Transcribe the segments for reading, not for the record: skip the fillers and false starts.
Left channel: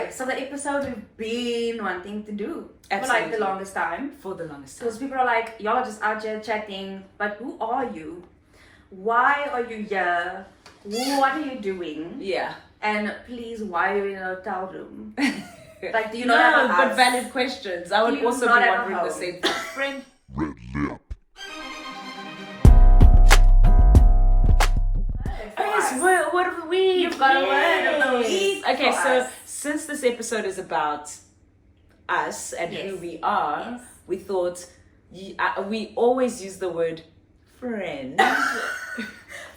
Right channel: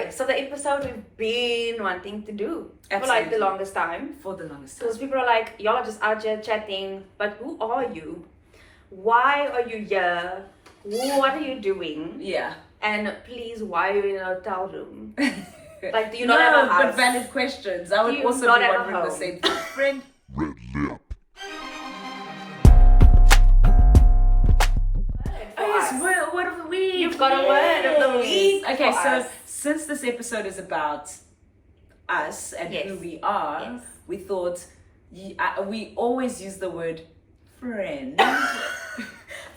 Okay, so the episode we've been wanting to do for like the longest time. For the longest time. Because people are like, y'all are just out here chatting, but who are you? Why are you here? What are you doing? Yeah. And please, why are you in a hotel room? Like, do you not have a house? But valid questions. I would Do you also not be have a wondering the home? same thing. Friend. REDLIP. Yes, word of the week. You've got a word of the week. Okay, for so us. since this episode is about us and who we are, we thought we always use the word friend.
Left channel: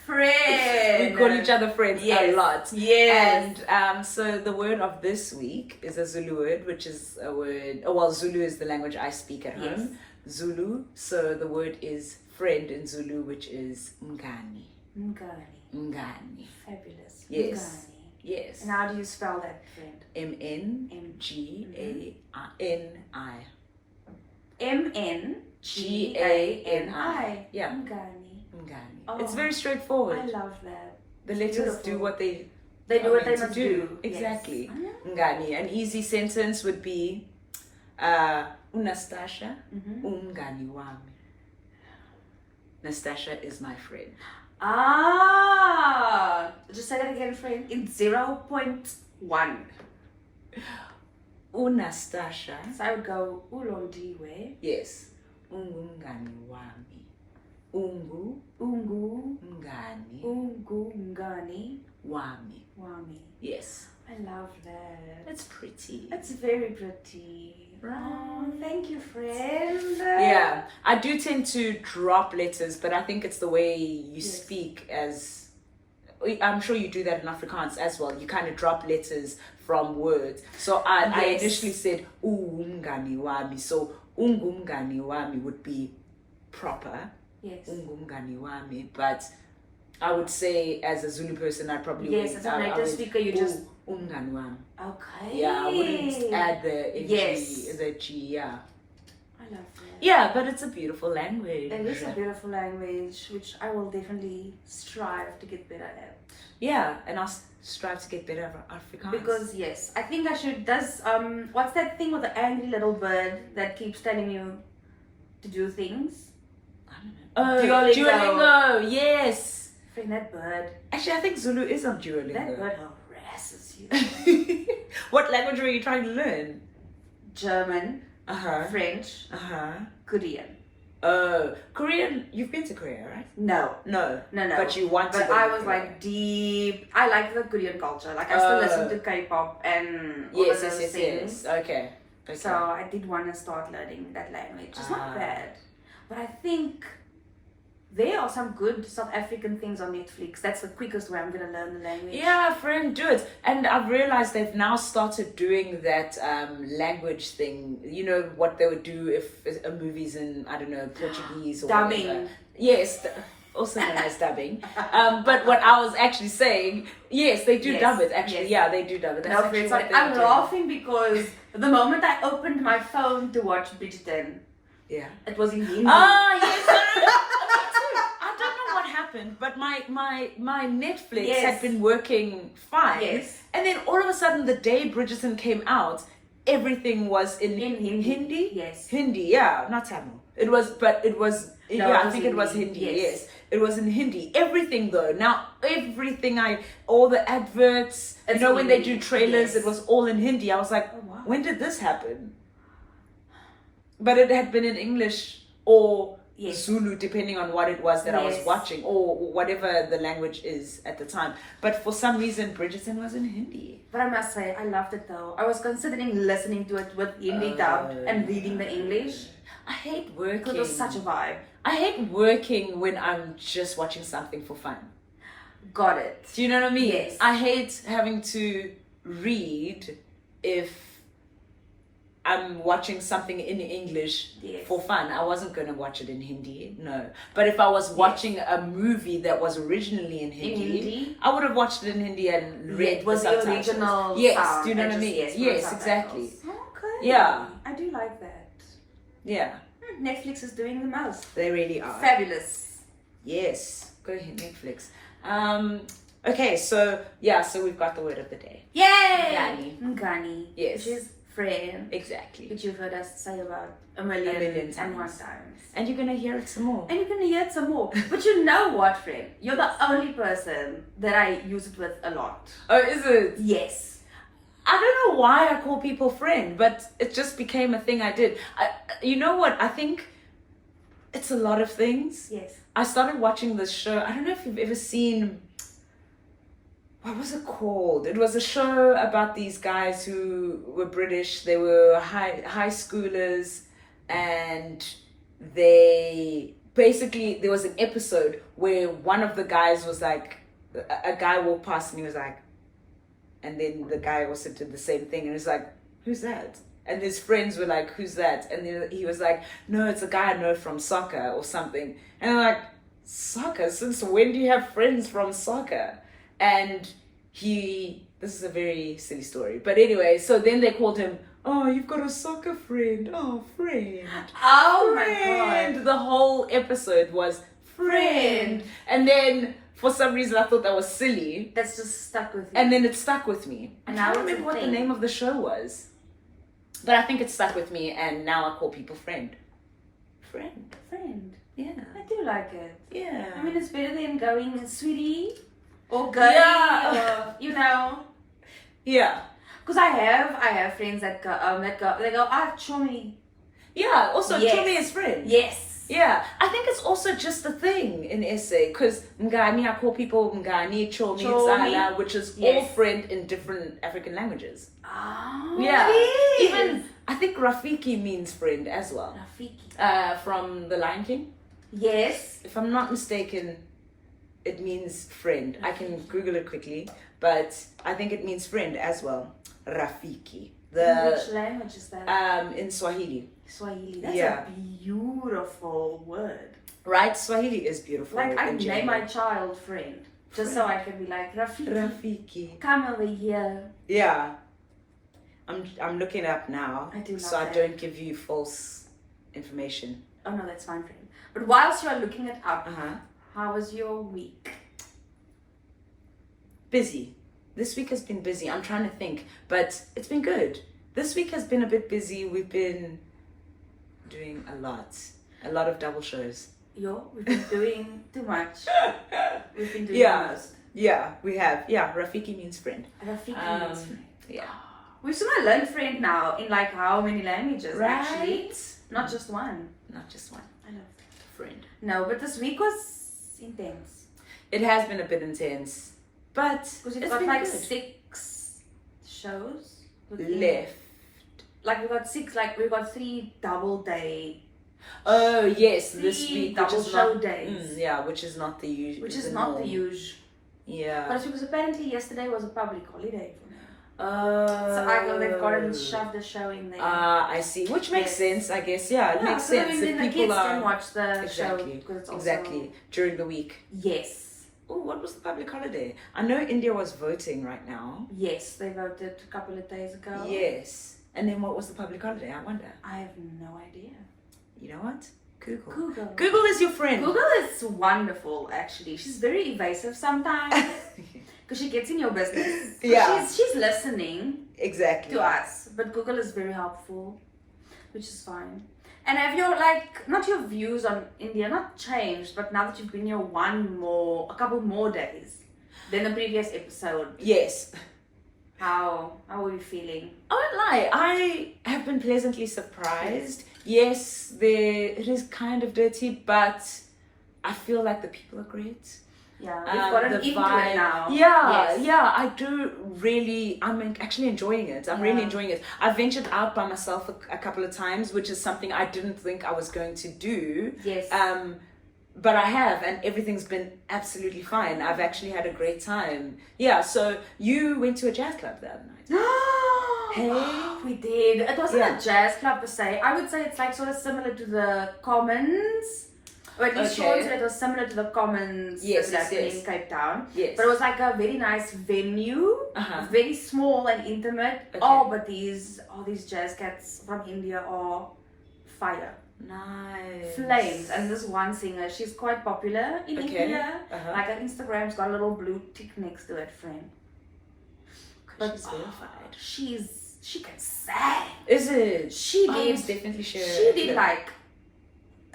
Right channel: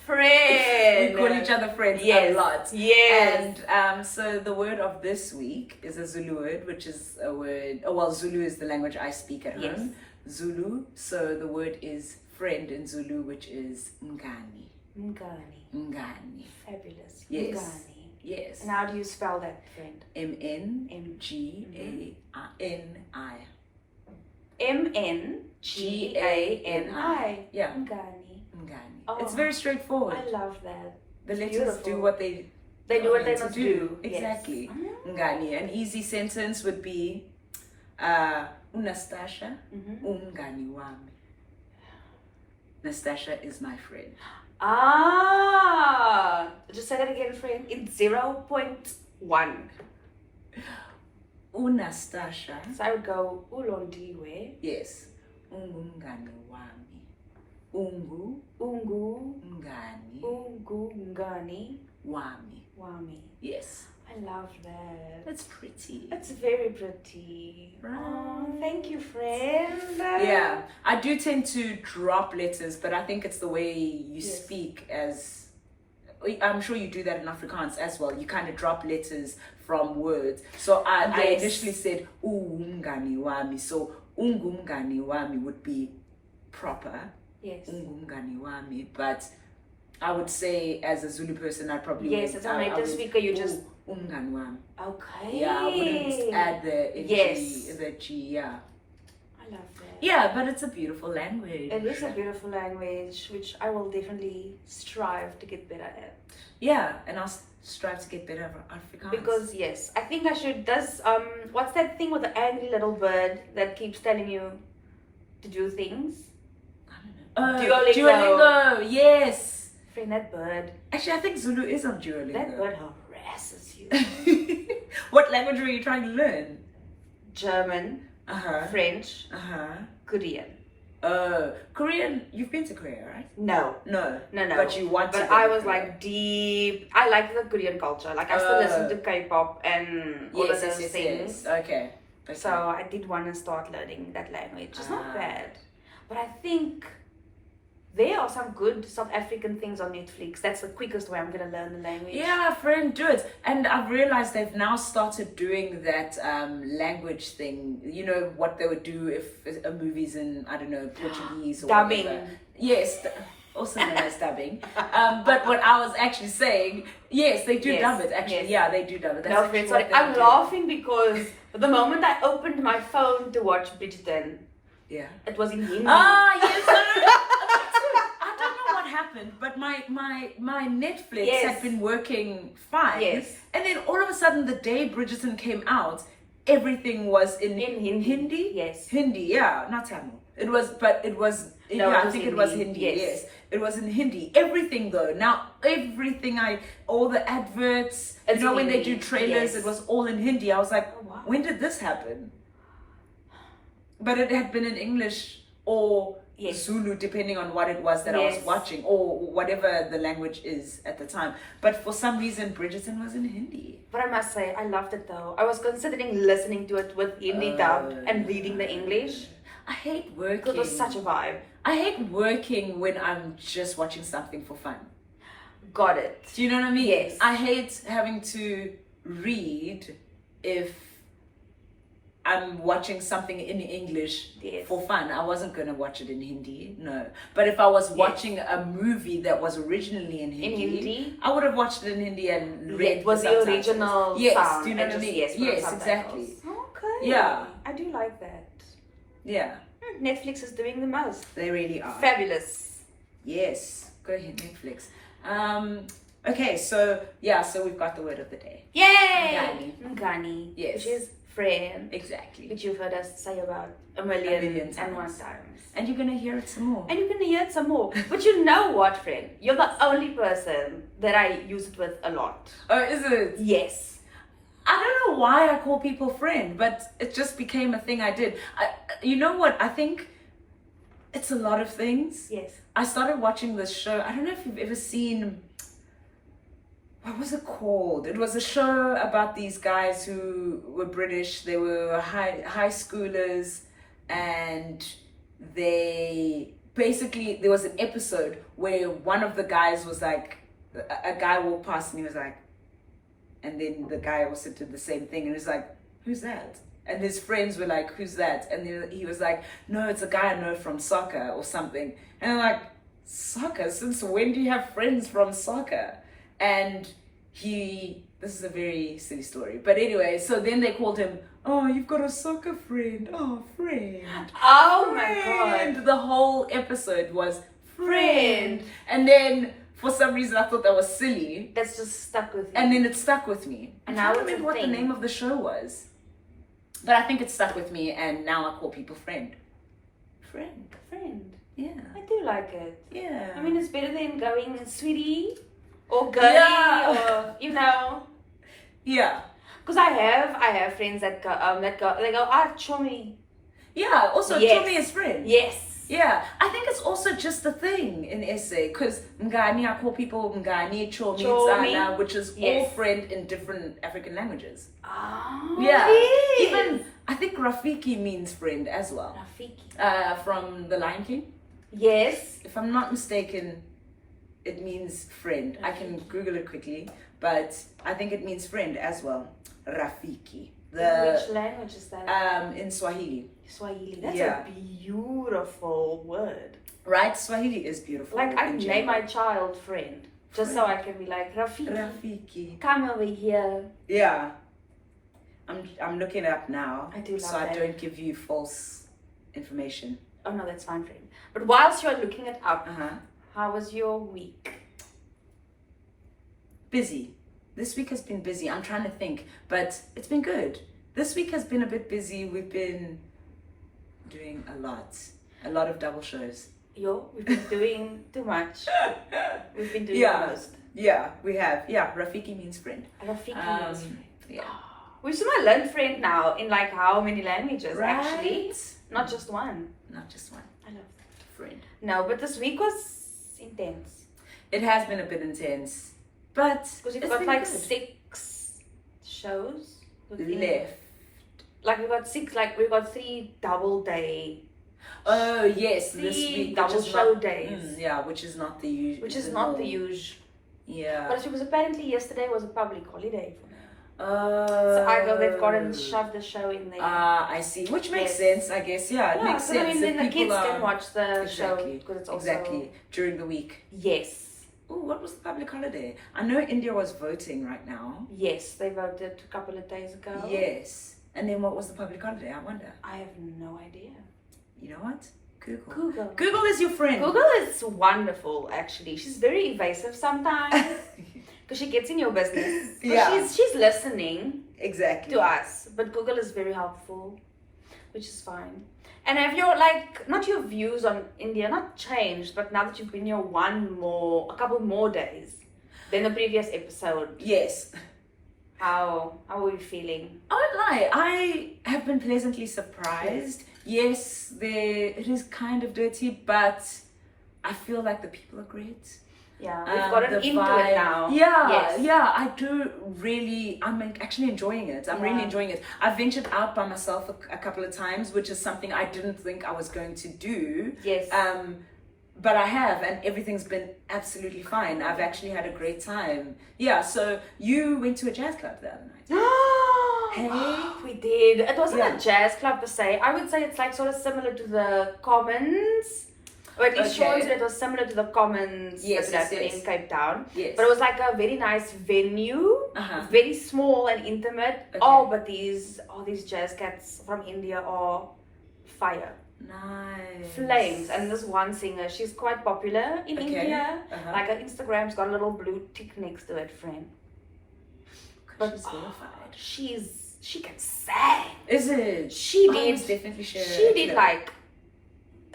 Friend. We call each other friends a lot. Yes. And so the word of this week is a Zulu word, which is a word. Well, Zulu is the language I speak at home. Zulu. So the word is friend in Zulu, which is mngani. Mngani. Mngani. Fabulous. Yes. Mngani. Yes. And how do you spell that, friend? MNGANI. MNGANI. Yeah. Mngani. Mngani. Oh, It's very straightforward. I love that. The letters Beautiful. do what they do what they meant must to do. Exactly. Yes. Mngani. An easy sentence would be Unastasha umngani wami. Nastasha is my friend. Ah, just say that again, friend. In 0.1. Unastasha. So I would go Ulondiwe. Yes. Ungumngani wami. Ungu Ngani. wami. Wami. Yes. I love that. It's pretty. It's very pretty. Right. Oh, thank you, friend. Yeah, I do tend to drop letters, but I think it's the way you speak. As I'm sure you do that in Afrikaans as well. You kind of drop letters from words. So I initially said umngani wami. So ungumngani wami would be proper. Yes. Ungumngani wami, but I would say as a Zulu person, I probably as a native speaker, you just umngani wami. Okay. Yeah, I wouldn't add the G. Yeah. I love that. Yeah, but it's a beautiful language. It is a beautiful language, which I will definitely strive to get better at. Yeah, and I'll strive to get better at Afrikaans. Because I think I should. What's that thing with the angry little bird that keeps telling you to do things? I don't know. Duolingo, yes. Friend, that bird. Actually, I think Zulu is on Duolingo. That bird harasses you. What language were you trying to learn? German, French, Korean. Korean. You've been to Korea, right? No. But you want to. But I was like deep. I like the Korean culture. Like I still listen to K-pop and all of those things. Yes. Okay. So I did want to start learning that language. It's not bad, but I think there are some good South African things on Netflix. That's the quickest way I'm gonna learn the language. Yeah, friend, do it. And I've realized they've now started doing that language thing. You know what they would do if a movie's in, I don't know, Portuguese or dubbing. Whatever. Yes, also known as dubbing. But what I was actually saying, yes, they do dub it. Actually, yeah, they do dub it. That's no, sorry, I'm laughing because the moment I opened my phone to watch Bridgerton, it was in Hindi. Ah, yes. But my Netflix had been working fine. Yes. And then all of a sudden, the day Bridgerton came out, everything was in Hindi. Yes. Hindi, yeah, not Tamil. It was. I think it was Hindi. Yes. It was in Hindi. Everything though. Now everything all the adverts, when they do trailers, it was all in Hindi. I was like, oh, wow. When did this happen? But it had been in English or Zulu, depending on what it was that I was watching, or whatever the language is at the time. But for some reason, Bridgerton was in Hindi. But I must say, I loved it though. I was considering listening to it with Hindi dubbed and reading the English. I hate working. Because it was such a vibe. I hate working when I'm just watching something for fun. Got it. Do you know what I mean? Yes. I hate having to read if I'm watching something in English for fun. I wasn't going to watch it in Hindi, no. But if I was watching a movie that was originally in Hindi, I would have watched it in Hindi and read the subtitles. original Yes, sound. do you know what I mean? Yes, exactly. Okay. Yeah. I do like that. Yeah. Netflix is doing the most. They really are. Fabulous. Yes. Go ahead, Netflix. Okay, so we've got the word of the day. Yay! Ngani. Yes. Which is friend. Exactly. Which you've heard us say about a million and one times. And you're gonna hear it some more. And you're gonna hear it some more. But you know what, friend? You're the only person that I use it with a lot. Oh, is it? Yes. I don't know why I call people friend, but it just became a thing I did. You know what? I think it's a lot of things. Yes. I started watching this show. I don't know if you've ever seen, what was it called? It was a show about these guys who were British. They were high schoolers, and they basically, there was an episode where one of the guys was like, a guy walked past and he was like, and then the guy also did the same thing, and he was like, who's that? And his friends were like, who's that? And then he was like, no, it's a guy I know from soccer or something. And I'm like, soccer? Since when do you have friends from soccer? And this is a very silly story. But anyway, so then they called him, oh, you've got a soccer friend. Oh, friend. Oh friend. my God. The whole episode was friend. And then for some reason I thought that was silly. That's just stuck with you. And then it stuck with me. And I now don't remember what the name of the show was. But I think it stuck with me, and now I call people friend. Friend. Yeah. I do like it. Yeah. I mean, it's better than going sweetie or girlie or, you know. Yeah. Because I have friends that go, they go, chummy. Yeah, also chummy is friend. Yes. Yeah, I think it's also just a thing in SA, because Ngani, I call people Ngani, Chomi, Dzala, which is all friend in different African languages. Oh, yeah. Yes. Even, I think Rafiki means friend as well. Rafiki. From The Lion King. Yes. If I'm not mistaken, it means friend. I can Google it quickly, but I think it means friend as well. Rafiki. Which language is that? In Swahili. Swahili. That's a beautiful word. Right? Swahili is beautiful. Like, I'd name my child friend. Just so I can be like, Rafiki. Come over here. Yeah. I'm looking up now. I do love so that. I don't give you false information. Oh no, that's fine, friend. But whilst you're looking it up, Uh-huh. how was your week? Busy. This week has been busy. I'm trying to think, but it's been good. This week has been a bit busy. We've been doing a lot of double shows. We've been doing too much. We've been doing the most. Yeah, we have. Yeah, Rafiki means friend. Rafiki means friend. Yeah. We've somehow learned friend now in like how many languages actually? Right? Not just one. Not just one. I know. Friend. No, but this week was intense. It has been a bit intense, but because we've got like 6 shows left. Like we've got 3 double day. Oh yes, this week double show days. Yeah, which is not the usual. Which is not the usual. Yeah. But because apparently yesterday was a public holiday for me. So they've got to shove the show in there. I see. Which makes sense, I guess. Yeah, it makes sense. I mean, then the kids can watch the show because it's also during the week. Yes. Oh, what was the public holiday? I know India was voting right now. Yes, they voted a couple of days ago. Yes. And then what was the public holiday? I wonder. I have no idea. You know what? Google. Google is your friend. Google is wonderful, actually. She's very evasive sometimes because she gets in your business. Yeah. She's listening exactly to us, but Google is very helpful, which is fine. And have your not your views on India not changed, but now that you've been here a couple more days than the previous episode? Yes. How were you feeling? I won't lie, I have been pleasantly surprised. Yes, it is kind of dirty, but I feel like the people are great. Yeah, we've gotten into it now. Yeah, I do really, I'm actually enjoying it. I'm really enjoying it. I've ventured out by myself a couple of times, which is something I didn't think I was going to do. Yes. But I have, and everything's been absolutely fine. I've actually had a great time. Yeah, so you went to a jazz club the other night. Hey, we did. It wasn't a jazz club per se. I would say it's like sort of similar to the Commons. Or at least Sean said it was similar to the Commons in Cape Town. Yes. But it was like a very nice venue, very small and intimate. Okay. Oh, but these jazz cats from India are fire. Nice. Flames. And this one singer, she's quite popular in India. Like her Instagram's got a little blue tick next to it, friend. But she's verified. She can sing. Is it? She I did. must definitely share She it. did like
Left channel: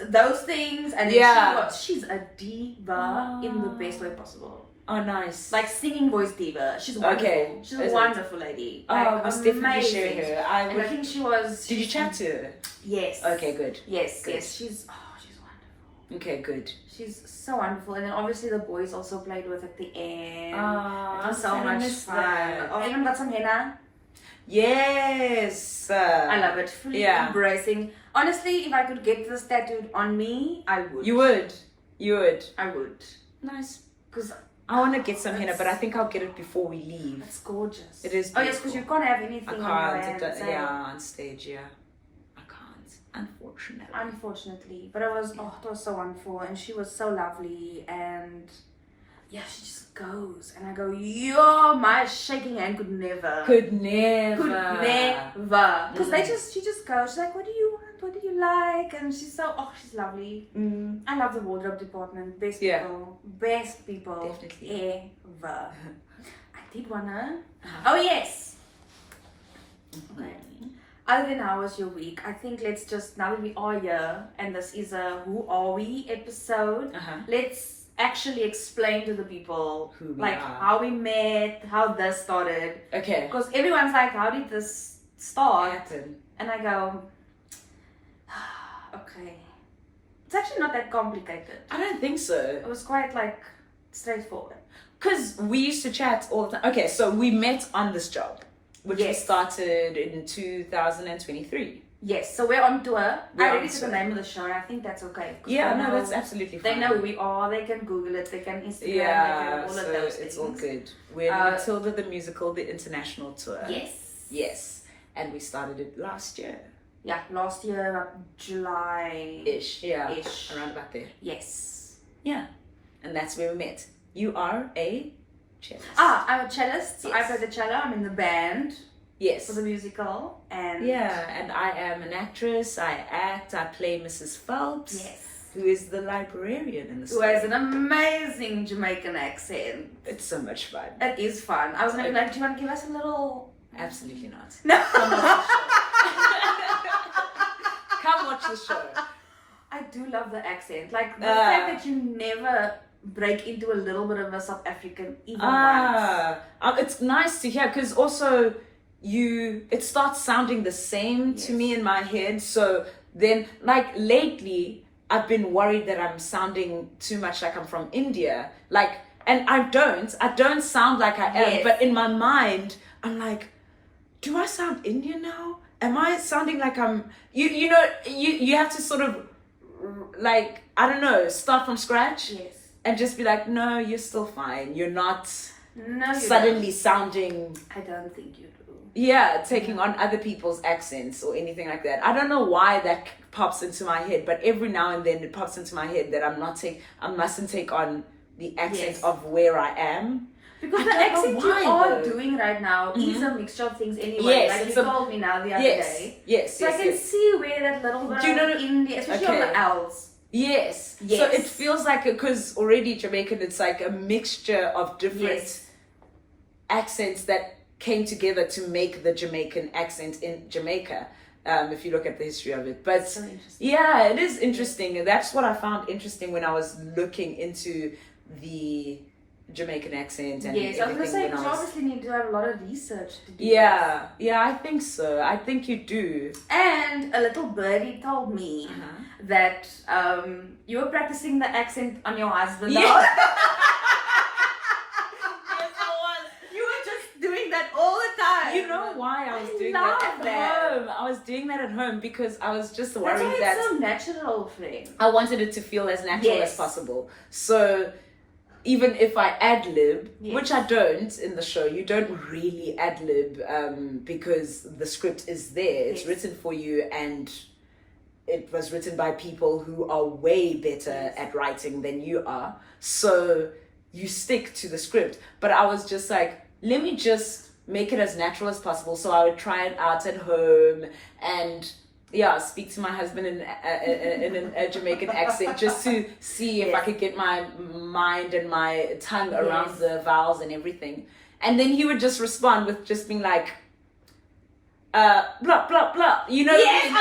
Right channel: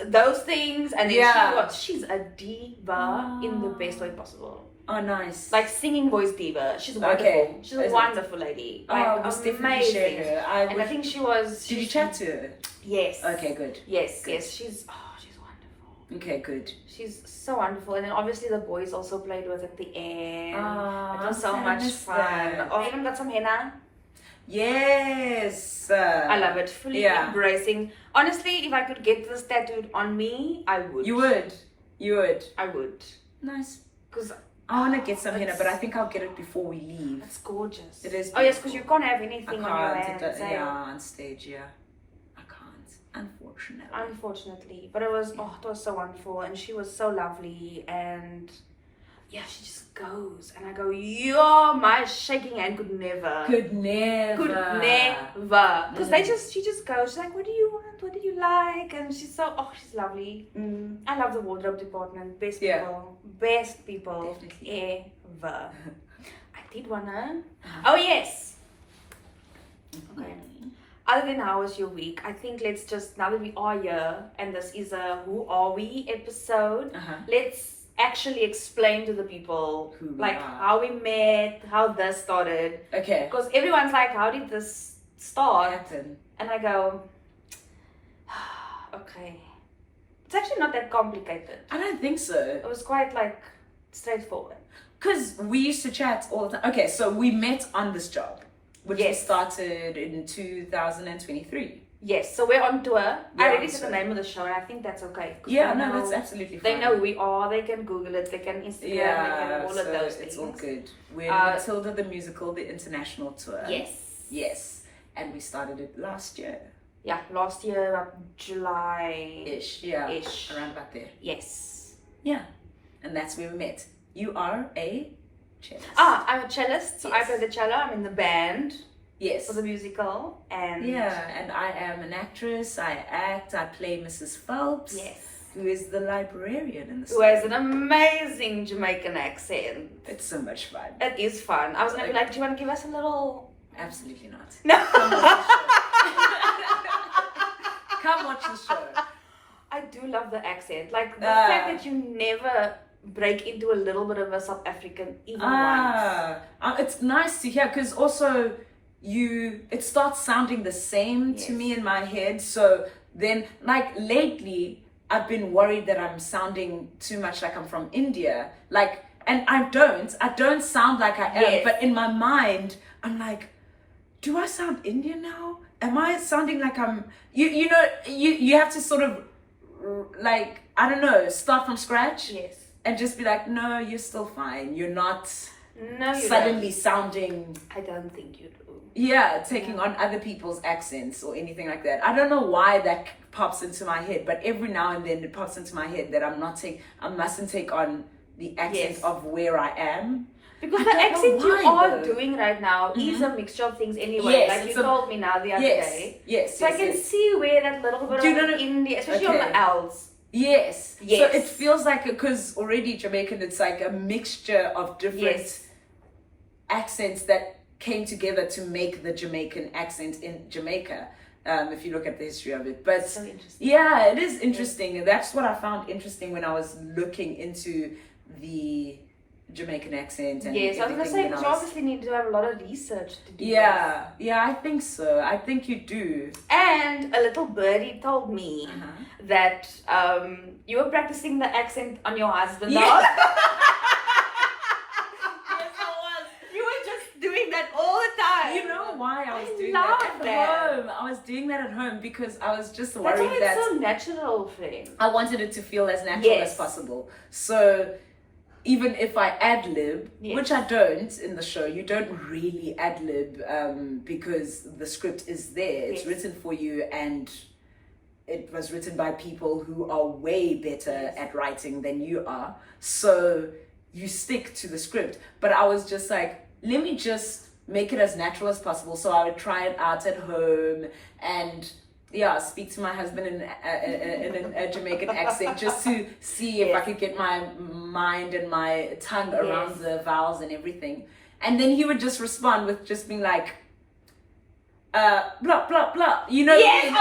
those things, and then she's a diva in the best way possible. Oh, nice. Like singing voice diva. She's wonderful. Okay. She's a wonderful lady. Like, I must definitely share amazing. her. And I think she was. Did you chat to her? Yes. Okay, good. Yes, Good. yes. She's wonderful. Okay, good. She's so wonderful. And then obviously the boys also played with at the end. Oh, it was so much fun. Oh, I even got some henna. Yes. I love it. Fully embracing. Honestly, if I could get this tattooed on me, I would. You would. You would. I would. Nice. Because I want to get some henna, but I think I'll get it before we leave. it's gorgeous. It is. Oh yes, because you can't have anything on your hands. On stage, I can't, Unfortunately. But it was so wonderful, and she was so lovely, and yeah, she just goes, and I go, yo, my shaking hand could never. Because she just goes, she's like, what do you want? What do you like? And she's she's lovely. I love the wardrobe department. Best people Definitely. ever. I did wanna. Oh yes. Okay. Other than how was your week, I think let's just, now that we are here, and this is a Who Are We episode, let's actually explain to the people who we like are. How we met, how this started. Okay. Because everyone's like, how did this start? Happen. And I go, okay. It's actually not that complicated. I don't think so. It was quite like straightforward. Because we used to chat all the time. Okay, so we met on this job, which we started in 2023. Yes, so we're on tour. We're I on already said the tour. name of the show, and I think that's okay. Yeah, no, that's absolutely fine. They know who we are, they can Google it, they can Instagram, they can all of those things. It's all good. We're Matilda the Musical, the international tour. Yes. Yes. And we started it last year. Yeah, last year, like July-ish. Ish. Around about there. Yes. Yeah. And that's where we met. You are a cellist. I'm a cellist, so I play the cello, I'm in the band. Yes. For the musical, and and I am an actress. I act. I play Mrs. Phelps. Yes. Who is the librarian in the who story. has an amazing Jamaican accent. It's so much fun. It is fun. I was gonna be like, do you want to give us a little? Absolutely not. No. Come watch the show. I do love the accent. Like the fact that you never break into a little bit of a South African even once. It's nice to hear, because also it starts sounding the same to me in my head. So then, like, lately I've been worried that I'm sounding too much like I'm from India, like, and I don't sound like I am, but in my mind I'm like, do I sound Indian now? Am I sounding like I'm you know, you have to sort of, like, I don't know, start from scratch and just be like, no, you're still fine, you're not suddenly sounding, I don't think you do. Taking on other people's accents or anything like that. I don't know why that pops into my head, but every now and then it pops into my head that I mustn't take on the accent of where I am. Because the accent you are doing right now is a mixture of things anyway. Like you told me now the other day. So I can see where that little bit of India, especially on the L's. Yes. So it feels like, because already Jamaican, it's like a mixture of different accents that came together to make the Jamaican accent in Jamaica, if you look at the history of it. But so interesting. Yeah, it is interesting. And that's what I found interesting when I was looking into the Jamaican accent. And I was going to say, because you obviously need to have a lot of research to do Yeah, I think so. I think you do. And a little birdie told me that you were practicing the accent on your husband. Doing that all the time. You know why I was doing that at home? I was doing that at home because I was just worried that... That's why it's so natural, friend. I wanted it to feel as natural as possible. So even if I ad-lib, which I don't in the show, you don't really ad-lib because the script is there. It's written for you, and it was written by people who are way better at writing than you are. So you stick to the script. But I was just like, let me just make it as natural as possible. So I would try it out at home, and speak to my husband in a Jamaican accent just to see if I could get my mind and my tongue around the vowels and everything. And then he would just respond with just being like, blah, blah, blah. You know what I mean?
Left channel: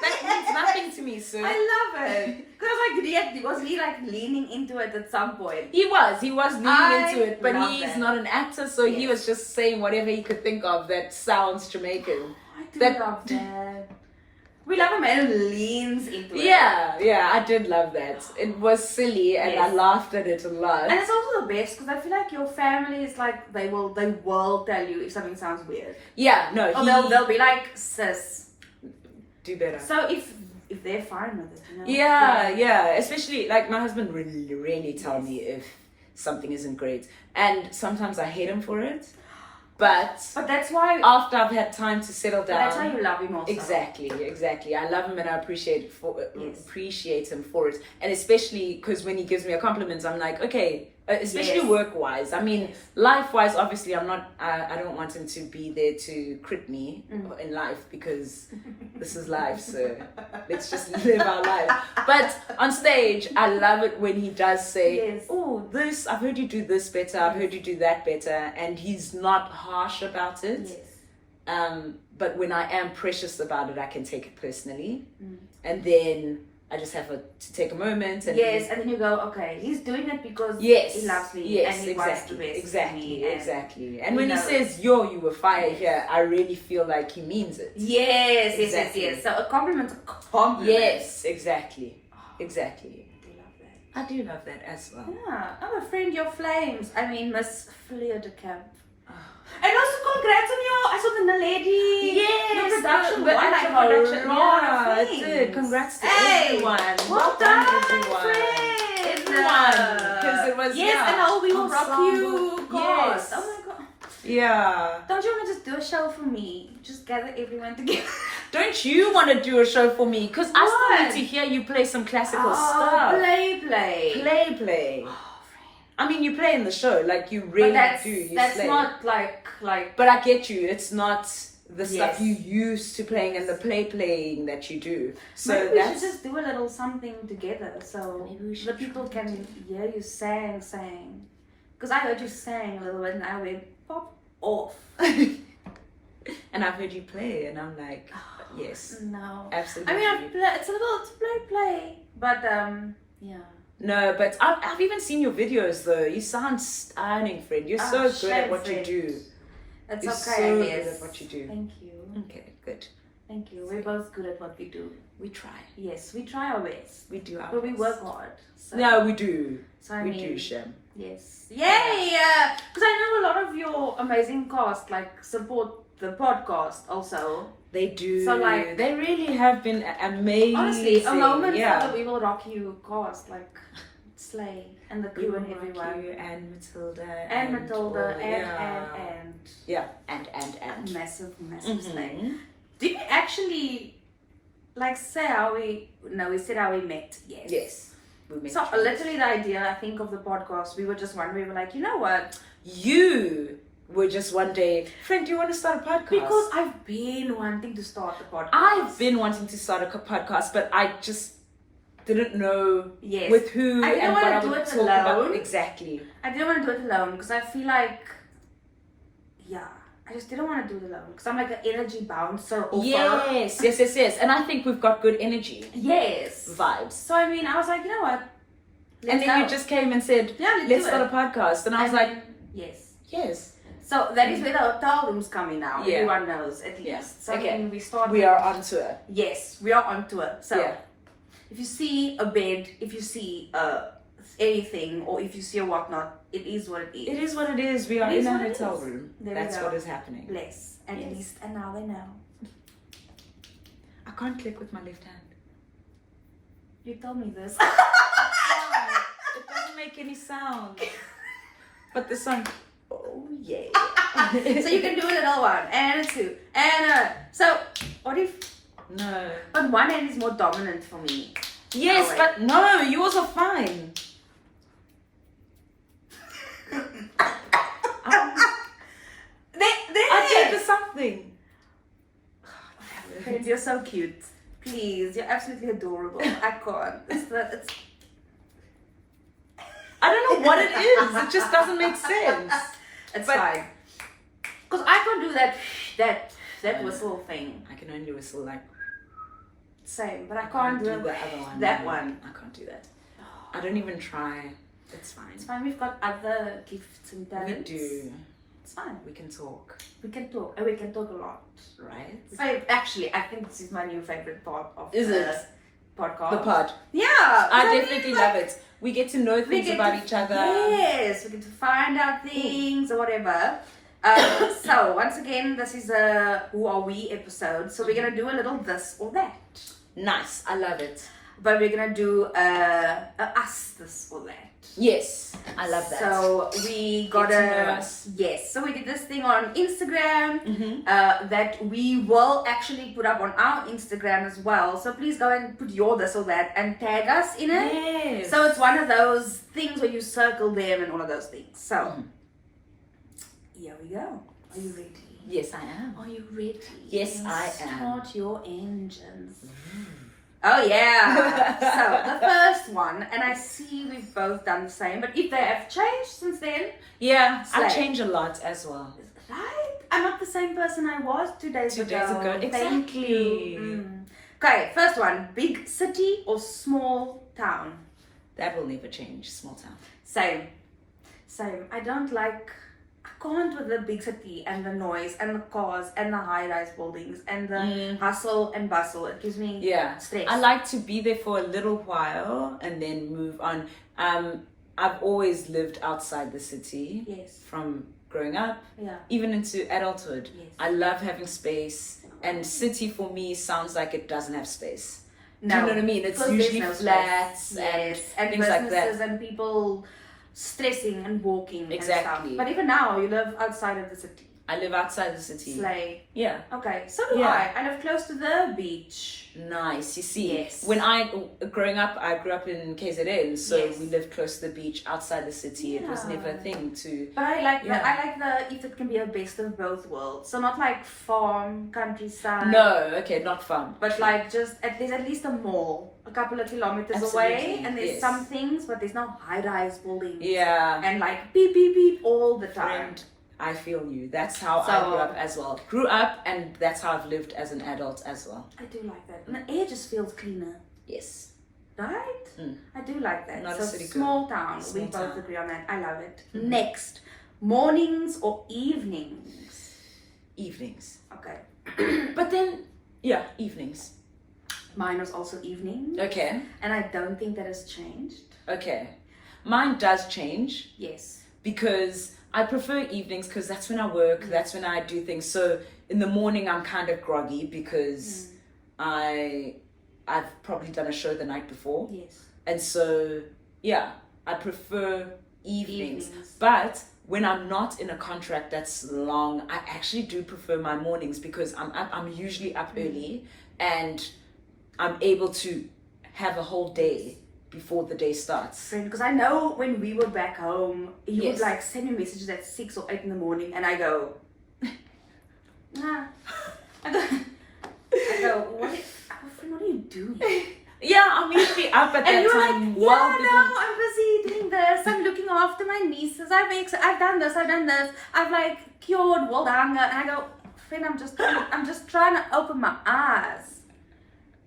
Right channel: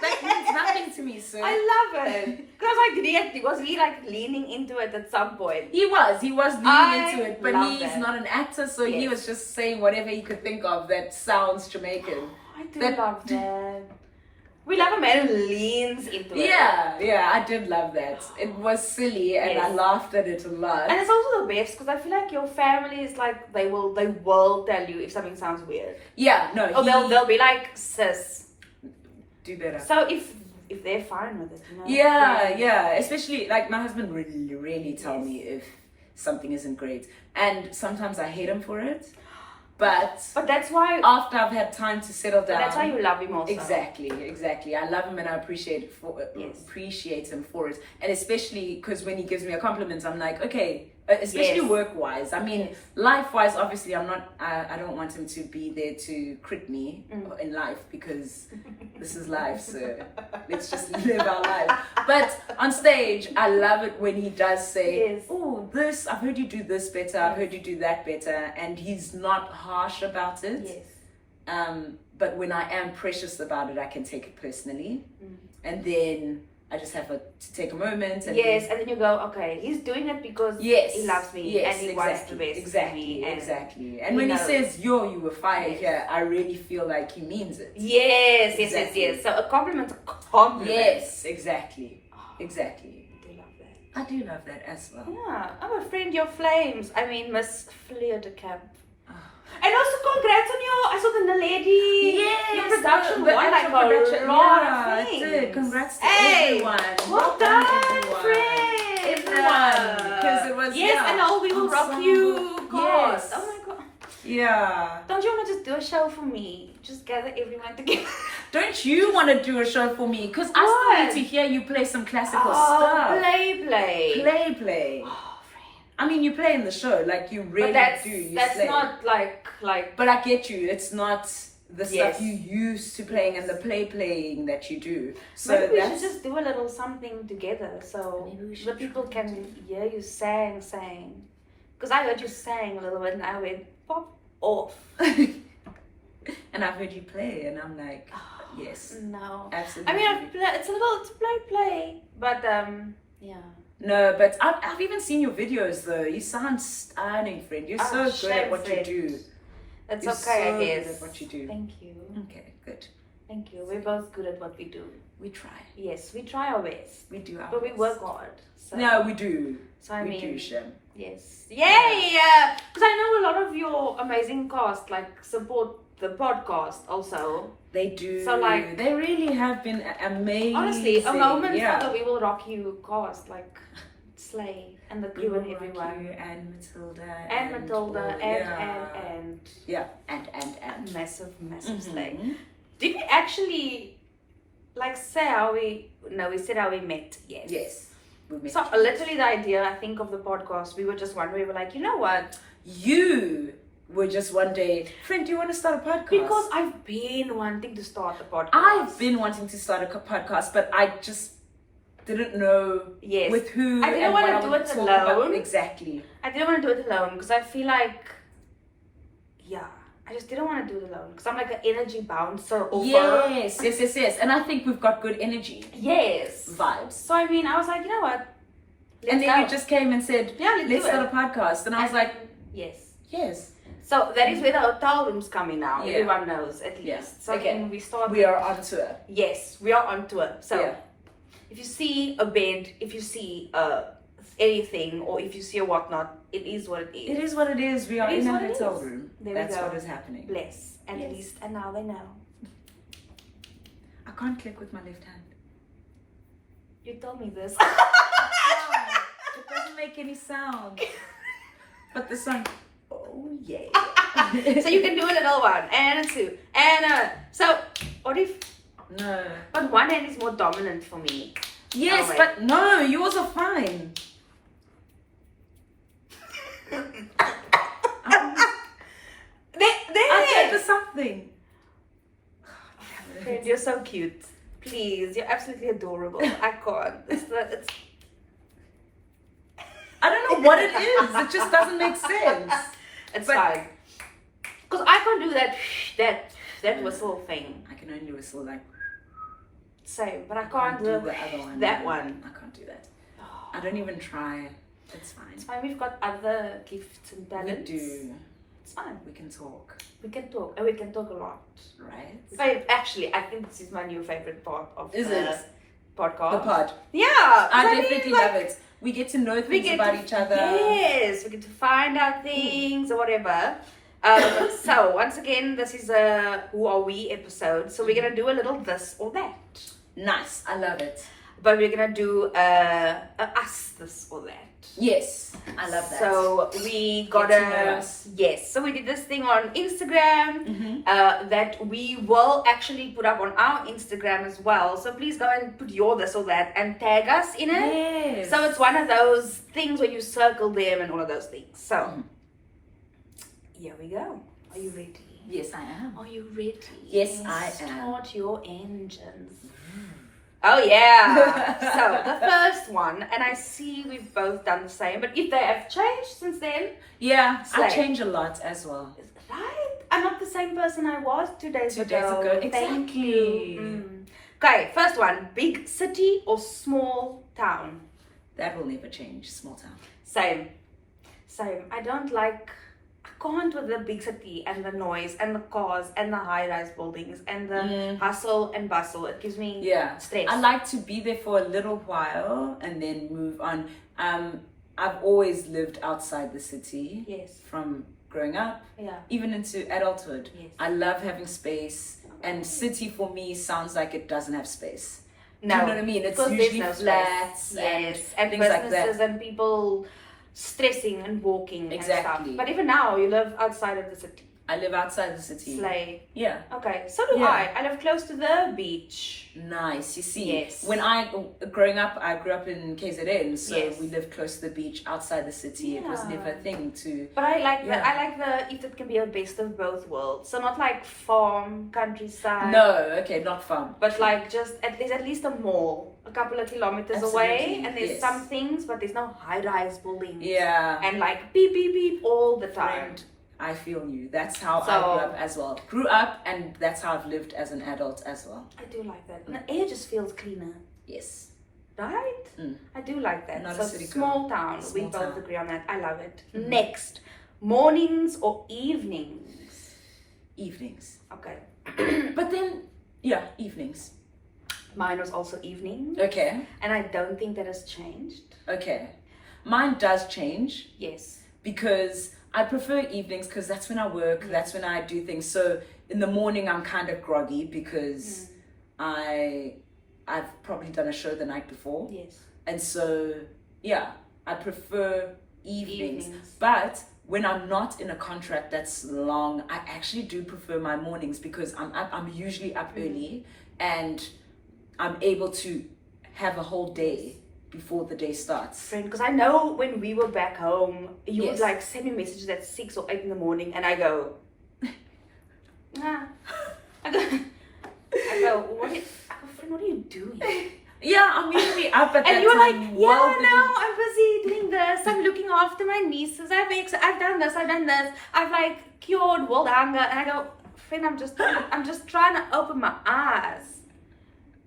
That means nothing to me, sir. I love it. Because I was like, was he like leaning into it at some point? He was leaning into it, but love he's that. not an actor, so he was just saying whatever he could think of that sounds Jamaican. I do love that. We love a man who leans into it. Yeah, I did love that. It was silly and I laughed at it a lot. And it's also the best because I feel like your family is like, they will tell you if something sounds weird. Yeah, no. Or they'll be like, sis, do better. So if they're fine with it, you know. Yeah. Especially like my husband really tell me if something isn't great, and sometimes I hate him for it. But that's why after I've had time to settle down, that's why you love him also. Exactly. I love him and I appreciate him for it, and especially because when he gives me a compliment, I'm like, okay. Especially work-wise. I mean, life-wise, obviously, I don't want him to be there to crit me in life because this is life, so let's just live our life. But on stage, I love it when he does say, oh, I've heard you do this better, I've heard you do that better, and he's not harsh about it. But when I am precious about it, I can take it personally. And then I just have to take a moment. And and then you go, okay, he's doing it because he loves me and he wants the best for me. Exactly. And when he says, yo, you were fired here, I really feel like he means it. Yes. So a compliment's a compliment. Yes, exactly. Exactly. I do love that. I do love that as well. Yeah, I'm a friend, your flames. I mean, Miss Fleur de Camp. And also congrats on I saw the lady. Your production won like a lot of things. It did. Congrats to everyone. Well done, friend. Because it was, and we will rock you. God. Oh my God. Yeah. Don't you want to just do a show for me? Just gather everyone together. Don't you want to do a show for me? Because I still need to hear you play some classical stuff. Play. I mean, you play in the show, like you really do. That's slay. Not like. But I get you. It's not the stuff you used to playing and the playing that you do. So maybe we should just do a little something together, so the people can hear you sang. Because I heard you sang a little bit, and I went pop off. And I've heard you play, and I'm like, yes, no, absolutely. I mean, it's a little play, but yeah. No, but I've even seen your videos though. You sound stunning, friend. You're so good at what you do. That's You're okay, I guess. Good at what you do. Thank you. Okay, good. Thank you. We're both good at what we do. We try. Yes, we try our best. We do our best. But we work hard. So. No, we do. So we do, Shem. Yes. Yay! Because I know a lot of your amazing cast support the podcast also. They do. So they really have been amazing. Honestly, a moment for the We Will Rock You cast, Slay and the crew and everyone. And Matilda. And massive Slay. Did we actually say how we said how we met? Yes. We met. So literally the idea, I think, of the podcast, we were just one day, we were like, you know what? You were just one day, friend, do you want to start a podcast? Because I've been wanting to start a podcast. I've been wanting to start a podcast, but I just didn't know with who. I didn't want to do it alone. Exactly. I didn't want to do it alone because I feel like, I just didn't want to do it alone because I'm like an energy bouncer. Yes. And I think we've got good energy. Yes. Vibes. So I mean, I was like, you know what? And then you just came and said, let's start a podcast. And I was like, yes. So that is where the hotel room's coming now. Yeah. Everyone knows at least. Yeah. So again, we are on tour. Yes, we are on tour. So if you see a bed, if you see anything, or if you see a whatnot, it is what it is. It is what it is. We are in a hotel room. That's what is happening. Bless. At least, and now they know. I can't click with my left hand. You told me this. It doesn't make any sound. But the song. Oh yeah. So you can do a little one and a two and so what if but one hand is more dominant for me. Yes, but no, yours are fine. I think of something. Friend, you're so cute. Please, you're absolutely adorable. I can't. It's I don't know what it is. It just doesn't make sense. It's fine. Because I can't do that whistle thing. I can only whistle like. Same, but I can't do the other one. That one. I can't do that. I don't even try. It's fine. It's fine. We've got other gifts and talents. We do. It's fine. We can talk. We can talk, and we can talk a lot. Right? So actually, I think this is my new favorite part of the podcast. The pod. Yeah. I definitely love it. We get to know things about each other. Yes, we get to find out things or whatever. So once again, this is a Who Are We episode. So we're gonna do a little this or that. Nice, I love it. But we're gonna do a us this or that. Yes, I love that. So we got yes. So we did this thing on Instagram that we will actually put up on our Instagram as well. So please go and put your this or that and tag us in it. Yes. So it's one of those things where you circle them and all of those things. So here we go. Are you ready? Yes, I am. Are you ready? Yes, I am. Start your engines. Oh yeah. So the first one, and I see we've both done the same, but if they have changed since then, yeah, I slay. change a lot as well. Right? I'm not the same person I was 2 days ago. 2 days ago, exactly. Thank you. Okay, first one: big city or small town? That will never change. Small town. Same. I don't like. I can't with the big city and the noise and the cars and the high-rise buildings and the hustle and bustle. It gives me stress. I like to be there for a little while and then move on. I've always lived outside the city. Yes. From growing up, even into adulthood. Yes. I love having space, and city for me sounds like it doesn't have space. No. Do you know what I mean? It's usually flats and things businesses like that. and people stressing and walking and stuff. Exactly. But even now, you live outside of the city. I live outside the city. Slay. Yeah. Okay, so do I. I live close to the beach. Nice. You see, yes. When growing up, I grew up in KZN, so yes. we lived close to the beach outside the city. It was never a thing to. But I like I like the if it can be a best of both worlds. So not like farm, countryside. No, okay, not farm. But like just there's at least a mall a couple of kilometers away, and there's some things, but there's no high-rise buildings. Yeah. And like beep beep beep all the time. Friend, I feel you. That's how I grew up as well. Grew up, and that's how I've lived as an adult as well. I do like that. And the air just feels cleaner. Yes. Right? I do like that. Not so a city small town. Small we both town. agree on that. I love it. Next, mornings or evenings? Evenings. Okay. But then, evenings. Mine was also evening. Okay. And I don't think that has changed. Okay. Mine does change. Yes. Because I prefer evenings because that's when I work, that's when I do things. So in the morning I'm kind of groggy because I've probably done a show the night before. Yes. And so I prefer evenings. But when I'm not in a contract that's long, I actually do prefer my mornings because I'm usually up early and I'm able to have a whole day before the day starts. Friend, because I know when we were back home, you would like send me messages at 6 or 8 in the morning, and I go, I go, what are you doing? Yeah, I'm usually up at and that you're time. like, I'm busy doing this. I'm looking after my nieces. I've done this. I've like cured world hunger, and I go, friend, I'm just trying to open my eyes.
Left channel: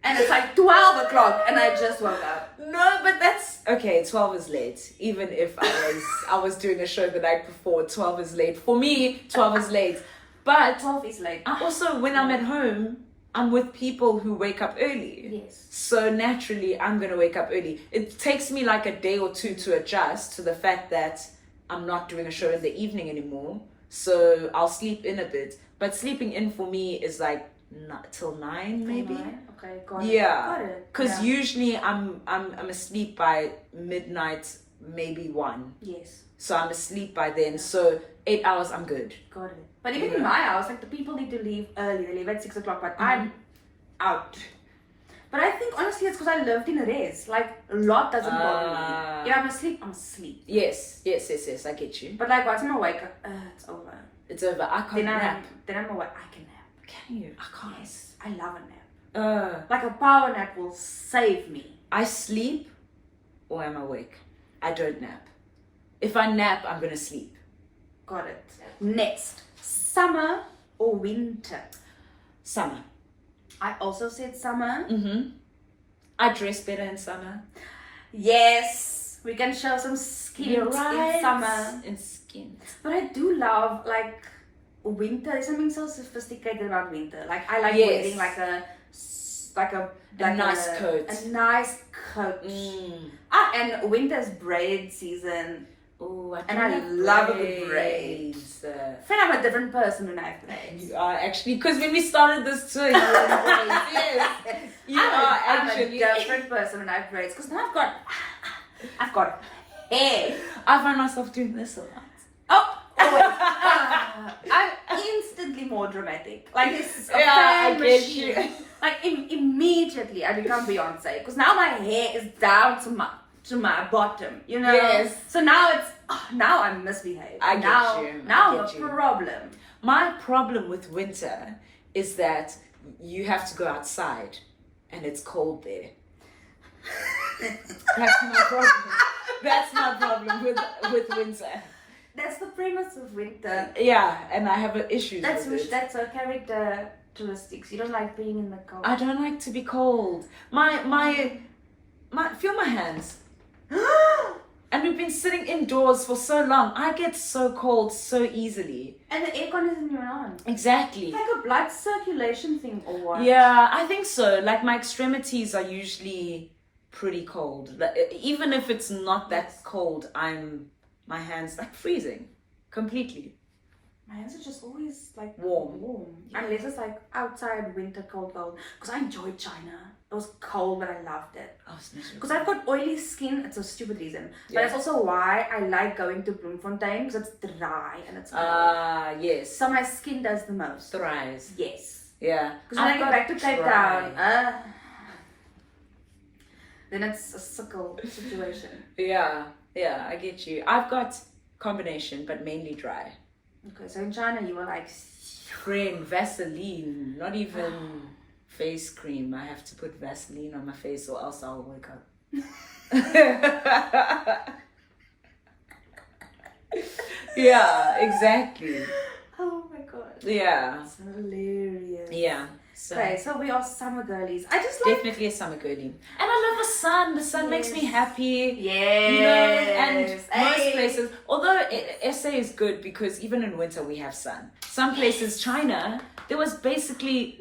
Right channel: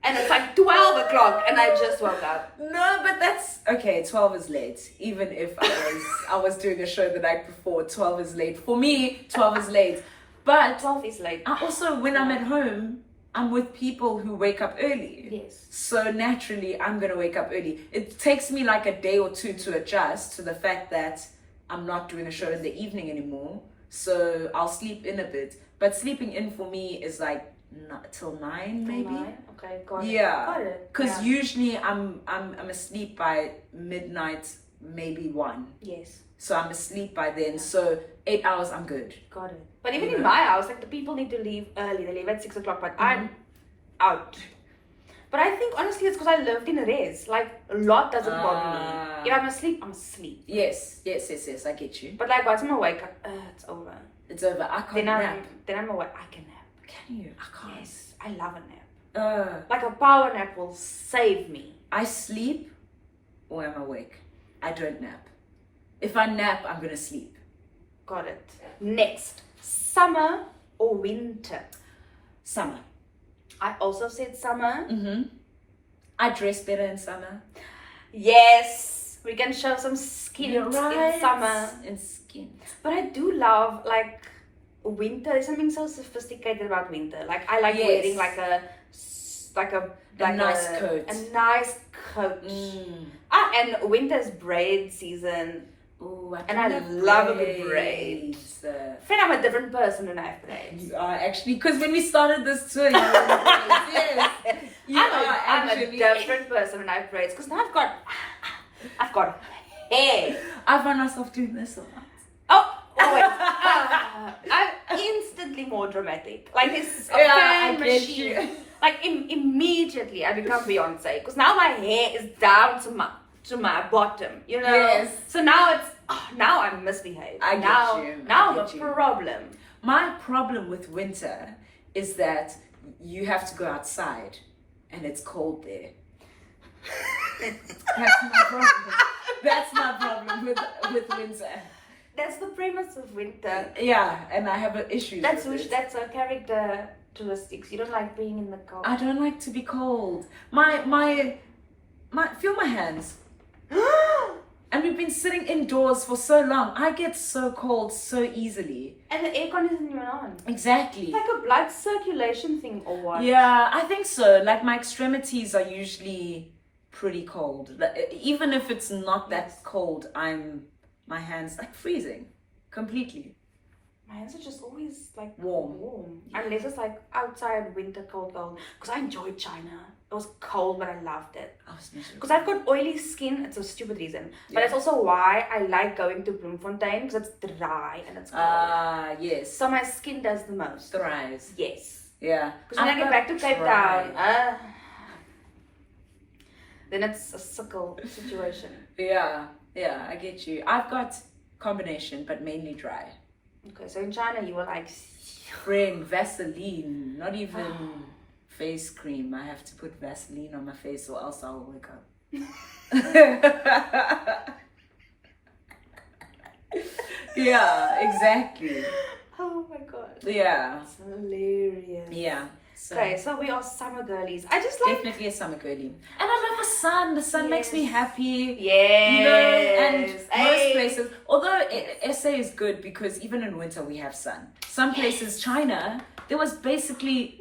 And it's like 12 o'clock and I just woke up. No, but that's okay. 12 is late. Even if I was doing a show the night before, 12 is late. For me, 12 is late. But 12 is late. I also, when I'm at home, I'm with people who wake up early. Yes. So naturally, I'm going to wake up early. It takes me like a day or two to adjust to the fact that I'm not doing a show in the evening anymore. So I'll sleep in a bit. But sleeping in for me is like till 9 maybe. 9? Okay, got it. Yeah, Got it. because usually I'm asleep by midnight, maybe 1. Yes. So I'm asleep by then. So 8 hours, I'm good. Got it. But even in my house, like the people need to leave early. They leave at 6 o'clock, but I'm out. But I think honestly it's because I lived in a res. Like a lot doesn't bother me. If I'm asleep, I'm asleep. Yes. I get you. But like once I'm awake, it's over. It's over. I can't nap. Then I'm awake. I can nap. Can you? I can't. Yes, I love a nap. Like a power nap will save me. I sleep or I'm awake. I don't nap. If I nap, I'm gonna sleep. Got it. Next, summer or winter? Summer. I also said summer. I dress better in summer. Yes, we can show some skin You're right. in summer. In skin. But I do love like winter. There's something so sophisticated about winter. Like I like Yes. wearing like a nice coat. A nice coat. And winter's braid season. Oh, I love a good braid. I feel I'm a different person when I have braids. You are actually, because when we started this tour, you were in braids. Yes. I'm a different person when I have braids because now I've got hair. I find myself doing this a lot. Oh wait. I'm instantly more dramatic. Like it's a fan machine. Like immediately I become Beyonce because now my hair is down to my bottom, you know. Yes. So now now I'm misbehaved. Now I'm a problem. My problem with winter is that you have to go outside and it's cold there. That's my problem. That's my problem with winter. That's the premise of winter. Yeah, and I have an issue. That's a characteristics. You don't like being in the cold. I don't like to be cold. My feel my hands. And we've been sitting indoors for so long. I get so cold so easily. And the aircon isn't even on. Exactly. Like a blood circulation thing or what? Yeah, I think so. Like my extremities are usually pretty cold. Even if it's not that cold, my hands like freezing completely. My hands are just always like warm. Yeah. Unless it's like outside winter cold. Because I enjoyed China. It was cold, but I loved it. Because I've got oily skin. It's a stupid reason. But it's also why I like going to Bloemfontein because it's dry and it's cold. Yes. So my skin does the most. Thrives. Yes. Yeah. Because when I get back to Cape Town, then it's a sickle situation. Yeah, I get you. I've got combination, but mainly dry. Okay, so in China you were like... Friend, Vaseline, not even face cream. I have to put Vaseline on my face or else I'll wake up. Yeah, exactly. Oh my god. Yeah. It's hilarious. Yeah. Okay, so we are summer girlies. I just like... Definitely a summer girly. And I love the sun. The sun makes me happy. Yes. You know, and most places, although SA is good because even in winter we have sun. Some places, China, there was basically...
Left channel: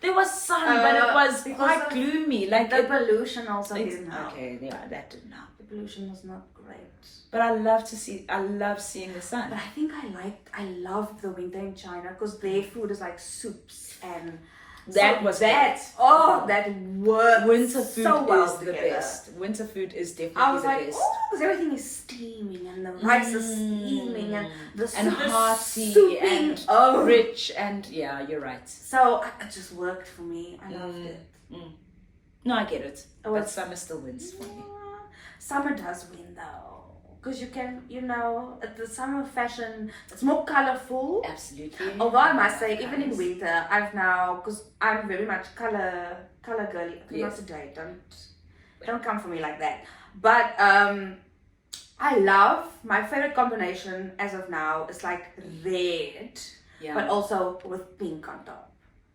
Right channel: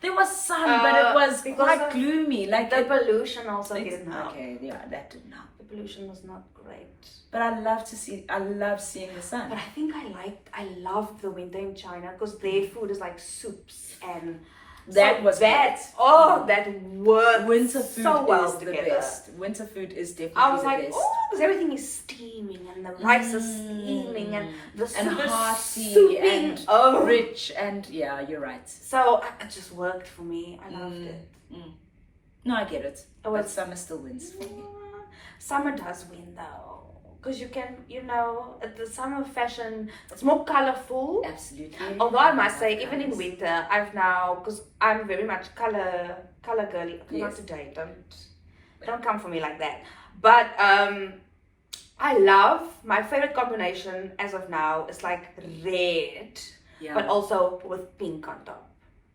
there was sun, but it was quite gloomy. Like the pollution also didn't help. Okay, yeah, that didn't help. The pollution was not great. But I love seeing the sun. But I think I loved the winter in China because their food is like soups and that worked winter food so well is together. The best. Winter food is definitely I was the like, best. because everything is steaming and the rice is steaming and the soup and is hearty souping. And rich and yeah, you're right. So it just worked for me. I loved it. No, I get it. But summer still wins for me. Summer does win though. Because you can, the summer fashion, it's more colorful. Absolutely. Although I must say, even in winter, I've now, because I'm very much color girly. Not today, don't come for me like that. But I love, my favorite combination as of now is like red, but also with pink on top.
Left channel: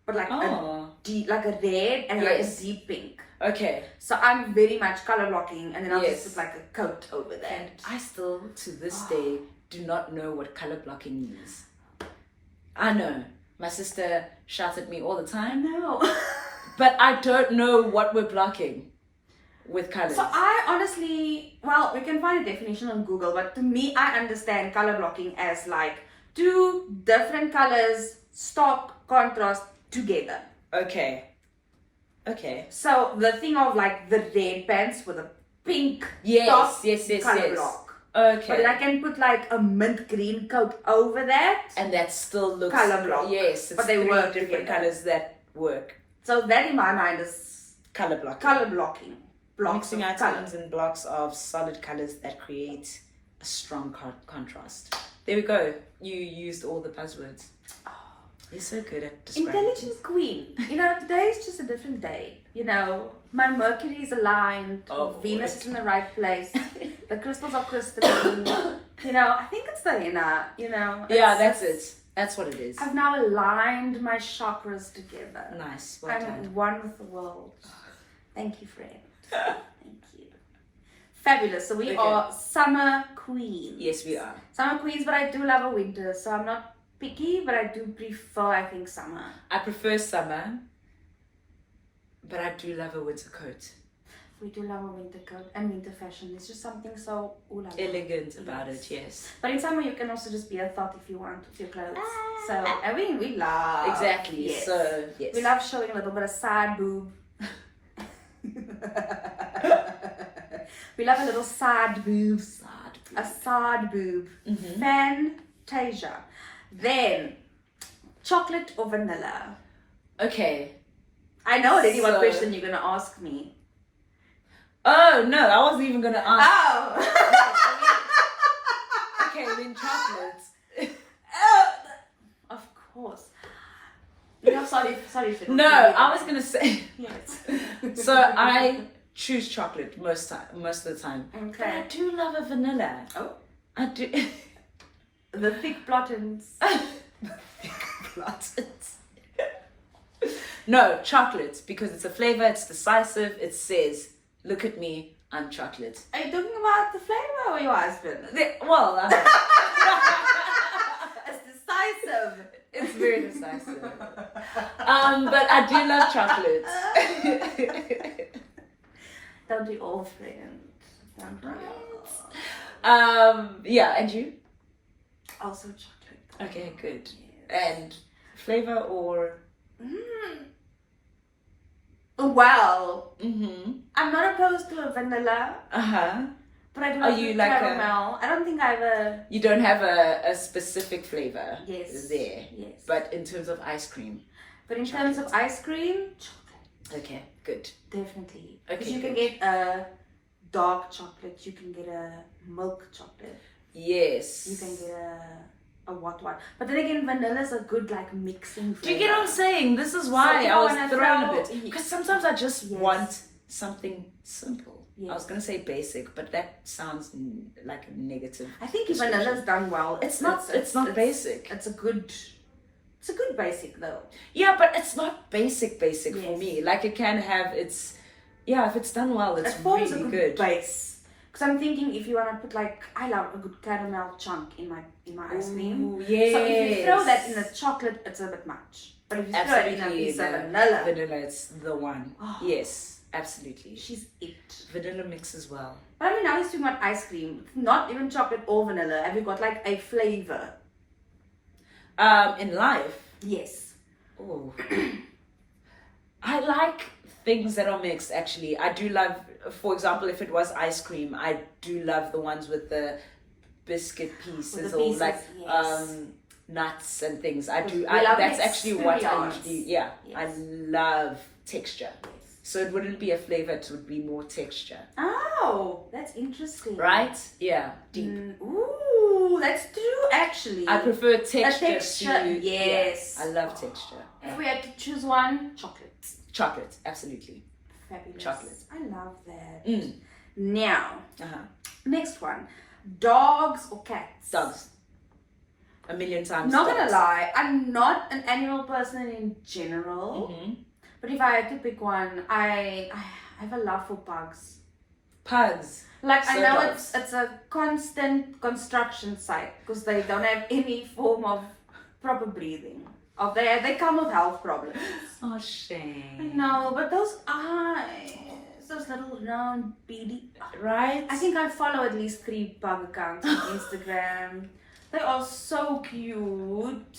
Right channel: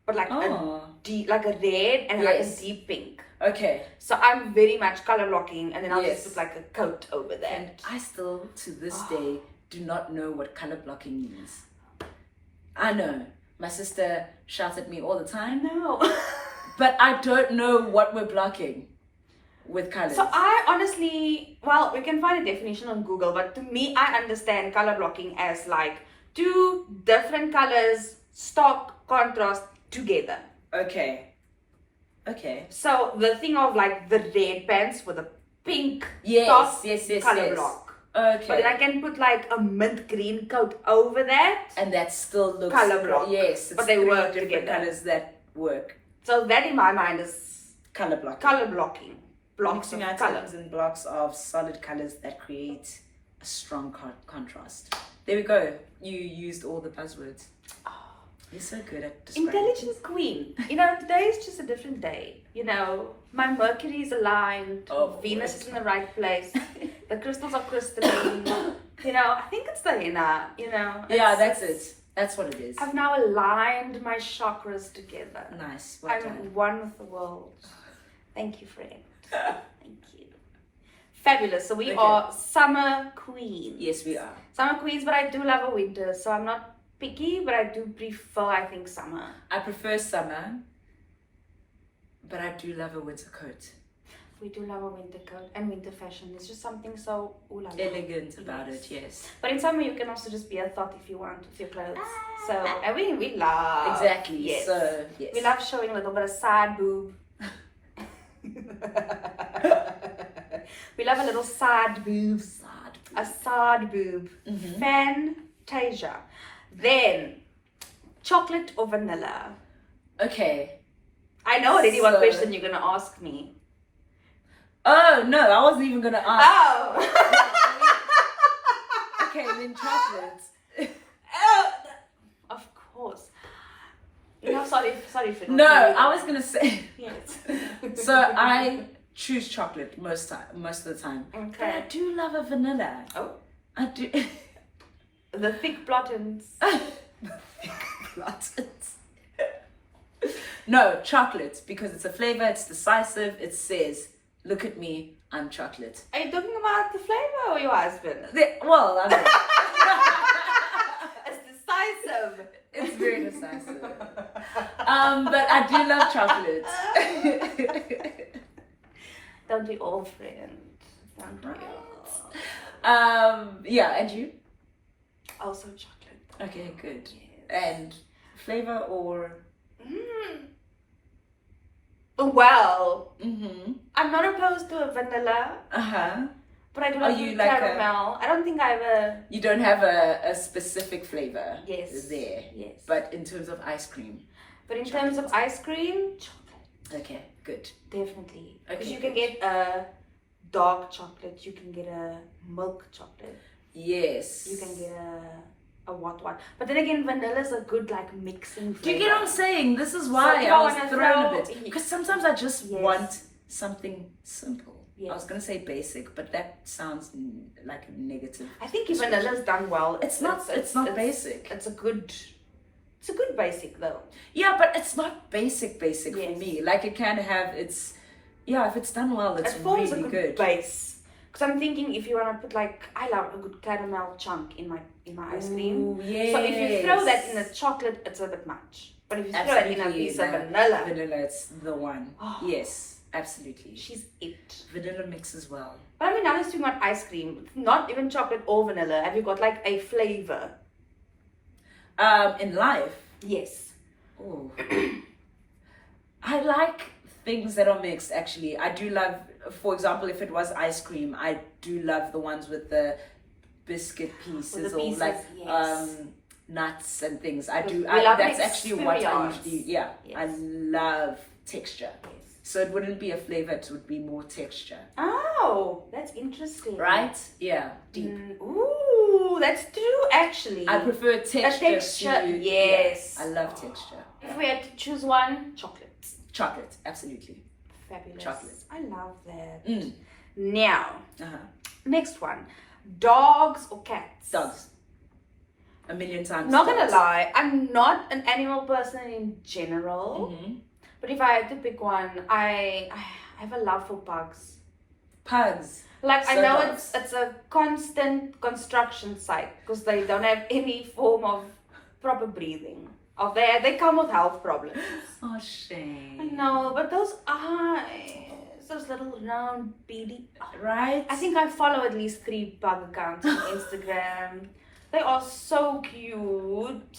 But like a red and like a deep pink. Okay. So I'm very much color blocking and then I'll just put like a coat over that. And I still, to this day, do not know what color blocking means. I know. My sister shouts at me all the time. No. But I don't know what we're blocking with colors. So I honestly, we can find a definition on Google, but to me, I understand color blocking as like two different colors, stock, contrast, together. Okay. So the thing of like the red pants with a pink top, color block. Okay. But then I can put like a mint green coat over that. And that still looks color block. Yes. It's but they work different together. colors that work. So that in my mind is color blocking. Color blocking. Blocks mixing of colors and blocks of solid colors that create a strong contrast. There we go. You used all the buzzwords. You're so good at describing Intelligent things. queen. You know, today is just a different day. You know, my Mercury is aligned. Oh, Venus boy. is in the right place. The crystals are crystalline. You know, I think it's the henna. You know. Yeah, It's that's just- it. That's what it is. I've now aligned my chakras together. Nice. Well I'm done. one with the world. Thank you, friend. Thank you. Fabulous. So we Okay. are summer queens. Yes, we are. Summer queens, but I do love a winter, so I'm not picky, but I do prefer, I think, summer. I prefer summer, but I do love a winter coat. We do love a winter coat and winter fashion. There's just something so ooh la la. Elegant about Yes. it, yes. But in summer, you can also just be a thought if you want with your clothes. So, and we love. Exactly. Yes. So, yes. We love showing a little bit of side boob. We love a little side boob. A side boob. Fantasia. Then, chocolate or vanilla? Okay. I know already what So- question you're going to ask me. Oh, no, I wasn't even going to ask. Oh! Okay, then chocolates. Of course. No, sorry for No, I was going to say. Yes. So I choose chocolate most of the time. But I Okay. do love a vanilla. Oh. I do. The thick blottins. No, chocolate, because it's a flavor, it's decisive, it says, look at me, I'm chocolate. Are you talking about the flavor or your husband? Well, I mean, It's decisive. it's very decisive. But I do love chocolate. Don't we all, friend? Don't we all? Yeah, and you? Also chocolate. Okay, good. Yes. And flavor or? Well, Mm-hmm. I'm not opposed to a vanilla, Uh-huh. but I do Are like you the like a- caramel. I don't think I have a... You don't have a specific flavor Yes. there. Yes. But in terms of ice cream. But in terms of ice cream, chocolate. Okay, good. Definitely. Because Okay, you can good. get a dark chocolate, you can get a milk chocolate, Yes. you can get a what. But then again, vanilla is a good like mixing flavor. Do you get what I'm saying? This is why So if I I was wanna thrown a throw- bit. Because sometimes I just Yes. want something simple. Yes. I was going to say basic, but that sounds like a negative. I think if vanilla is done well, It's not basic. It's a good basic though. Yeah, but it's not basic for Yes. me. Like it can have its, yeah, if it's done well, it's It forms really a good. good base. Because I'm thinking if you want to put like, I love a good caramel chunk in my ice cream. Ooh, yes. So if you throw that in a chocolate, it's a bit much. But if you throw it in a piece of vanilla, Vanilla, it's the one. Oh. Yes, absolutely. she's it. Vanilla mixes well. But I mean, now we're speaking about ice cream, not even chocolate or vanilla. Have you got like a flavor? In life, Yes. oh, I like things that are mixed. Actually, I do love. For example, if it was ice cream, I do love the ones with the biscuit pieces the or pieces, like yes. nuts and things. I do. We I, love that's mixed actually what I cereals. usually. Yeah, Yes. I love texture. So it wouldn't be a flavor; it would be more texture. Oh, that's interesting. Right? Yeah. Deep. Ooh, that's true actually. I prefer texture. texture, to, yes. Yeah, I love texture. If we had to choose one, chocolate. Chocolate, absolutely. Fabulous. Chocolate. I love that. Mm. Now, Uh-huh. next one. Dogs or cats? Dogs. A million times. Not gonna dogs. lie, I'm not an animal person in general. Mhm. But if I had to pick one, I have a love for pugs. Pugs. Like I So know dogs. it's a constant construction site because they don't have any form of proper breathing. Of they come with health problems. Oh, shame. I know, but those eyes, those little round beady. Right? I think I follow at least 3 pug accounts on Instagram. They are so cute.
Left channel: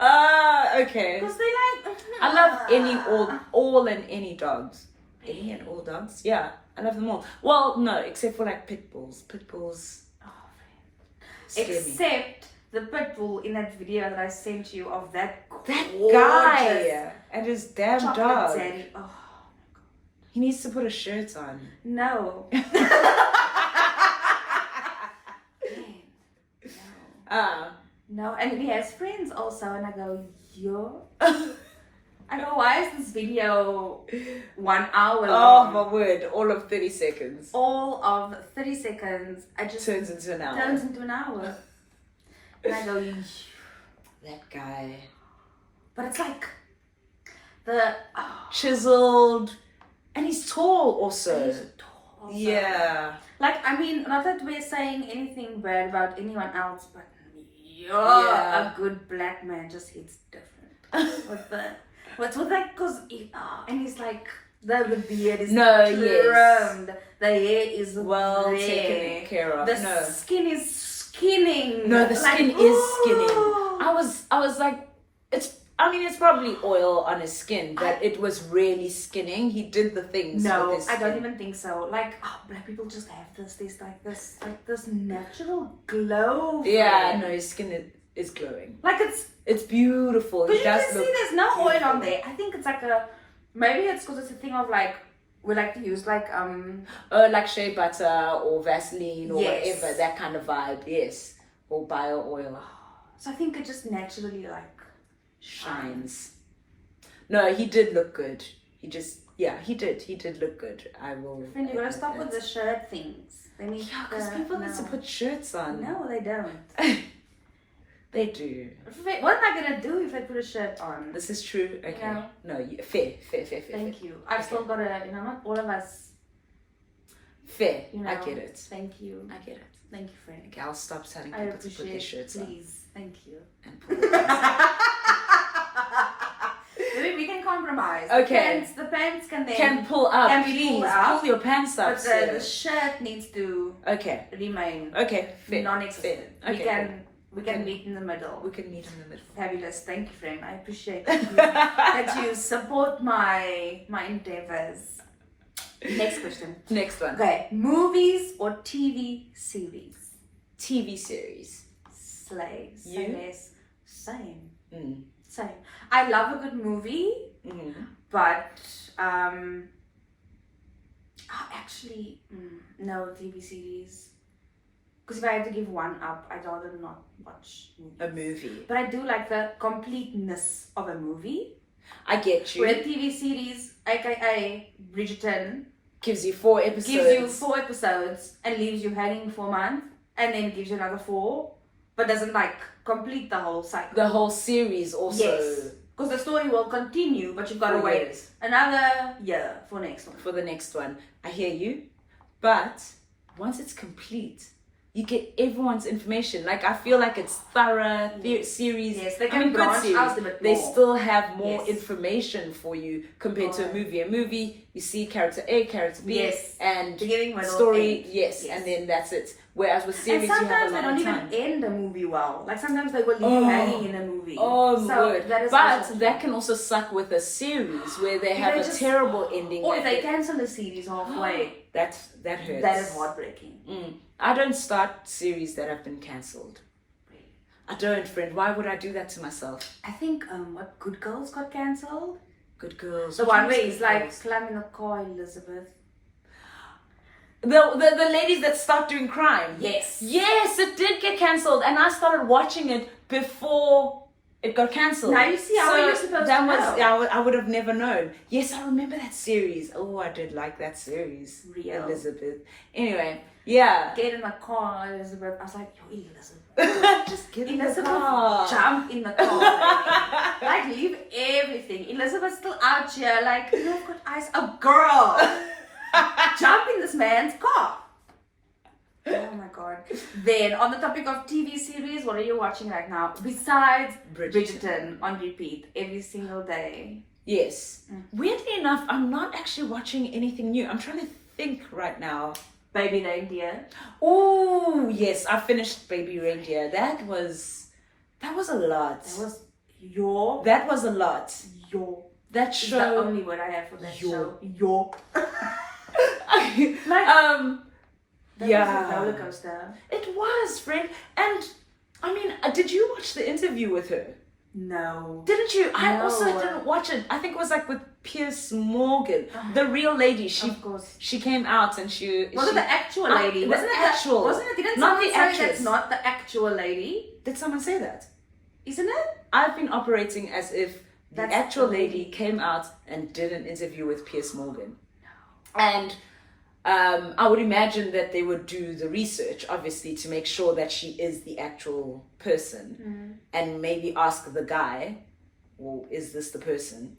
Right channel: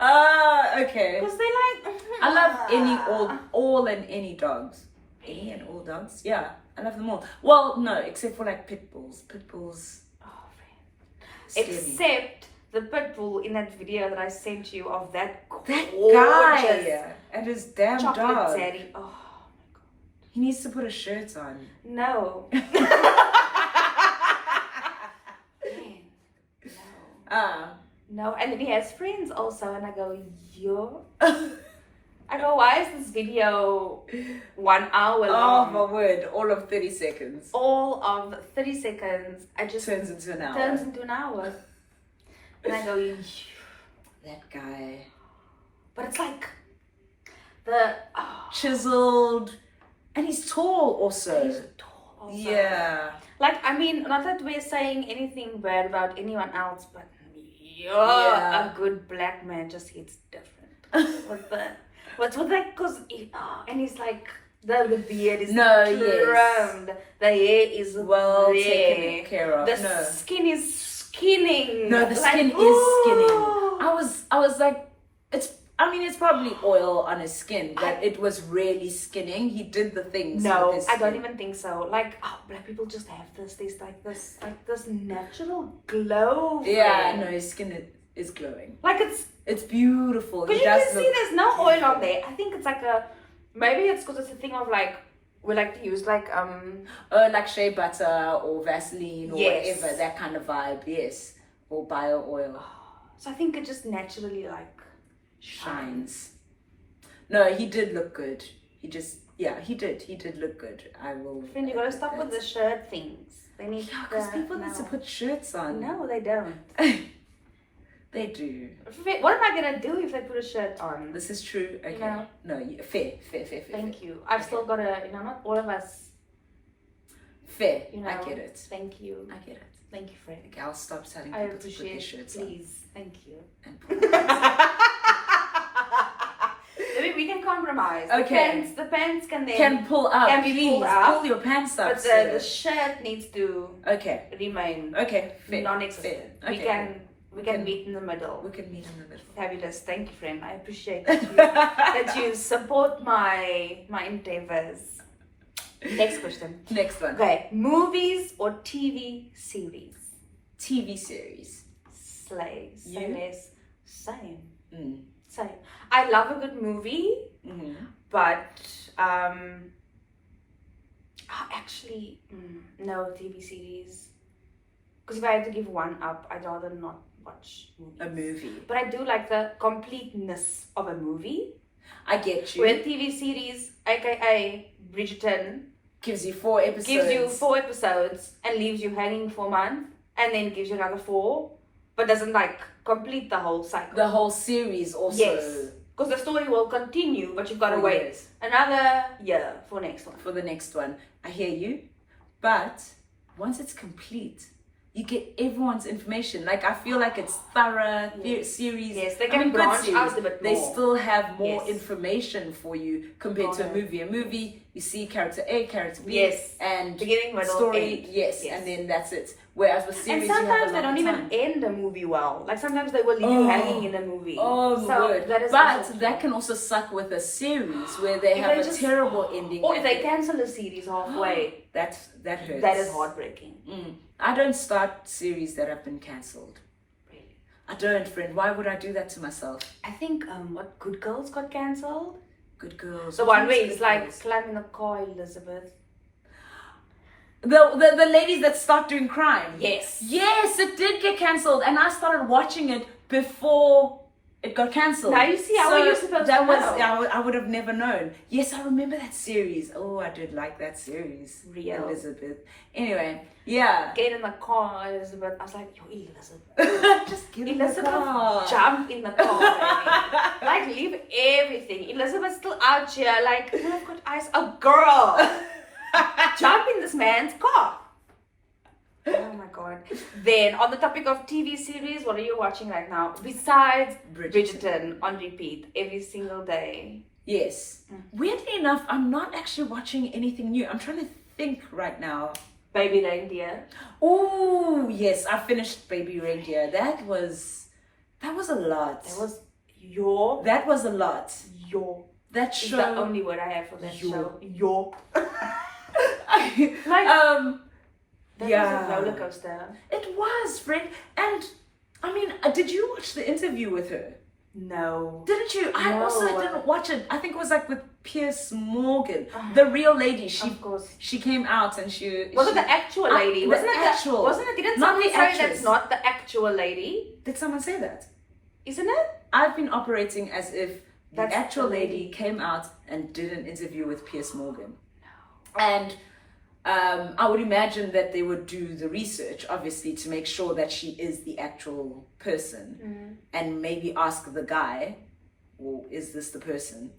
Okay. Because they like. I love all and any dogs. Any and all dogs. Yeah, I love them all. Well, no, except for like pit bulls. Pit bulls Oh, scare me. except the pit bull in that video that I sent you of that That gorgeous guy and his damn chocolate dog. Dzaddy. Oh, He needs to put a shirt on. no. Man, no. Ah. No, and then he has friends also, and I go, video. I go, why is this video 1 hour Oh long? my word! All of 30 seconds All of 30 seconds, I just turns into an hour. turns into an hour. And I go, That guy. but it's like the Chiseled. And he's tall also. he's tall also. Yeah. Like, I mean, not that we're saying anything bad about anyone else, but Yeah. a good black man just hits different. What's with that? Cause and he's like the beard is trimmed, the hair is Well there. taken care of. The No. skin is skinning. No, the skin is skinning. I was like, it's probably oil on his skin that it was really skinning. He did the things. No, with his I don't skin. even think so. Like, black people just have this like this natural glow. Yeah, friend. no, his skin is glowing. Like It's beautiful. because He you does can see look there's no oil on there. I think it's like maybe it's because it's a thing of like we like to use like like shea butter or Vaseline or Yes. whatever, that kind of vibe. Yes, or bio oil so I think it just naturally like shines. No, he did look good. He did look good. I will. Friend, you gotta admit stop that. with the shirt things. They need Because people need to put shirts on. No, they don't. They do. What am I gonna do if I put a shirt on? This is true. Okay. You know? No, fair. Thank you. I've still got not all of us. Fair. You know, I get it. Thank you. I get it. Thank you, friend. Okay, I'll stop telling I people to put appreciate their it. shirts on. Please. Thank you. And Maybe we can compromise. Okay. The pants can then can pull up. Can be Please pulled up, pull your pants up. but sir. the shirt needs to Okay. remain Okay. Fair. non-existent. Fair. We Okay, can Okay. meet in the middle. We can meet in the middle. Fabulous. Thank you, friend. I appreciate that you support my endeavors. Next question. Next one. Okay, movies or TV series? TV series. Slay. Say You? less. Same. Mm. Same. I love a good movie, Mm-hmm. but actually, no TV series. Because if I had to give one up, I'd rather not watch movies. A movie. But I do like the completeness of a movie. I get you. Where TV series, aka Bridgerton, Gives you 4 episodes. gives you 4 episodes and leaves you hanging for a month, and then gives you another 4, but doesn't like complete the whole cycle. The whole series also. Yes, because the story will continue, but you've got to For wait years. another year for next one. For the next one. I hear you. But once it's complete, you get everyone's information. Like, I feel like it's thorough series. Yes, they I can mean, good branch series. out a bit They more. still have more Yes. information for you compared to a Correct. movie. A movie, you see character A, character B, Yes. and Beginning, middle, story, end. yes, Yes. and then that's it. Whereas with And series, you have sometimes a they lot don't of even time. end a movie well. Like sometimes they will leave you hanging in a movie. Oh so my word. that is But also that true. can also suck with a series where they If have they a just- terrible ending. Or at if they the- cancel a series halfway, that hurts. that is heartbreaking. I don't start series that have been cancelled. Really. I don't, friend. Why would I do that to myself? I think what Good Girls got cancelled. Good girls. The What one is where Good he's like Girls? slamming the car, Elizabeth. The ladies that start doing crime. Yes. Yes, it did get cancelled, and I started watching it before it got cancelled. Now you see how are you supposed that to was, know? I would have never known. Yes, I remember that series. Oh, I did like that series. Real. Elizabeth. Anyway, yeah. Get in the car, Elizabeth. I was like, yo, Elizabeth. Just get in the Elizabeth, car. jump in the car, baby. Like, leave everything. Elizabeth's still out here, like, no, I've got eyes. A girl. Jump in this man's car. Oh my god. Then, on the topic of TV series, what are you watching right now? Besides Bridgerton on repeat every single day. Yes. Weirdly enough, I'm not actually watching anything new. I'm trying to think right now. Baby Reindeer. Oh, yes. I finished Baby Reindeer. That was a lot. That was a lot. That is show. the only word I have for that Your. show. Your. That yeah. was a roller coaster. It was, friend. And I mean, did you watch the interview with her? No. Didn't you? I No. also didn't watch it. I think it was like with Pierce Morgan, the real lady. Of course. She came out and Was it the actual lady? the Wasn't it actual. Wasn't it? Didn't Not someone the say actress. that's not the actual lady? Did someone say that? Isn't it? I've been operating as if the That's actual the lady lady. came out and did an interview with Piers Morgan. And I would imagine that they would do the research, obviously, to make sure that she is the actual person, and maybe ask the guy, well, is this the person?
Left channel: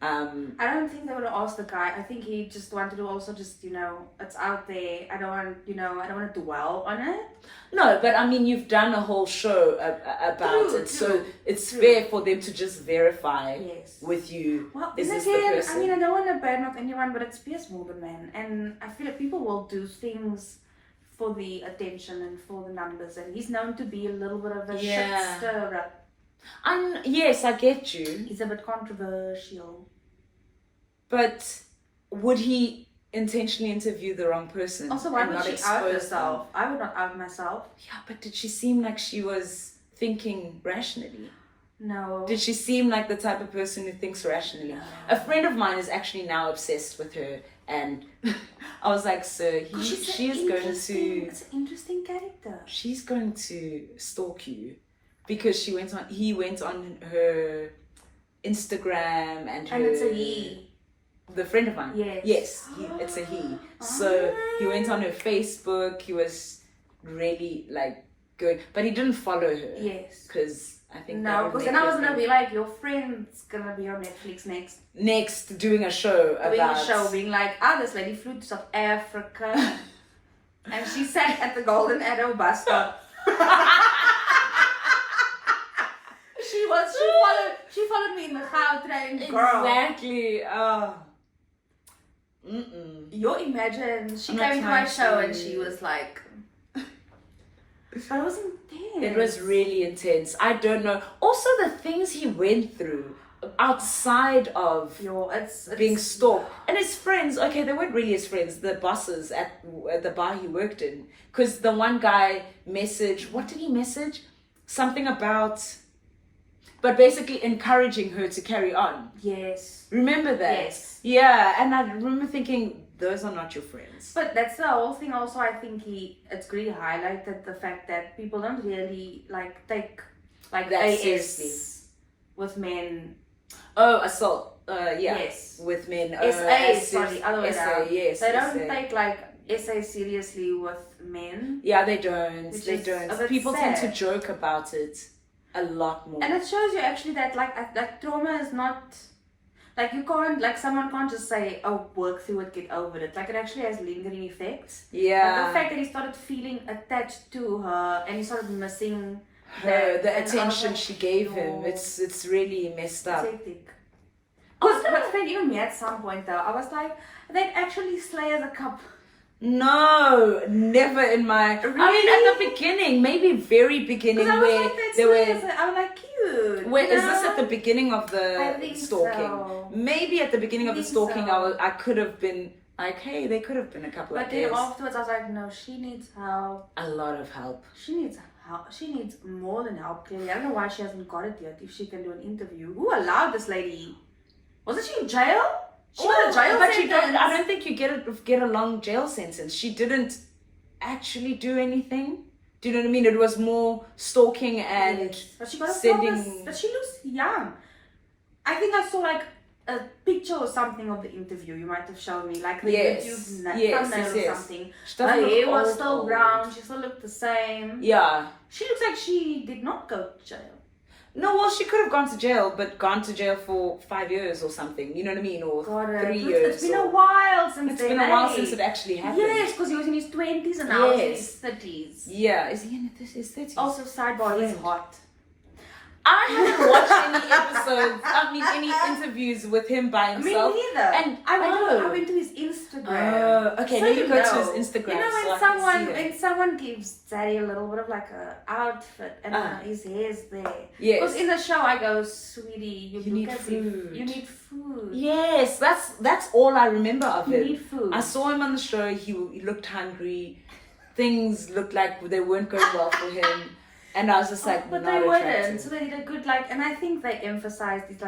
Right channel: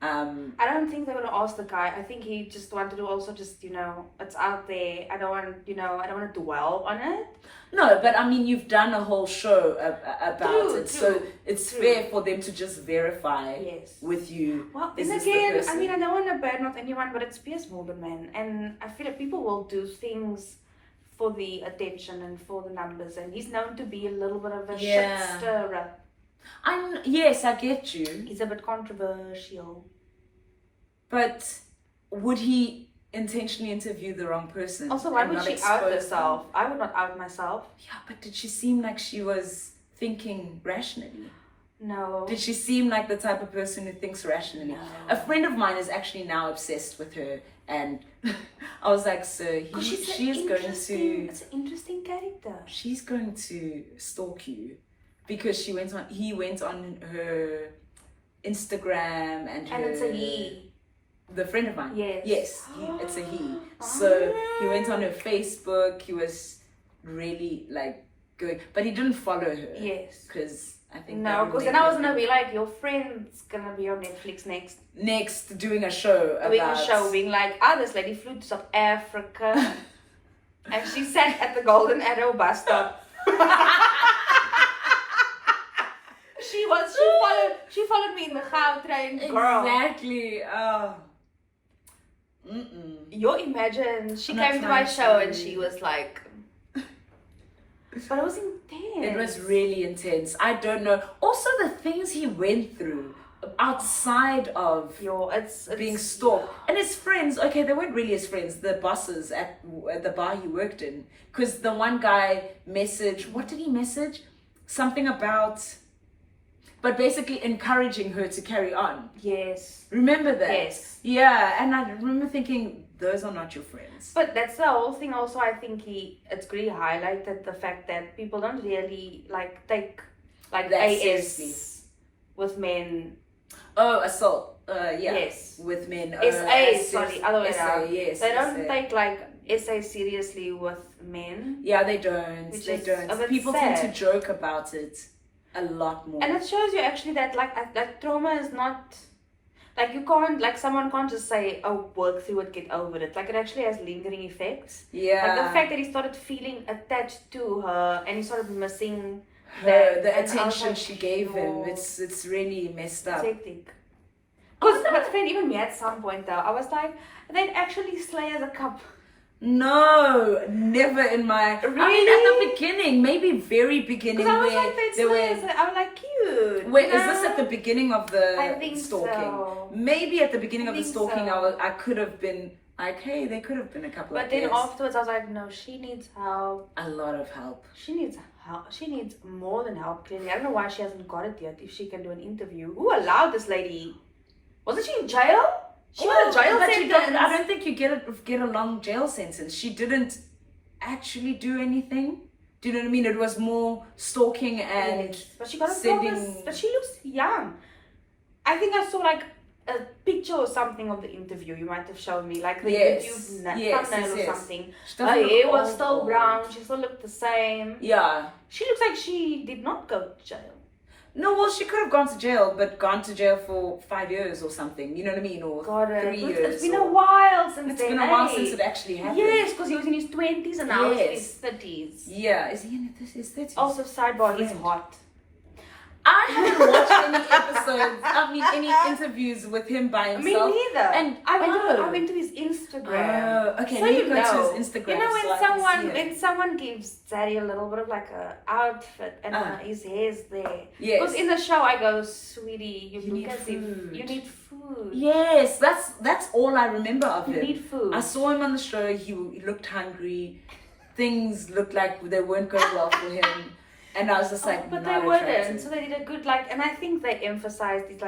I don't think they would ask the guy. I think he just wanted to also just, it's out there. I don't want to dwell on it. No, but I mean, you've done a whole show about it, so it's fair for them to just verify with you. Well, is then this the again, person? I mean, I don't want to badmouth anyone, but it's Piers Morgan, man. And I feel like people will do things for the attention and for the numbers. And he's known to be a little bit of a shit stirrer. Yes, I get you. He's a bit controversial. But would he intentionally interview the wrong person? Also, why and would not she expose out herself? them? I would not out myself. Yeah, but did she seem like she was thinking rationally? No. Did she seem like the type of person who thinks rationally? No. A friend of mine is actually now obsessed with her, and I was like, so It's an interesting character. She's going to stalk you because he went on her Instagram and it's a he. The friend of mine. Yes. It's a he. So he went on her Facebook. He was really like going, but he didn't follow her. Yes. Because I think no, because then I was gonna be like, your friend's gonna be on Netflix next doing a show being like, this lady flew to South Africa and she sat at the Golden Arrow bus stop. She followed me in the Gautrain, girl. Exactly. You imagine she came to my show and she was like, but it was intense. It was really intense. I don't know. Also, the things he went through outside of it's being stalked. And his friends, okay, they weren't really his friends, the bosses at the bar he worked in. Because the one guy messaged, what did he message? Something about, but basically encouraging her to carry on. Yes. Remember that? Yes. Yeah, and I remember thinking, those are not your friends. But that's the whole thing also. I think it's really highlighted the fact that people don't really take that AS seriously with men. Oh, assault. Yes. With men. Sorry, other way around. Yes. They don't take SA seriously with men. Yeah, they don't. Which They is don't. a bit People sad. tend to joke about it a lot more. And it shows you actually that like trauma is not you can't someone can't just say, oh, work through it, get over it. It actually has lingering effects. Yeah. Like the fact that he started feeling attached to her and he started missing the attention she gave him. It's really messed up. But friend, even me at some point though, I was like, they'd actually slay as a couple. No, never in my. Really? I mean, at the beginning, maybe very beginning, I was where like, they were. I was like, cute. Wait, is this at the beginning of the I think stalking? so. Maybe at the beginning of the stalking, so. I could have been like, hey, they could have been a couple of But then years. afterwards, I was like, no, she needs help. A lot of help. She needs help. She needs more than help, clearly. I don't know why she hasn't got it yet, if she can do an interview. Who allowed this lady? Wasn't she in jail? She got a jail but sentence. I don't think you get a long jail sentence. She didn't actually do anything. Do you know what I mean? It was more stalking and but she got a sending... promise. But she looks young. I think I saw a picture or something of the interview. You might have shown me the YouTube thumbnail or something. Her hair was still brown. She still looked the same. Yeah. She looks like she did not go to jail. No, well, she could have gone to jail, but gone to jail for 5 years or something. You know what I mean? Or 3 years. It's been a while since It's been a while since it actually happened. Yes, because he was in his 20s and now he's in his 30s. Yeah, is he in his 30s? Also, sidebar, he's hot. I haven't watched any interviews with him by himself. Me neither. And I went to his Instagram. Okay, so let me go to his Instagram. You know so when someone gives Dzaddy a little bit of a outfit and his hair's there. Yes. Because in the show I go, sweetie, you need look as food. if you need food. Yes, that's all I remember of him. You need food. I saw him on the show. He looked hungry. Things looked like they weren't going well for him. And I was just like, but not they wouldn't. attractive. So they did a good and I think they emphasized his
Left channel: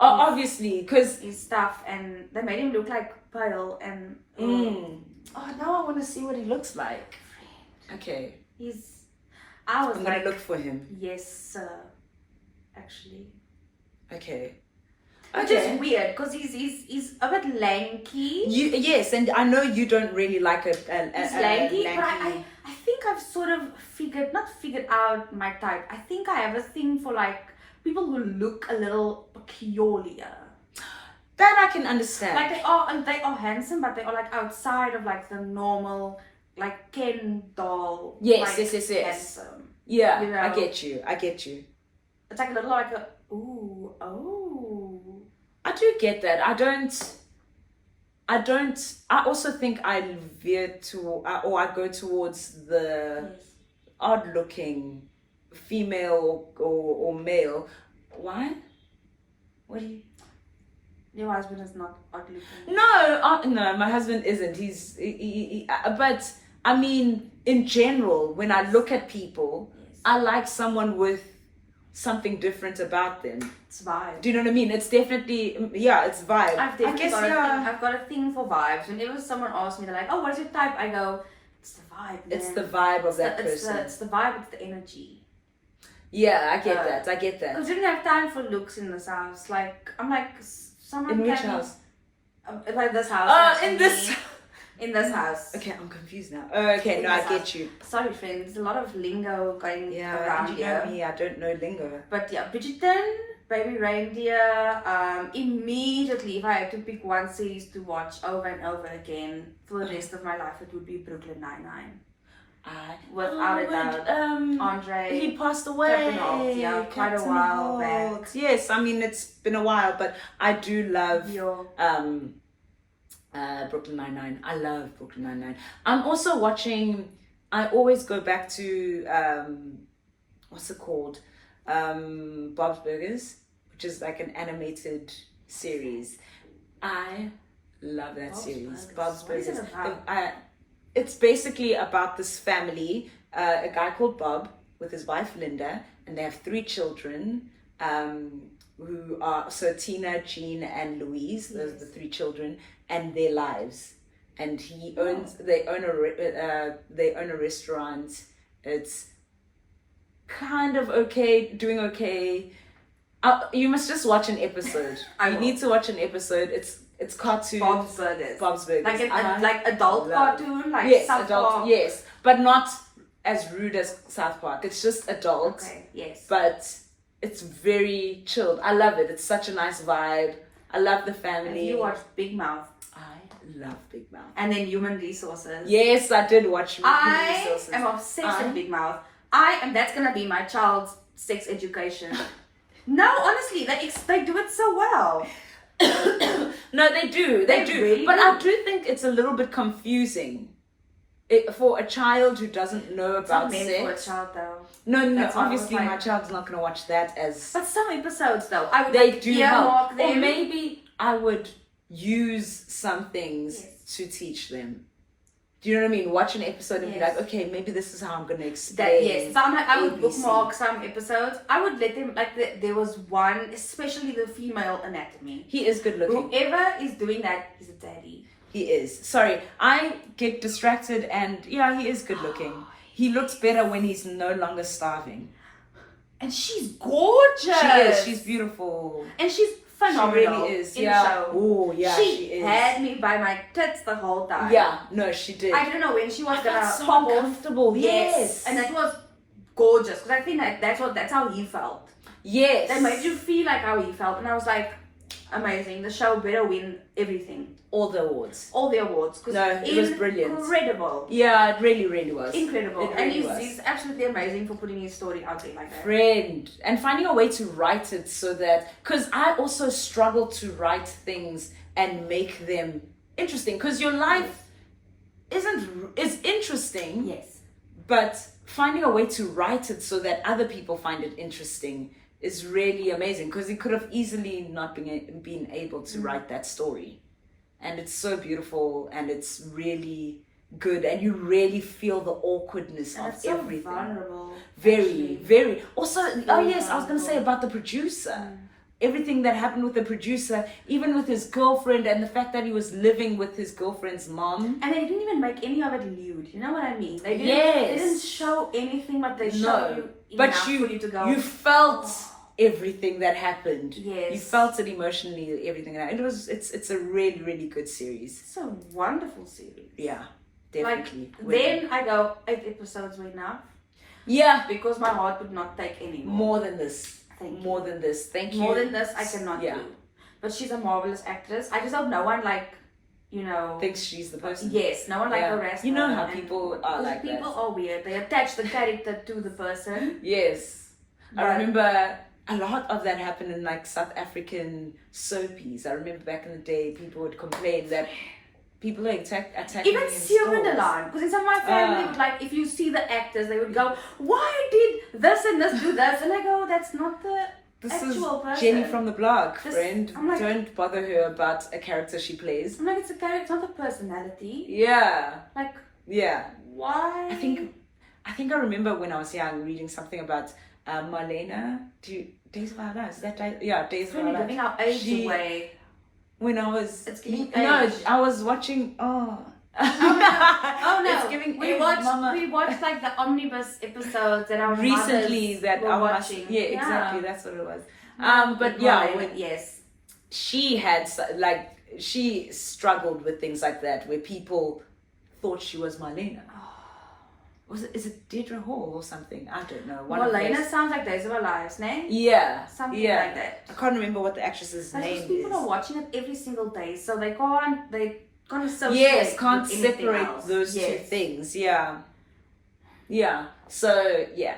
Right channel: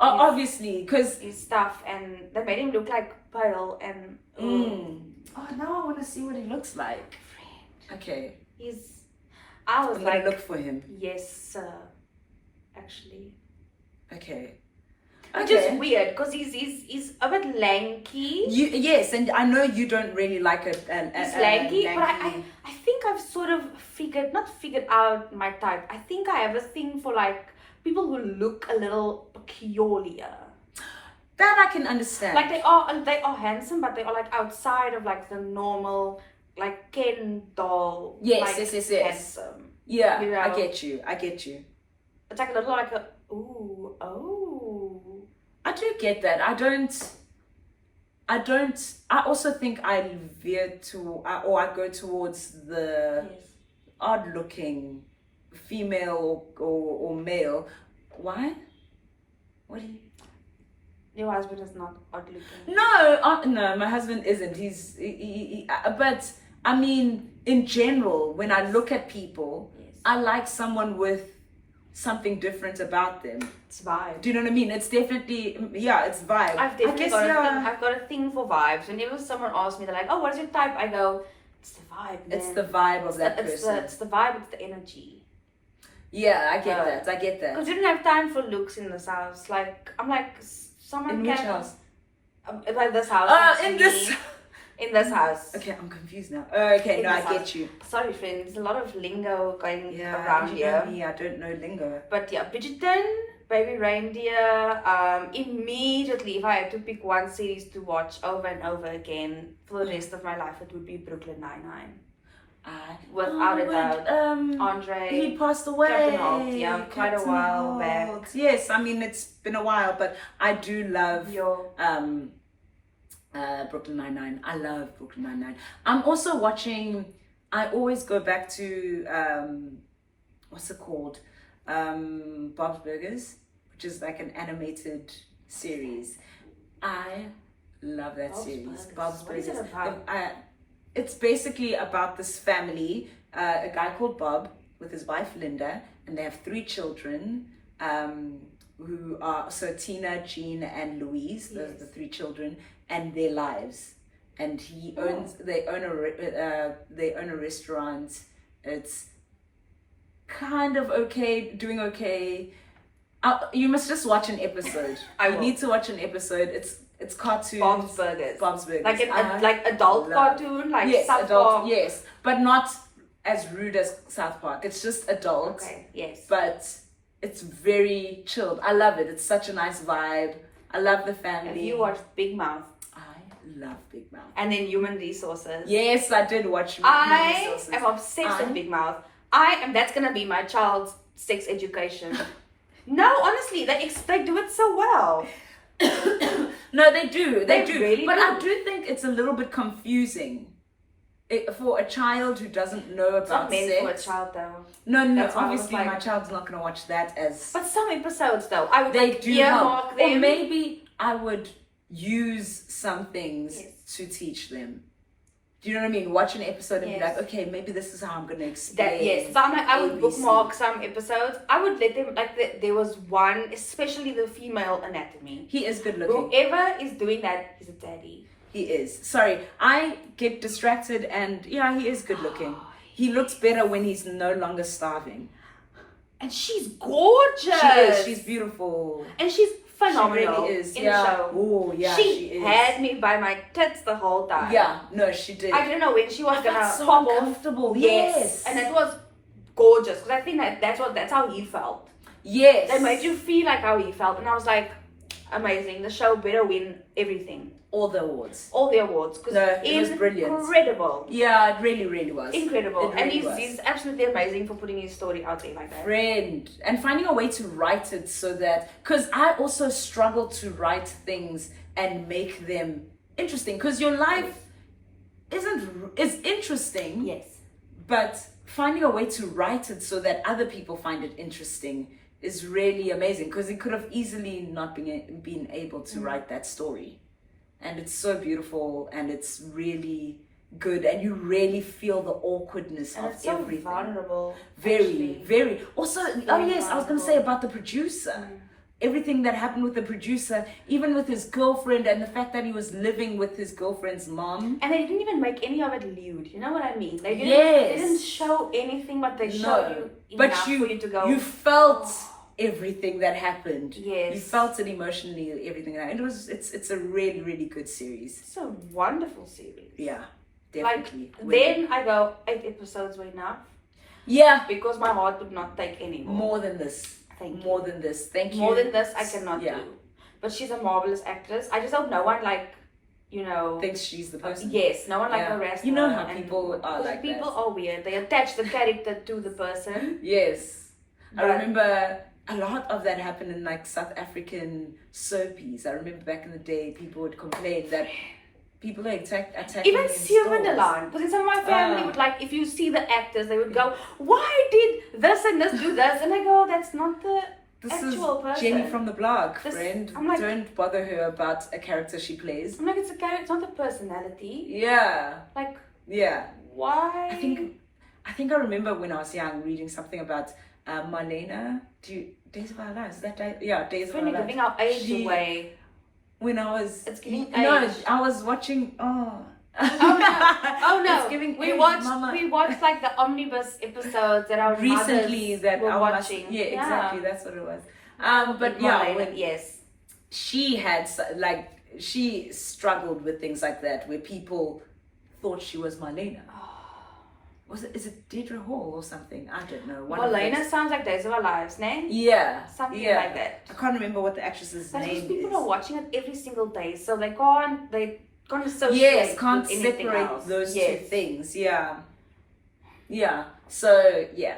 obviously, because his stuff, and they made him look pale and. Oh, now I want to see what he looks like. Okay. I was I'm gonna look for him. Yes, sir. actually. Okay. Which is weird because he's a bit lanky. Yes, and I know you don't really like it. He's lanky, but I think I've sort of not figured out my type. I think I have a thing for like people who look a little peculiar. That I can understand. Like they are handsome, but they are like outside of like the normal, like Ken doll. Yes, like, yes. Handsome. Yeah, You know? I get you. It's like a little like a oh. I do get that. I also think I veer or I go towards the odd-looking female or male. Why? What do you? Your husband is not odd looking. No, my husband isn't. But I mean, in general, when I look at people, I like someone with something different about them. It's vibe. Do you know what I mean? It's definitely, it's vibe. I've got a thing for vibes. Whenever someone asks me, they're like, "Oh, what's your type?" I go, "It's the vibe, man. It's the vibe of that person. It's the vibe. It's the energy." Yeah, I get that. Because we didn't have time for looks in this house. Like, I'm like, someone in which house? Like this house. In this house. Okay, I'm confused now. Okay, I get you. Sorry, friends. There's a lot of lingo going around here. I don't know lingo. But yeah, Bridgerton, Baby Reindeer. Immediately, if I had to pick one series to watch over and over again for the rest of my life, it would be Brooklyn Nine-Nine. Without a doubt. Andre. He passed away. Captain Holt, quite a while back. Yes, I mean, it's been a while, but I do love Brooklyn Nine-Nine. I love Brooklyn Nine-Nine. I'm also watching, I always go back to, what's it called? Bob's Burgers, which is like an animated series. I love that series. Bob's Burgers. What is it about? It's basically about this family, a guy called Bob with his wife Linda, and they have 3 children, who are, so Tina, Jean, and Louise. Those are the 3 children, and their lives. And they own a restaurant. It's kind of doing okay. You must just watch an episode. You need to watch an episode. It's cartoon. Bob's Burgers. Like adult cartoon, like South Park. Yes, but not as rude as South Park. It's just adult. Okay, yes. But it's very chilled. I love it. It's such a nice vibe. I love the family. Have you watched Big Mouth? I love Big Mouth. And then Human Resources. Yes, I did watch Human Resources. I am obsessed with Big Mouth. That's gonna be my child's sex education. No, honestly, they do it so well. No, they do. They do. Really but do. I do think it's a little bit confusing for a child who doesn't know about sex. It's not meant for a child, though. No. Obviously, my child's not going to watch that as. But some episodes, though, I would they do help. them. Or maybe I would use some things to teach them. Do you know what I mean? Watch an episode and be like, okay, maybe this is how I'm going to explain. I would bookmark some episodes. I would let them, there was one, especially the female anatomy. He is good looking. Whoever is doing that is a daddy. He is. Sorry, I get distracted and he is good looking. He looks better when he's no longer starving. And she's gorgeous. She is. She's beautiful. And she's phenomenal. She really is. In the show. Oh, yeah, she is. Had me by my tits the whole time. Yeah, no, she did. I didn't know when she was gonna so pop uncomfortable. off. Yes. And that was gorgeous because I think that's how he felt. Yes. That made you feel like how he felt, and I was like, amazing. The show better win everything. All the awards. Because it was brilliant. Incredible. Yeah, it really, really was. Incredible. Really and he's absolutely amazing for putting his story out there like that. Friend. And finding a way to write it so that, because I also struggle to write things and make them interesting. Because your life is interesting. Yes. But finding a way to write it so that other people find it interesting is really amazing. Because he could have easily not been able to write that story. And it's so beautiful and it's really good and you really feel the awkwardness of it's so everything. Vulnerable. Very. Also, I was vulnerable. going to say about the producer. Everything that happened with the producer, even with his girlfriend and the fact that he was living with his girlfriend's mom. And they didn't even make any of it lewd. You know what I mean? They didn't show anything, but they showed you enough for you to go. You felt everything that happened. Yes. You felt it emotionally, everything. And it's a really, really good series. It's a wonderful series. Yeah, definitely. Like, then I go, 8 episodes were enough. Yeah. Because my heart would not take any more. More than this. Thank you. More than this. Thank you. More than this, I cannot Yeah. do. But she's a marvelous actress. I just hope no one, like, you know... Thinks she's the person. Yes, no one, like, harassed her. You know how people are like people that. are weird. They attach the character to the person. Yes. I But- remember a lot of that happened in, like, South African soapies. I remember back in the day, people would complain that people are attacking Even stores. Siewendelaan. Because in some of my family would, like, if you see the actors, they would go, why did this and this do this? And I go, that's not the This actual is person. Jenny from the blog, This- friend. I'm like- Don't bother her about a character she plays. I'm like, it's a character, it's not the personality. Yeah. Like, Yeah. why? I think I remember when I was young reading something about Marlena. Days of Our Lives. Is that day? Yeah, Days of Our We're Lives. giving our age She- away. When I was It's giving no, age. I was watching. Oh no! It's giving we age, watched Mama. like the omnibus episodes that our Recently mothers that were I was watching. yeah, exactly, that's what it was. But Marlena, yeah, when yes. she had like she struggled with things like that where people thought she was Marlena. Is it Deirdre Hall or something? I don't know. One of Marlena those. sounds like Days of Our Lives, ne? Yeah. Something yeah. like that. I can't remember what the actress's But these name people is. are watching it every single day, so they can't associate. Yes, can't with anything separate else. those Yes. two things. Yeah. Yeah. So yeah,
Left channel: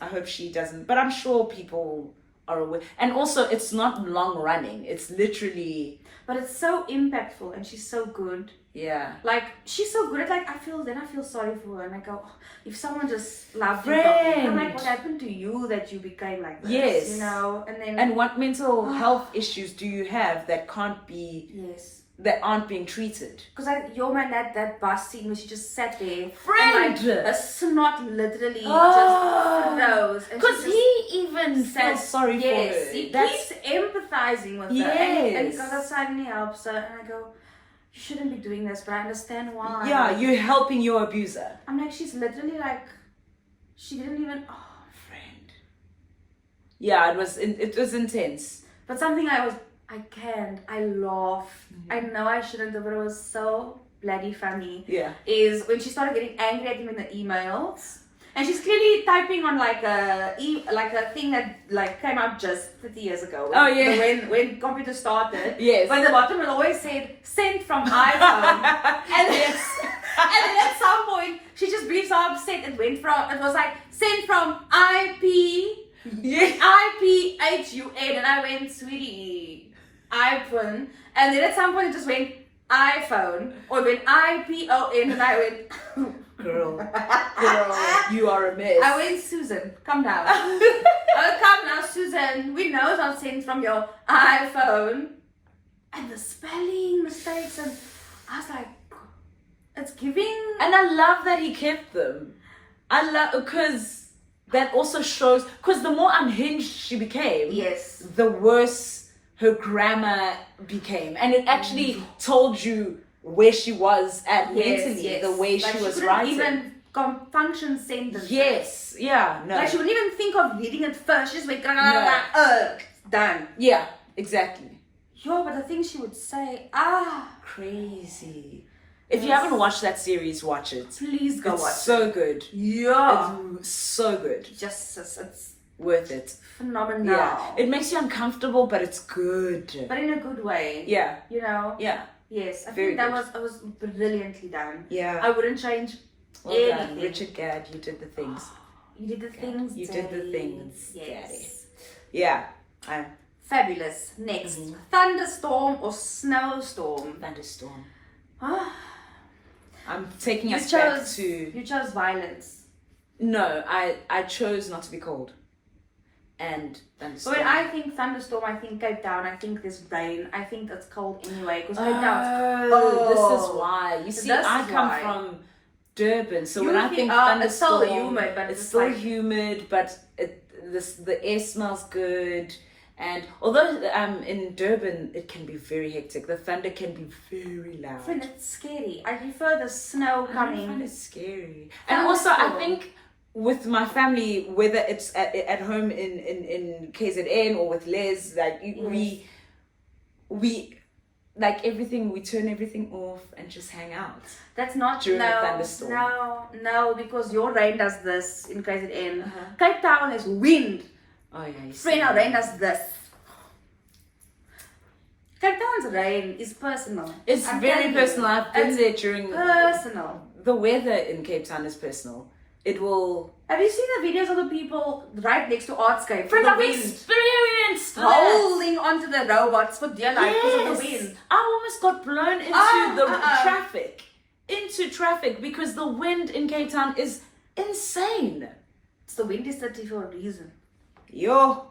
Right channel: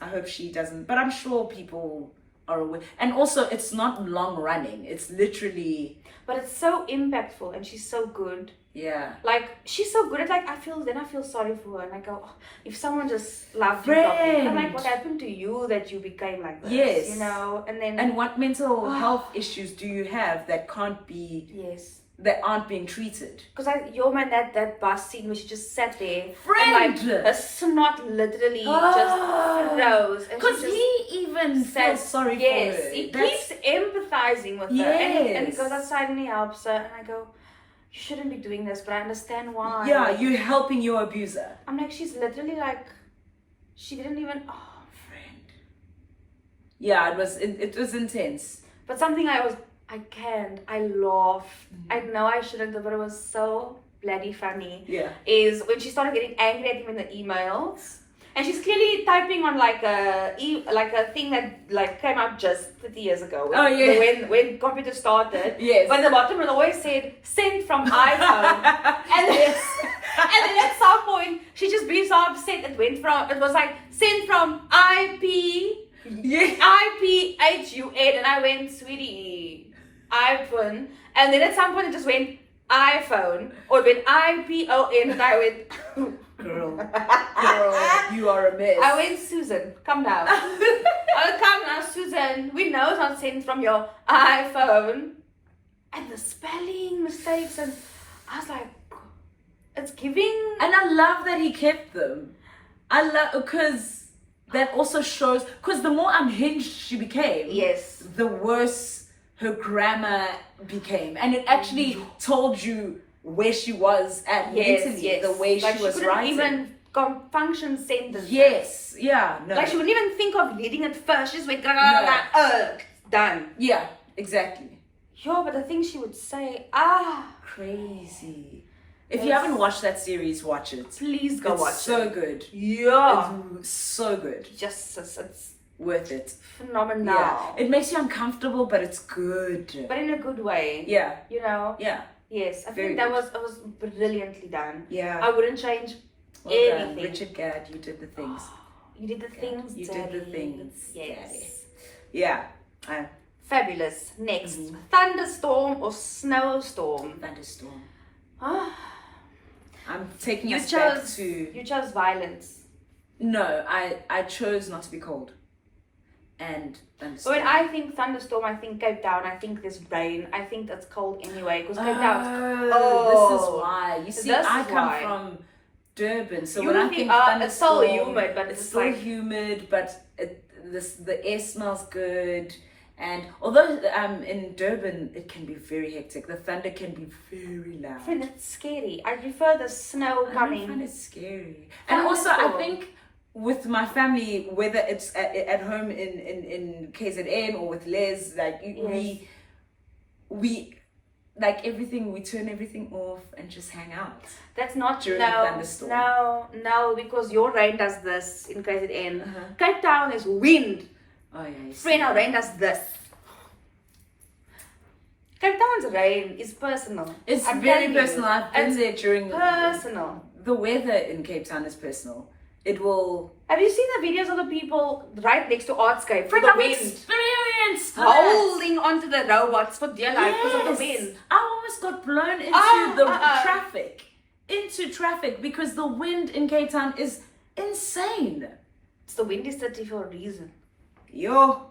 I hope she doesn't. But I'm sure people are aware. And also, it's not long running. It's literally. But it's so impactful, and she's so good. Yeah. Like, she's so good at, like, I feel sorry for her, and I go, oh, if someone just loved you properly, I'm like, what happened to you that you became like this? Yes. You know, and then... And what mental health issues do you have that can't be... Yes. That aren't being treated? Because your man, that bus scene where she just sat there, Friend! and, like, her snot literally just froze. Because he even felt sorry for her. Yes, he keeps empathizing with her, and he goes outside and he helps her, and I go, you shouldn't be doing this, but I understand why. Yeah, you're helping your abuser. I'm like, she's literally like, she didn't even, Friend. Yeah, it was intense. But something I laughed. I know I shouldn't have, but it was so bloody funny. Yeah. Is when she started getting angry at him in the emails. And she's clearly typing on like a thing that like came out just 30 years ago. When computers started. Yes. But the bottom it always said sent from iPhone. and then at some point she just being so upset. It was like sent from IPHUN, and I went, sweetie, iPhone. And then at some point it just went iPhone, or it went IPON, and I went Girl, you are a mess. I went, Susan, come down. I went, come now, Susan. We know it's not sent from your iPhone. And the spelling mistakes, and I was like, it's giving. And I love that he kept them. I love, because that also shows, because the more unhinged she became, Yes. the worse her grammar became. And it actually told you where she was at mentally, the way like she was couldn't writing. even function sentences. Yes, yeah, no. Like she wouldn't even think of leading it first. She just went, done. Yeah, exactly. Yeah, but the things she would say, Crazy. If you haven't watched that series, watch it. Please go watch it. It's so good. Yeah. It's so good. Just, it's Worth it. phenomenal. Yeah. It makes you uncomfortable, but it's good. But in a good way. Yeah. You know? Yeah. Yes, I Very think that good. was brilliantly done. Yeah. I wouldn't change Well done. anything. Richard Gadd, you did the things. You did the things, You did the Dzaddy. things, Yes. Dzaddy. Yeah. Fabulous. Next. Thunderstorm or snowstorm? Thunderstorm. Ah, I'm taking you us back chose to... you chose violence. No, I chose not to be cold. And thunderstorm. When I think thunderstorm, I think Cape Town. I think there's rain. I think it's cold anyway because Cape Town. This is why. You see, This I is come why. from Durban, so You when I think, think it's still thunderstorm, humid, but it's it's still like- humid, but the air smells good. And although in Durban it can be very hectic, the thunder can be very loud. Friend, it's scary. I prefer the snow I don't coming. find it scary. And also, I Thunderstorm. think with my family, whether it's at home in KZN or with Les, like we like everything, we turn everything off and just hang out. That's not during a thunderstorm. No, because your rain does this in KZN. Cape Town is wind. Oh yeah. Friend, our rain does this. Cape Town's rain is personal. It's very personal. I've been there during personal. The weather in Cape Town is personal. It will. Have you seen the videos of the people right next to Artscape for Friend, the I've wind? experienced Holding onto the robots for dear life because of the wind. I almost got blown into into traffic because the wind in Cape Town is insane. So the wind is 30 for a reason. Yo.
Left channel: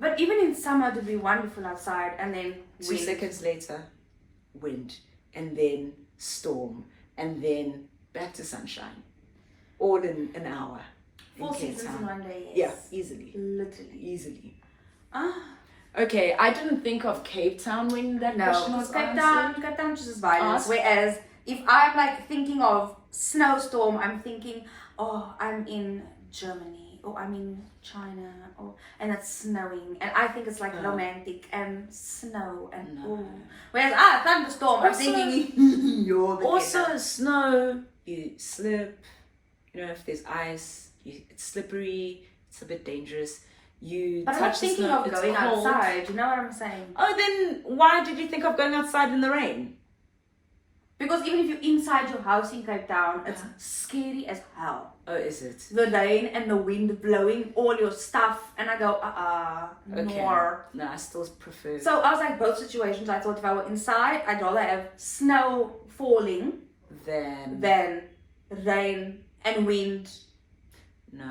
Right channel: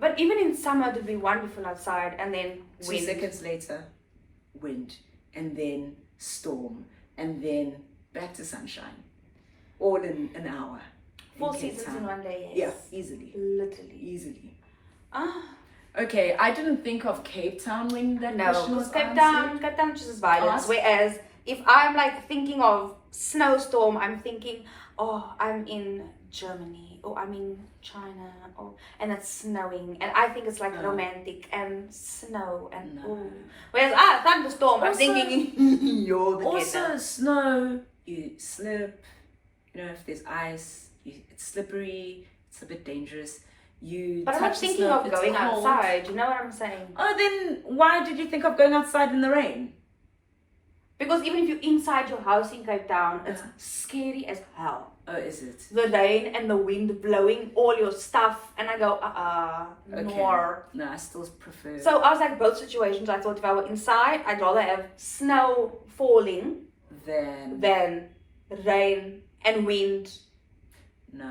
But even in summer, it would be wonderful outside, and then wind. 2 seconds later, wind, and then storm, and then back to sunshine, all in an hour. 4 seasons in one day. Yes. Yeah, easily. Literally. Easily. Okay, I didn't think of Cape Town when that question was Cape Town chooses violence. Whereas if I'm like thinking of snowstorm, I'm thinking, oh, I'm in Germany, or I'm in China, and it's snowing, and I think it's like romantic and snow and whereas thunderstorm, I'm thinking you're the also snow, you slip, you know, if there's ice, it's slippery, it's a bit dangerous. But I'm not thinking of going outside, you know what I'm saying? Oh, then why did you think of going outside in the rain? Because even if you're inside your house in Cape Town, it's scary as hell. Oh, is it? The rain and the wind blowing all your stuff, and I go, more. No, I still prefer. So I was like, both situations, I thought if I were inside, I'd rather have snow falling than rain and wind. No,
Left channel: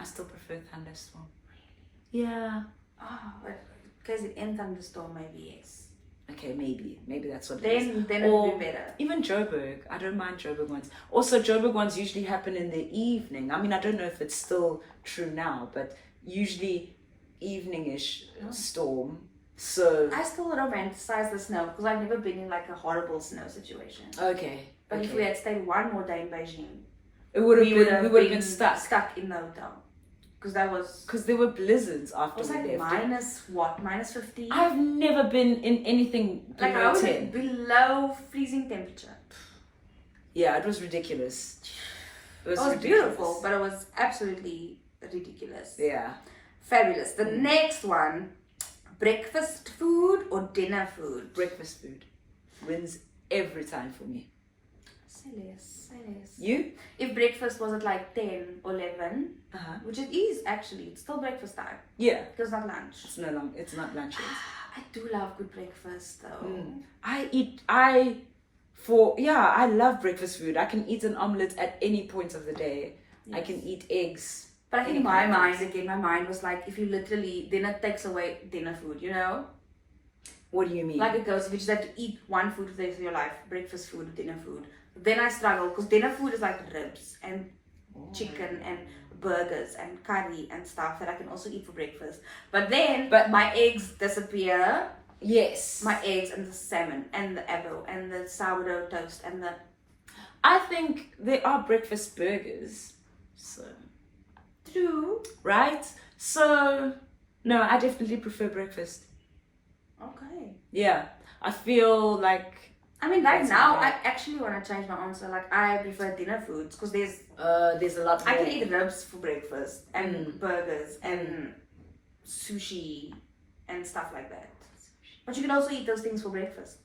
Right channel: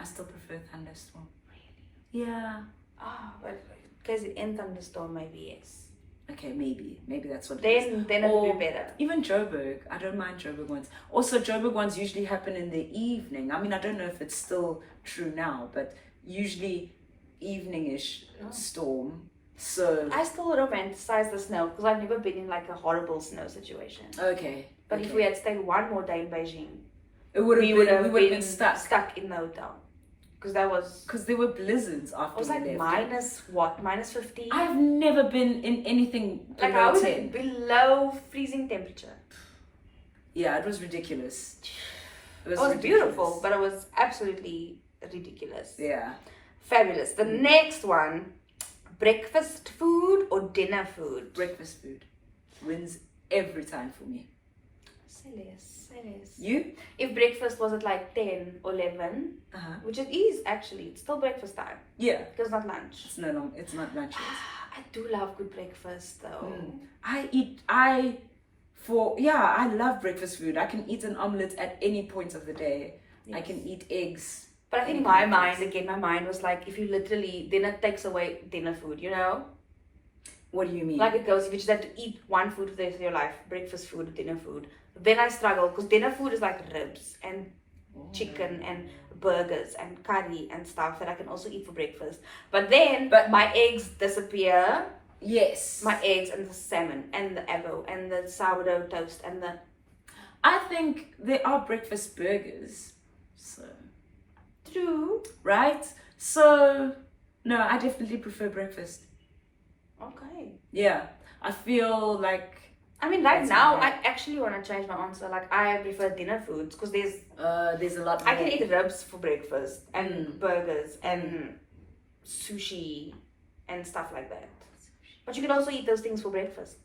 I still prefer thunderstorm. Yeah. But because it in thunderstorm, maybe yes. Okay, maybe that's what then it would be better. Even Joburg, I don't mind Joburg ones. Also, Joburg ones usually happen in the evening. I mean, I don't know if it's still true now, but usually evening-ish storm. So I still romanticize the snow because I've never been in like a horrible snow situation. Okay. But if we had stayed one more day in Beijing, we would have been stuck in the hotel. Because there were blizzards after we left. It was like minus 50? I've never been in anything below like I was 10. Below freezing temperature. Yeah, it was ridiculous. It was beautiful, but it was absolutely ridiculous. Yeah. Fabulous. The next one, breakfast food or dinner food? Breakfast food. Wins every time for me. Serious. You? If breakfast was at like 10 or 11, which it is actually, it's still breakfast time. Yeah. Because it's not lunch. It's not lunch. I do love good breakfast though. I love breakfast food. I can eat an omelette at any point of the day. Yes. I can eat eggs. But I think my mind was like, if you literally, then it takes away dinner food, you know? What do you mean? Like it goes, if you just have to eat one food for the rest of your life, breakfast food, dinner food, then I struggle because dinner food is like ribs and chicken and burgers and curry and stuff that I can also eat for breakfast. But my eggs disappear. Yes. My eggs and the salmon and the avo and the sourdough toast and the... I think there are breakfast burgers. So... True. Right? So... No, I definitely prefer breakfast. Okay. Yeah. I feel like... I mean, right now, I actually want to change my answer. Like, I prefer dinner foods because there's a lot more. I can eat ribs for breakfast and burgers and sushi and stuff like that. But you can also eat those things for breakfast.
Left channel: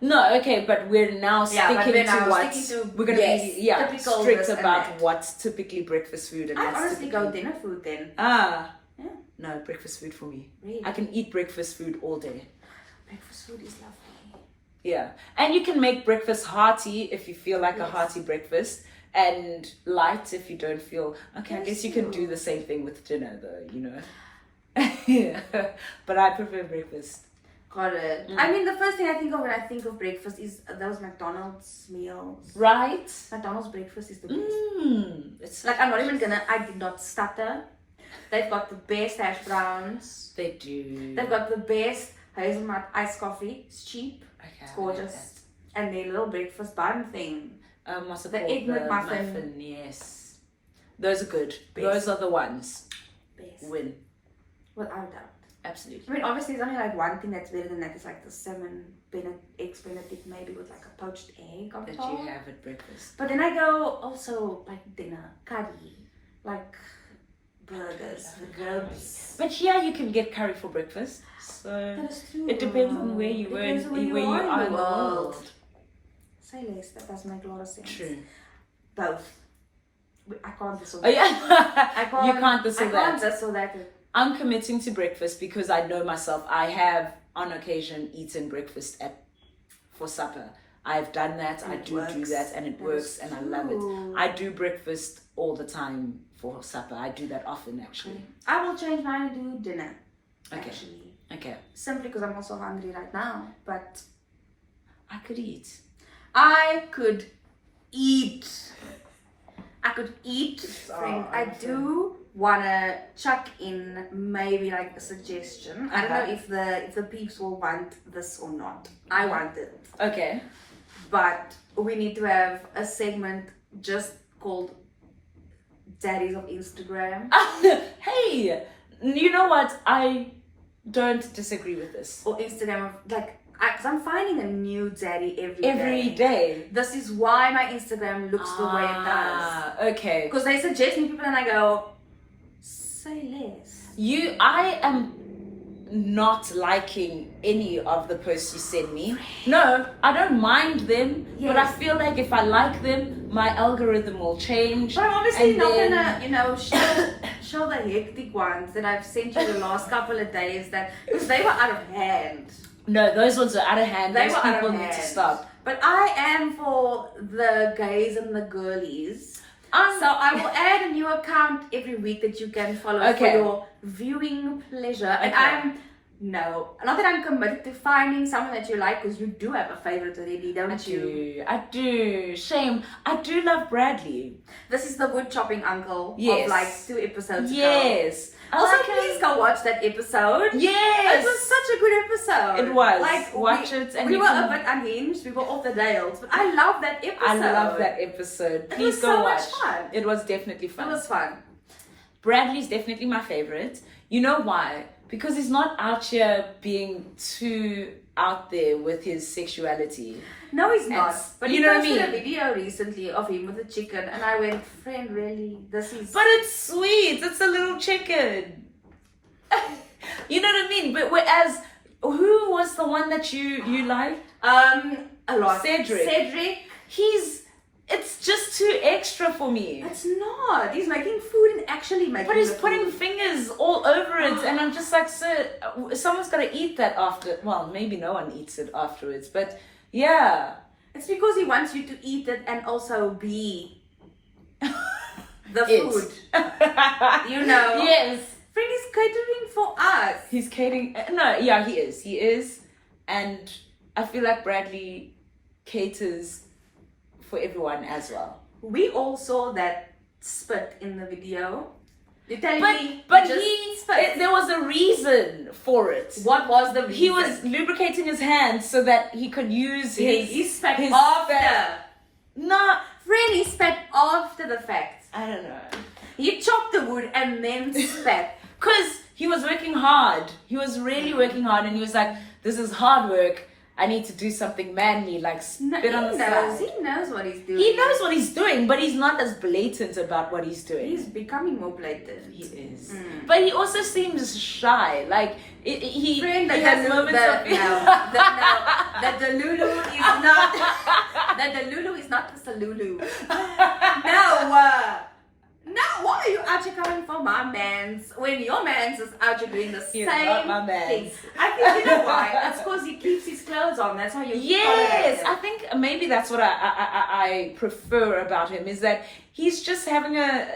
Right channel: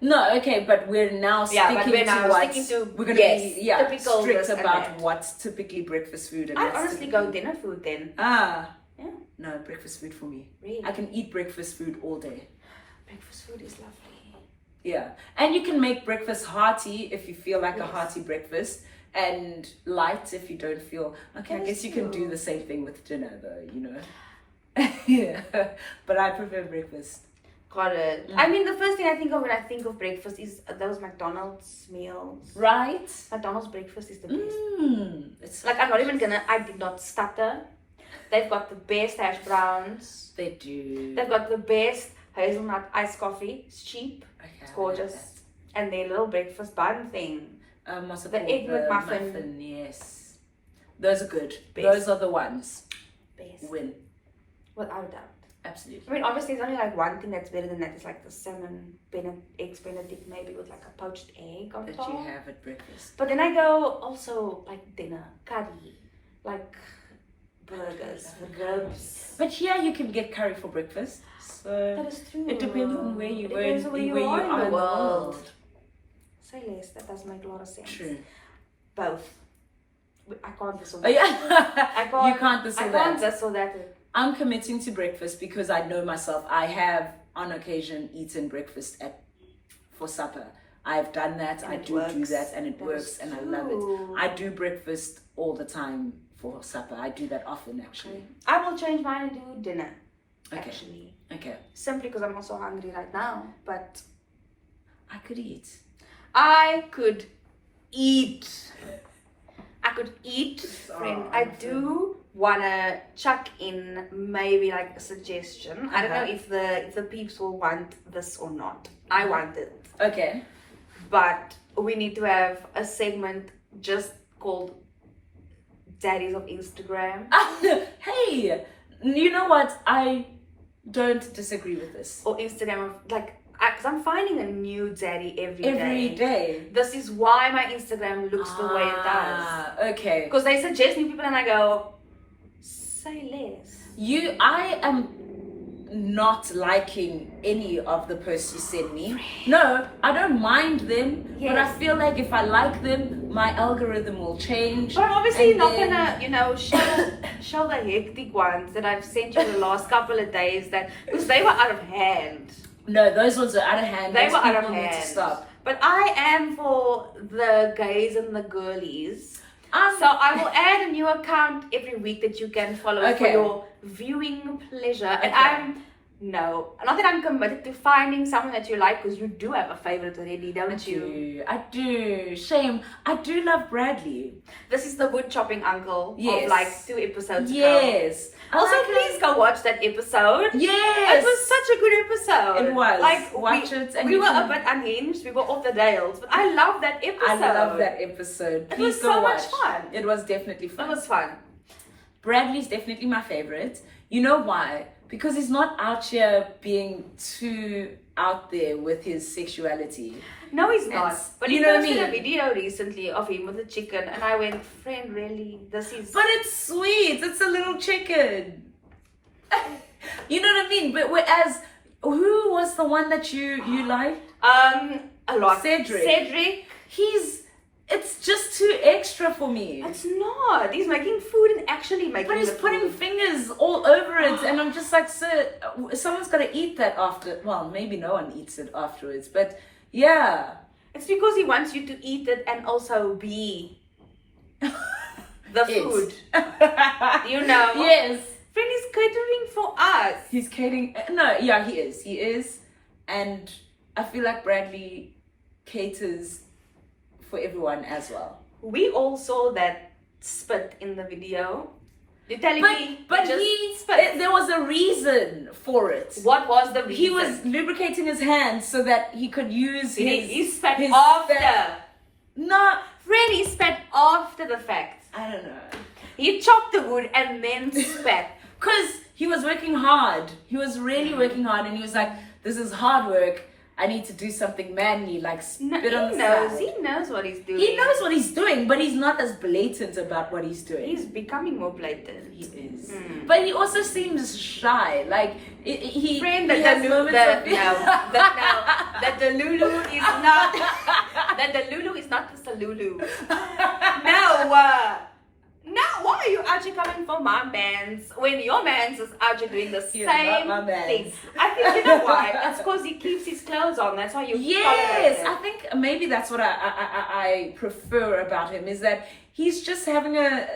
No, okay, but we're now sticking to we're going to be typical strict about what's typically breakfast food. And I honestly go dinner food then. Yeah. No, breakfast food for me. Really? I can eat breakfast food all day. Breakfast food is lovely. Yeah, and you can make breakfast hearty if you feel like a hearty breakfast, and light if you don't feel. Okay, I guess you can do the same thing with dinner though, you know. Yeah, but I prefer breakfast. Got it. I mean, the first thing I think of when I think of breakfast is those McDonald's meals. Right? McDonald's breakfast is the best. It's like, I'm not even gonna, I did not stutter. They've got the best hash browns. They do. They've got the best hazelnut iced coffee. It's cheap. It's gorgeous. And their little breakfast bun thing. What's it the called? egg McMuffin. Yes. Those are good. Best. Those are the ones. Best. Win. Without doubt. Absolutely. I mean, obviously, there's only like one thing that's better than that. It's like the salmon eggs Benedict, maybe with like a poached egg on That top. you have at breakfast. But then I go also like dinner, curry, like burgers, ribs. But here you can get curry for breakfast. So That is true. it depends on where you were. Depends on where you are in the world. world. Say less. That does make a lot of sense. True. Both. I can't this or Oh that. yeah. I can't. You can't this or I can't that. this or that. I'm committing to breakfast because I know myself. I have on occasion eaten breakfast for supper. I've done that. And I it do works. that, and it That works, is and I love true. it. I do breakfast all the time for supper. I do that often, actually. I will change mine and do dinner. Okay. Actually, Okay. simply because I'm also hungry right now. But I could eat. I could eat. I could eat, friend. I I'm do wanna chuck in maybe like a suggestion. I don't know Uh-huh. if the peeps will want this or not. I want it, Okay. but we need to have a segment just called Daddies of Instagram Hey, you know what? I don't disagree with this. or Instagram of like. Because I'm finding a new daddy every Every day. This is why my Instagram looks the way it does. Okay. Because they suggest me people and I go, say less. I am not liking any of the posts you send me. No, I don't mind them, but I Yes. feel like if I like them, my algorithm will change. But I'm obviously And not then- gonna, show the hectic ones that I've sent you the last couple of days because they were out of hand. No, those ones are out of hand. They Those were out people of need hand. to stop. But I am for the gays and the girlies. So I will add a new account every week that you can follow for Okay. your viewing pleasure. And Okay. not that I'm committed to finding someone that you like, because you do have a favorite already, don't you? I do. Shame. I do love Bradley. This is the wood chopping uncle Yes. of like 2 episodes ago. Yes. I Also, like him. please go watch that episode. Yes. It was such a good episode. It was. Like, Watch it and we you were can- a bit unhinged. We were off the rails. But I love that episode. I love that episode. It Please was go so much watch. fun. It was definitely It fun. was fun. Bradley's definitely my favorite. You know why? Because he's not out here being too out there with his sexuality. No, he's not. Yes. But You he know what I posted mean? a video recently of him with a chicken. And I went, friend, really? This is... But it's sweet. It's a little chicken. You know what I mean? But whereas, who was the one that you liked? a lot. Cedric. It's just too extra for me. It's not. He's making food and actually making But he's the putting food. fingers all over it, and I'm just like, sir, someone's got to eat that after. Well, maybe no one eats it afterwards, but yeah. It's because he wants you to eat it and also be the It. food. You know? Yes. Friend is catering for us. He's catering. No, yeah, he is. He is. And I feel like Bradley caters for everyone as well. We all saw that spit in the video. You're telling me But he just he, spit. there was a reason for it. What was the reason? He was lubricating his hands so that he could use He spat his after. spat. No, Really spat after the fact. I don't know. He chopped the wood and then spat. Because he was working hard. He was really working hard, and he was like, this is hard work. I need to do something manly, like No, spit on the side. He knows what he's doing. He knows what he's doing, but he's not as blatant about what he's doing. He's becoming more blatant. He is. Mm. But he also seems shy. Like, he Friend, he that has the, moments the, of... that the Lulu is not... that the Lulu is not just a Lulu. No, why are you out here coming for my mans when your mans is out here doing the He's same not my mans. thing? I think you know why? It's because he keeps his clothes on. That's why you tolerate Yes, him. I think maybe that's what I prefer about him, is that he's just having a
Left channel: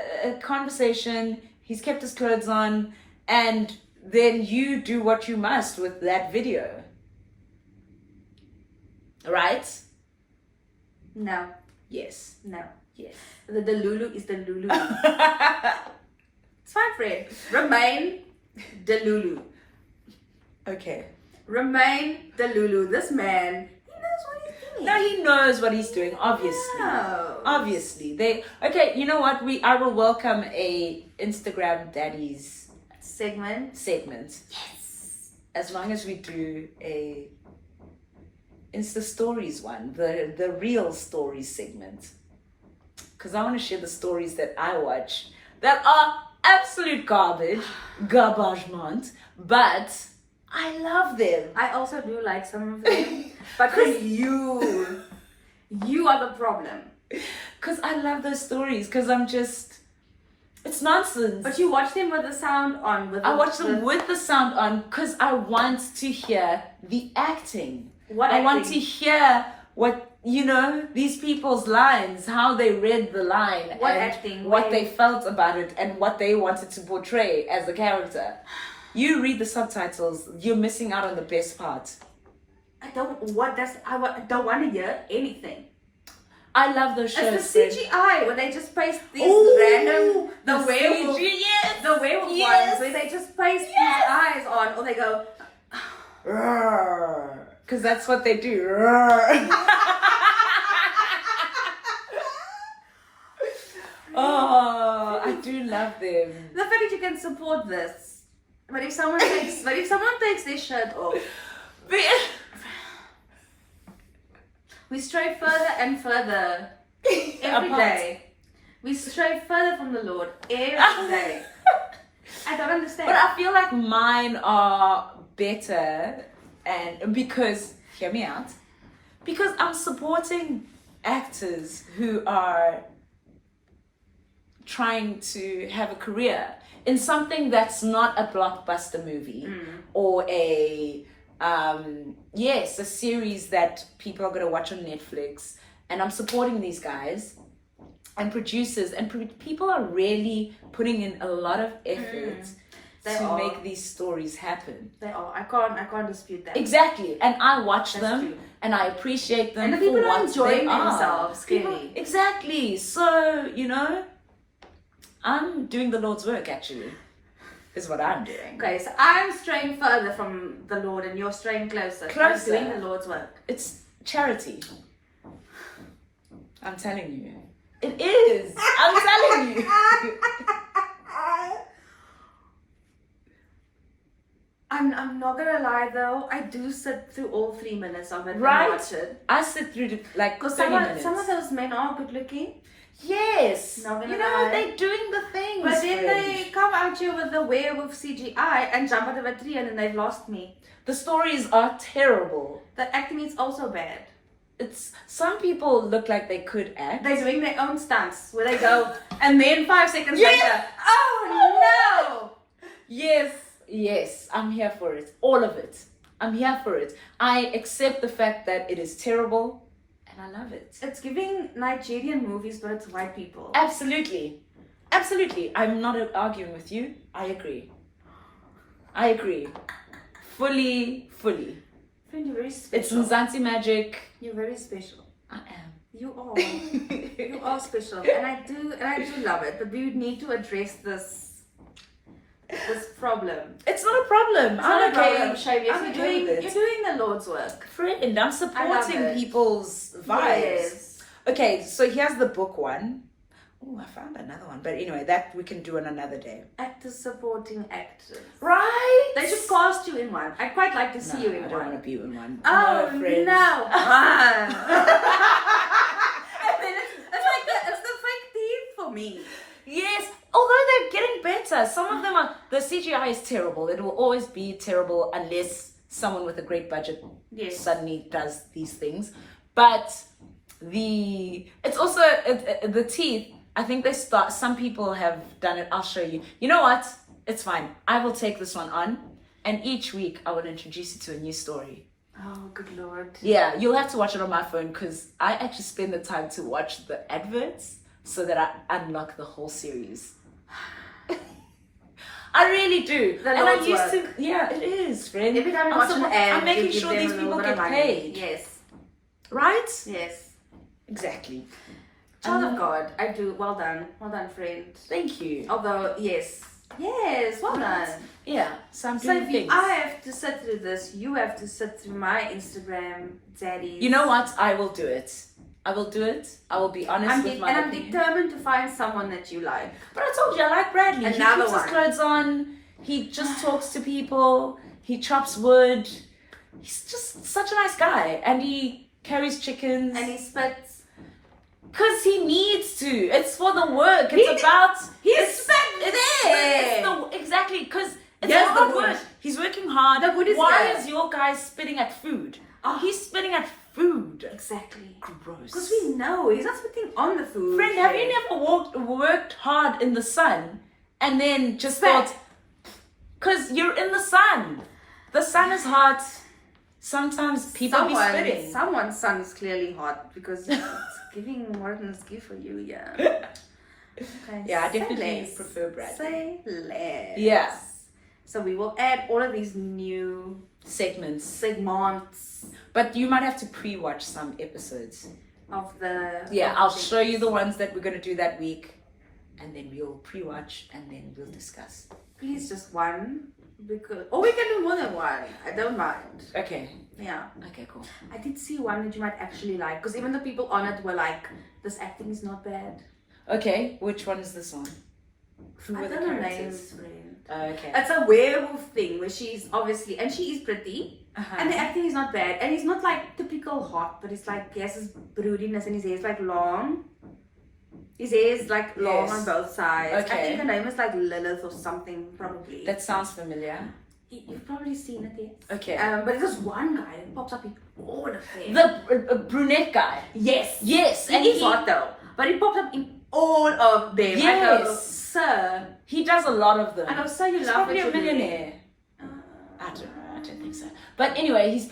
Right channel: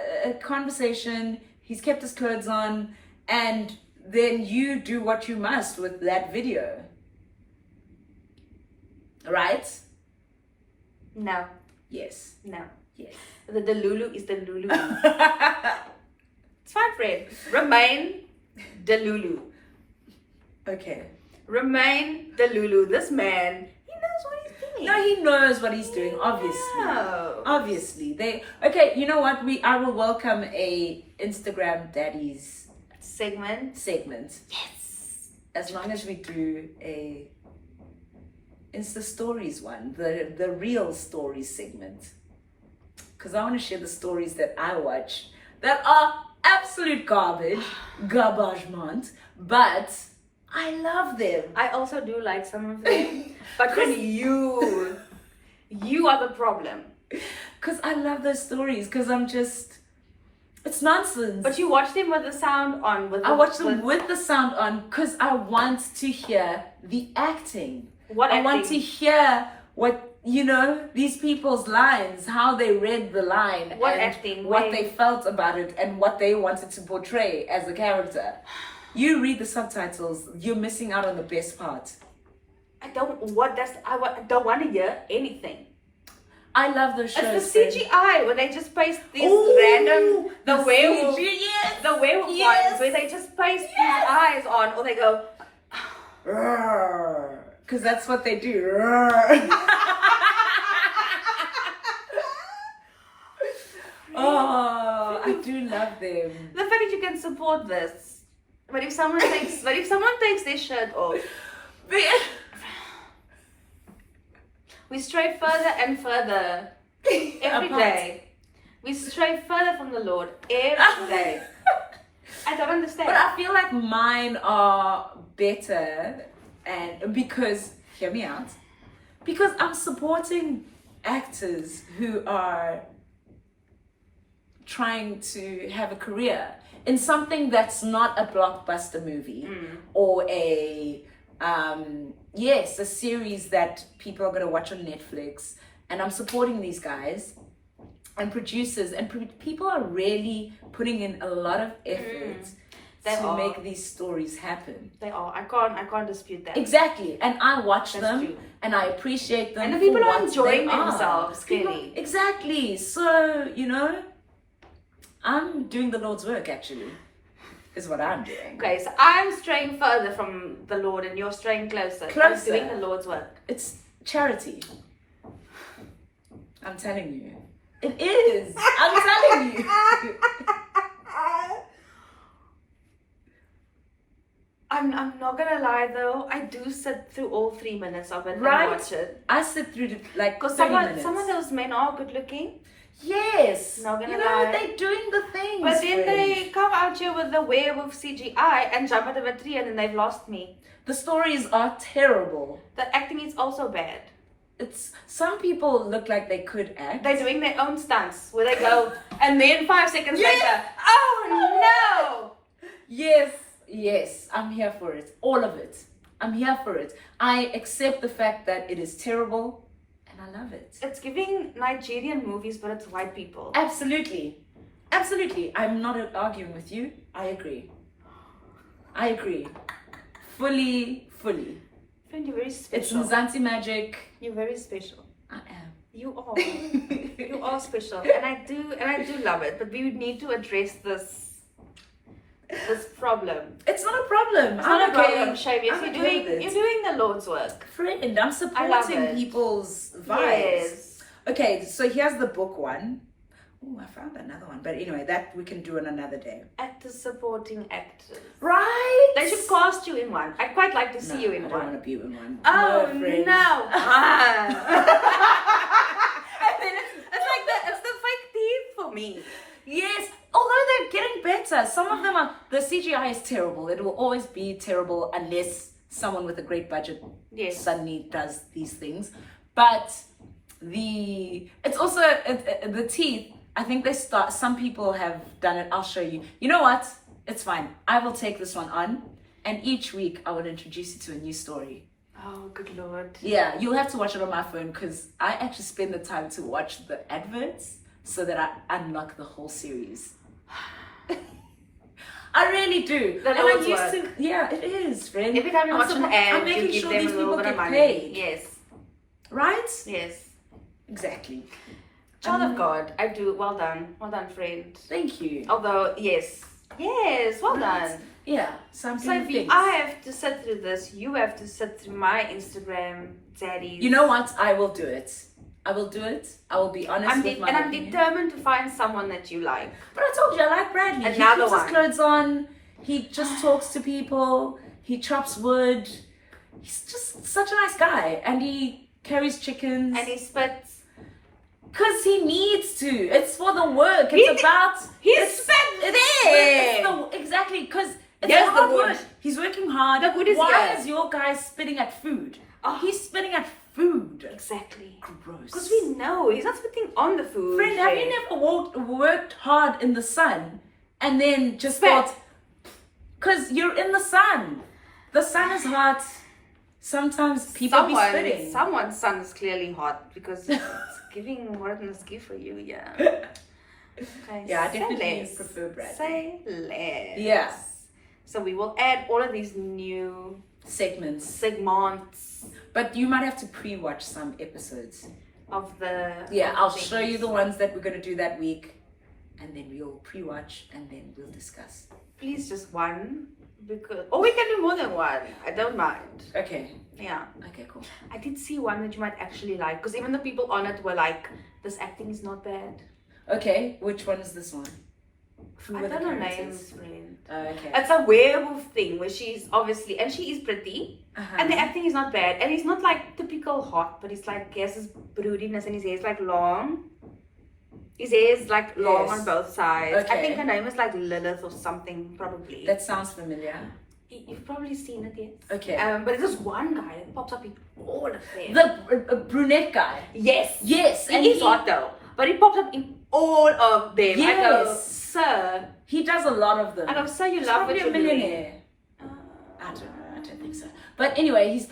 conversation, he's kept his clothes on, and then you do what you must with that video. Right? No, Yes. no. Yes. The Lulu is the Lulu. It's fine, friend. Remain the Lulu. Okay. Remain the Lulu. This man, he knows what he's doing. No, he knows what he's doing, obviously. No. Obviously. Okay, you know what? I will welcome a Instagram daddies segment. Yes. As long as we do a Insta stories one, the real stories segment. Because I want to share the stories that I watch that are absolute garbage, but I love them. I also do like some of them, but when you are the problem. Because I love those stories, because it's nonsense. But you watch them with the sound on. I watch them with the sound on because I want to hear the acting. I want to hear what, these people's lines, how they read the line. What they felt about it and what they wanted to portray as a character. You read the subtitles, you're missing out on the best part. I don't want to hear anything. I love those shows. It's the CGI when they just paste these random the werewolf ones where they just paste these eyes on, or they go because that's what they do. Oh, I do love them. The fact that you can support this, but if someone takes their shirt off. We stray further and further every day. We stray further from the Lord every day. I don't understand. But I feel like mine are better, and because, hear me out, because I'm supporting actors who are trying to have a career in something that's not a blockbuster movie or a series that people are going to watch on Netflix. And I'm supporting these guys and producers, and people are really putting in a lot of effort to make these stories happen. They are. I can't dispute that. Exactly. And I watch them and I appreciate them. And the people are enjoying themselves, clearly. Exactly. So, I'm doing the Lord's work, actually. Is what I'm doing. Okay, so I'm straying further from the Lord and you're straying closer. I'm doing the Lord's work. It's charity. I'm telling you. It is. I'm telling you. I'm not gonna lie though, I do sit through all 3 minutes of it and watch it. I sit through like 30 minutes. Some of those men are good looking. Yes. Not gonna lie. They're doing the things. But then they come out here with the werewolf CGI and jump out of a tree and then they've lost me. The stories are terrible. The acting is also bad. Some people look like they could act. They're doing their own stunts where they go and then 5 seconds later, oh no! Yes, I'm here for it. All of it. I'm here for it. I accept the fact that it is terrible. I love it. It's giving Nigerian movies, but it's white people. Absolutely. I'm not arguing with you. I agree. Fully. Friend, you're very special. It's Mzansi magic. You're very special. I am. You are. You are special, and I do love it. But we need to address this problem. It's not a problem. It's not a problem, Shavius. You're doing the Lord's work. Friend, I'm supporting people's vibes. Yes. Okay, so here's the book one. Oh, I found another one. But anyway, that we can do on another day. Actors supporting actors. Right? They should cast you in one. I'd quite like to see you in one. I don't want to be in one. Oh, no. And then it's the fake teeth for me. Yes. Although they're getting better. Some of them the CGI is terrible. It will always be terrible unless someone with a great budget suddenly does these things. But it's also the teeth. I think some people have done it. I'll show you. You know what? It's fine. I will take this one on, and each week I will introduce you to a new story. Oh, good Lord. Yeah, you'll have to watch it on my phone because I actually spend the time to watch the adverts so that I unlock the whole series. I really do. Yeah, it is, friend. Every time you watch an ad, I'm making sure these people get paid. Yes. Right? Yes. Exactly. Child of God, I do. Well done, friend. Thank you. Although, yes, Yes, well done. Yeah, so I'm So doing if things. I have to sit through this, you have to sit through my Instagram, Dzaddy. You know what? I will do it. I will do it. I will be honest with my I'm opinion. determined to find someone that you like. But I told you, I like Bradley. Another he keeps one. his clothes on. He just talks to people. He chops wood. He's just such a nice guy. And he carries chickens. And he spits. Because he needs to. It's for the work. It's about... Exactly. Because it's Yes, hard the wood. work. He's working hard. The wood is Why here. is your guy spitting at food? Oh. He's spitting at food. Exactly. Gross. Because we know he's not spitting on the food. Friend, have you never worked hard in the sun and then just Spit. thought, because you're in the sun. The sun is hot. Sometimes people be spitting. Someone's son is clearly hot because it's giving what it must give for you, yeah. Okay, Yeah, I say definitely less. prefer Brad. Say less. Yeah. So we will add all of these new Segments. segments But you might have to pre-watch some episodes. of the... Yeah, of I'll the show you things. the ones that we're going to do that week. And then we'll pre-watch and then we'll discuss. Please just one. Or we can do more than one. I don't mind. Okay. Yeah. Okay, cool. I did see one that you might actually like. Because even the people on it were like, this acting is not bad. Okay, which one is this one? Who I were the don't know characters? names, friend. Okay. It's a werewolf thing where she's obviously, and she is pretty, Uh-huh. and the acting is not bad, and he's not like typical hot, but he's like, he has this broodiness, and his hair is like long. His hair is like long Yes. on both sides. I Okay. think her name is like Lilith or something, probably. That sounds familiar. You've probably seen it, yes. Okay. But there's this one guy that pops up in all of them. The brunette guy. Yes. Yes. He is hot though, but he pops up in all of them. I go, Yes. sir. He does a lot of them. I go, sir, you He's love what probably you're a millionaire. doing. I don't think so. But anyway, he's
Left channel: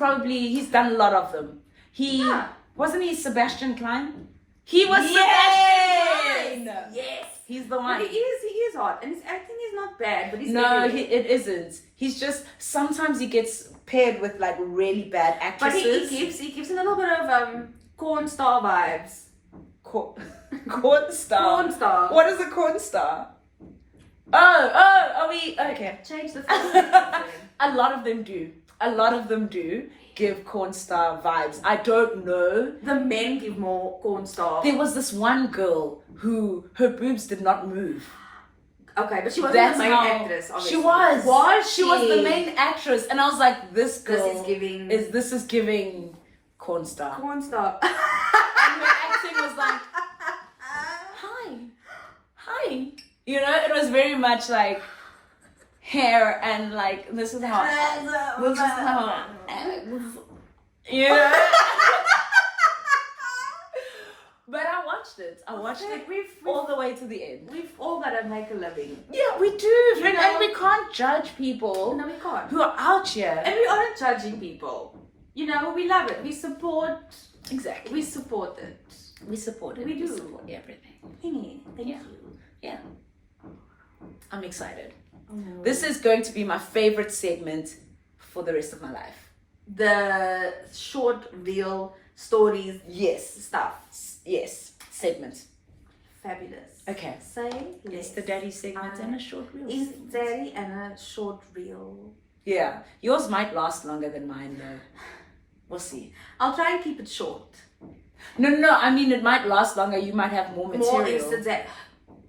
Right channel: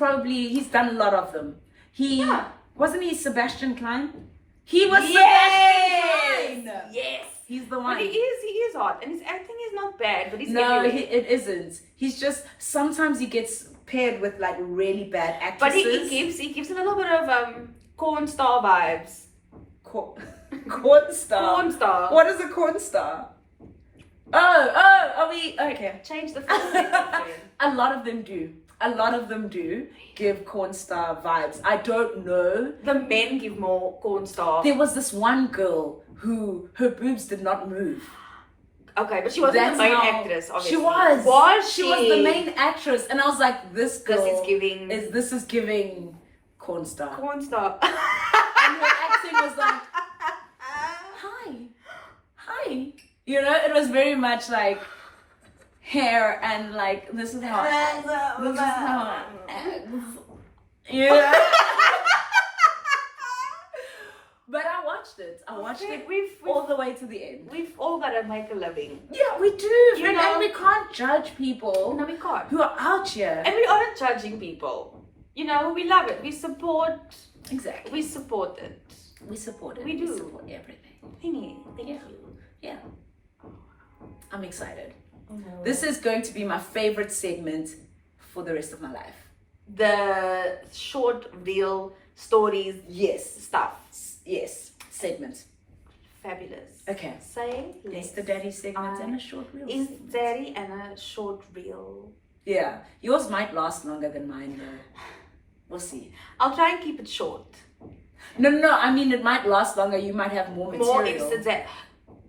done a lot of them. Yeah. Wasn't he Sebastian Klein? He was Yes! Sebastian Klein. Yes. He's the But one. he is hot, and his acting is not bad, but he's No, everywhere. it isn't. He's just sometimes he gets paired with like really bad But actresses. he keeps a little bit of corn star vibes. Corn star. Corn star. What is a corn star? Oh, are we okay? Change the first name. A lot of them do. A lot of them do give corn star vibes. I don't know. The men give more corn star. There was this one girl who her boobs did not move. Okay, but she wasn't the main how- actress, obviously. She was. Was She was the main actress, and I was like, this girl This is giving this is giving corn star. corn star. And her acting was like, hi. You know, it was very much like hair and like this is how. Yeah. But I watched it. I watched it all the way to the end. We've all got to make a living. Yeah, we do. You Friend, know- and we can't judge people No, we can't. who are out here. And we aren't judging people. You know, we love it. We support it. We We support it. support it. We do. support everything. Thank Yeah. you. Yeah. I'm excited. Oh my word. This is going to be my favorite segment for the rest of my life. The short reel stories Yes. stuff. Yes. Segment. Fabulous. Okay. Say less. Insta Daddy segment and a short reel Insta segment. Daddy and a short reel. Yeah. Yours might last longer than mine though. We'll see. I'll try and keep it short. No. I mean, it might last longer. You might have more material. More Insta Daddy.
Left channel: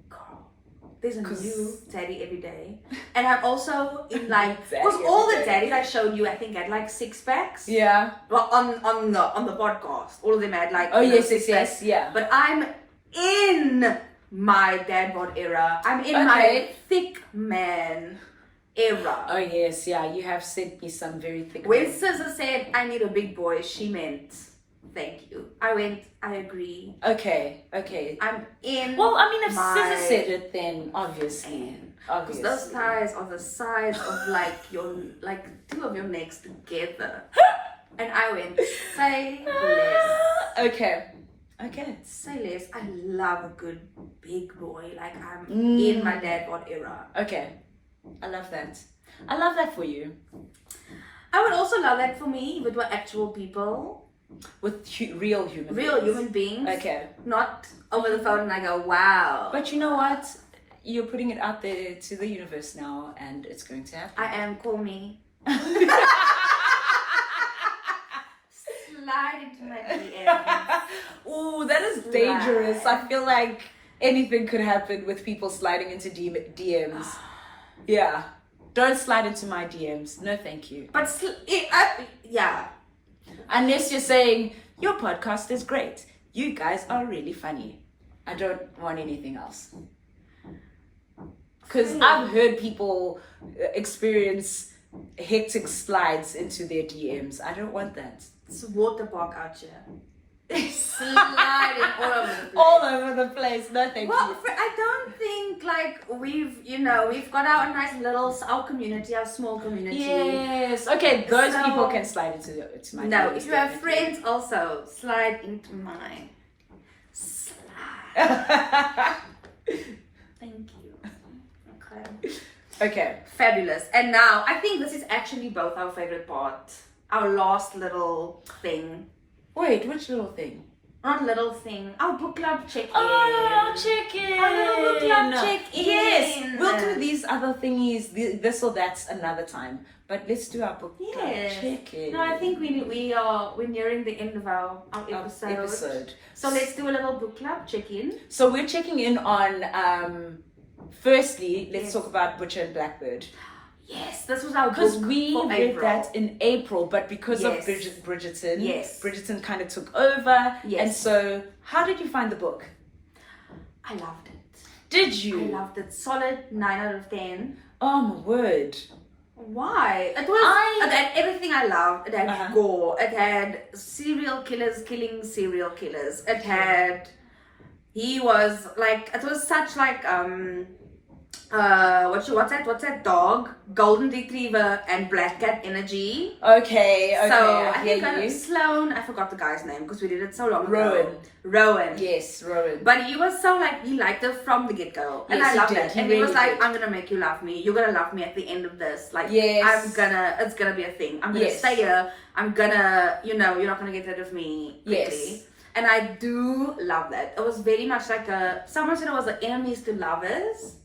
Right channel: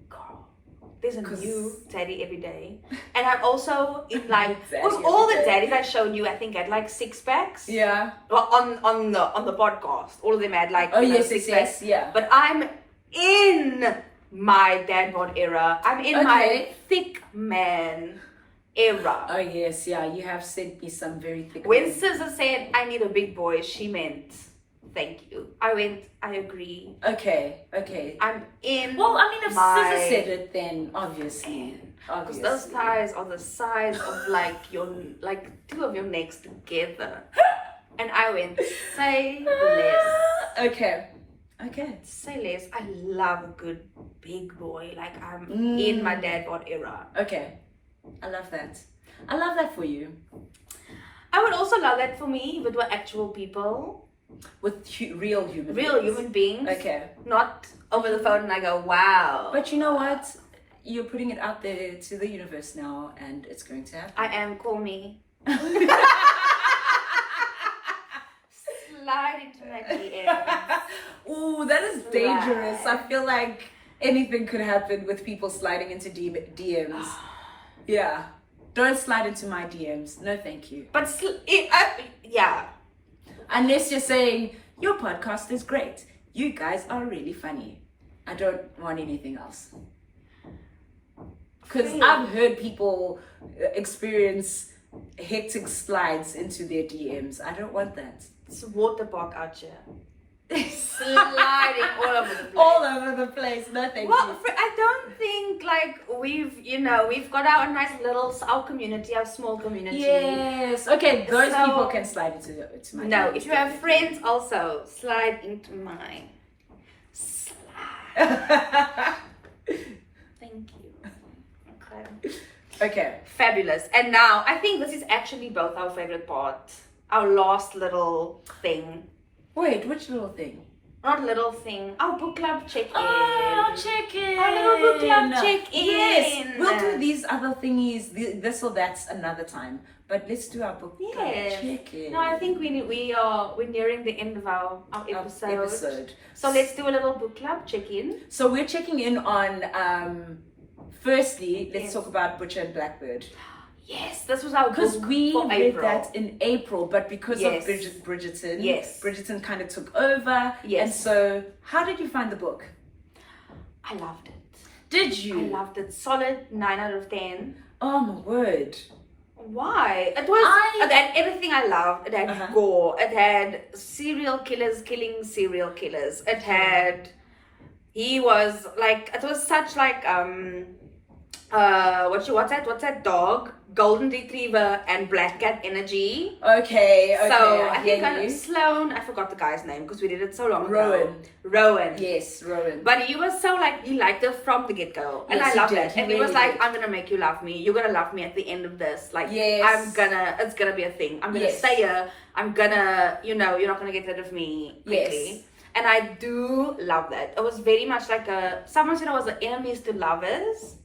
Girl, there's a 'Cause- new Daddy every day. And I'm also in like, Daddy because all the every day. daddies I showed you, I think had like 6 packs. Yeah. Well, on the podcast, all of them had like Oh, you know, yes, 6 yes, packs. yes. Yeah. But I'm in my dad bod era. I'm in my Okay. thick man era. Oh, yes. Yeah. You have sent me some very thick. When ones. Scissor said I need a big boy, she meant thank you. I went, I agree. Okay. I'm in. Well, I mean, if my Scissor said it, then obviously. Because those thighs are the size of like two of your necks together. And I went, say less. Okay. Say less. I love a good big boy. Like I'm Mm. in my dad bod era. Okay. I love that. I love that for you. I would also love that for me, but we're actual people. With real human Real beings. human beings. Okay. Not over the phone and I go, wow. But you know what? you're putting it out there to the universe now, and it's going to happen. I am. Call me. Slide into my DMs. Ooh, that is dangerous. I feel like anything could happen with people sliding into DMs. Yeah. Don't slide into my DMs. No, thank you. But yeah. Unless you're saying, your podcast is great. You guys are really funny. I don't want anything else. Because I've heard people experience hectic slides into their DMs. I don't want that. It's a water park out here. Sliding all over the place. All over the place. No, thank you. I don't think like we've got our nice little, our community, our small community. Yes. Okay, those people can slide into my No, DMs, if you have friends also, slide into mine. Slide. Thank you. Okay. Okay. Fabulous. And now, I think this is actually both our favorite part. Our last little thing. Wait, which little thing? Not little thing. Our book club check-in. Oh, check-in. Our little book club check-in. Yes. We'll do these other thingies, this or that's another time. But let's do our book club check-in. No, I think we're nearing the end of our episode. So let's do a little book club check-in. So we're checking in on firstly, let's talk about Butcher and Blackbird. Yes, this was our book because we for read April. that in April, but because of Bridgerton, Bridgerton kind of took over. Yes. And so, how did you find the book? I loved it. Did you? I loved it. Solid 9 out of 10. Oh my word. Why? It had everything I loved. It had gore. It had serial killers killing serial killers. It had... He was like... It was such like... what's that dog? Golden Retriever and Black Cat energy. Okay. So I think Sloan, I forgot the guy's name because we did it so long ago. Rowan. Yes, Rowan. But he was so like, he liked her from the get-go. And I loved that. And he was like, I'm gonna make you love me. You're gonna love me at the end of this. Like, it's gonna be a thing. I'm gonna stay here. I'm gonna, you're not gonna get rid of me quickly. Yes. And I do love that. It was very much like someone said it was enemies to lovers.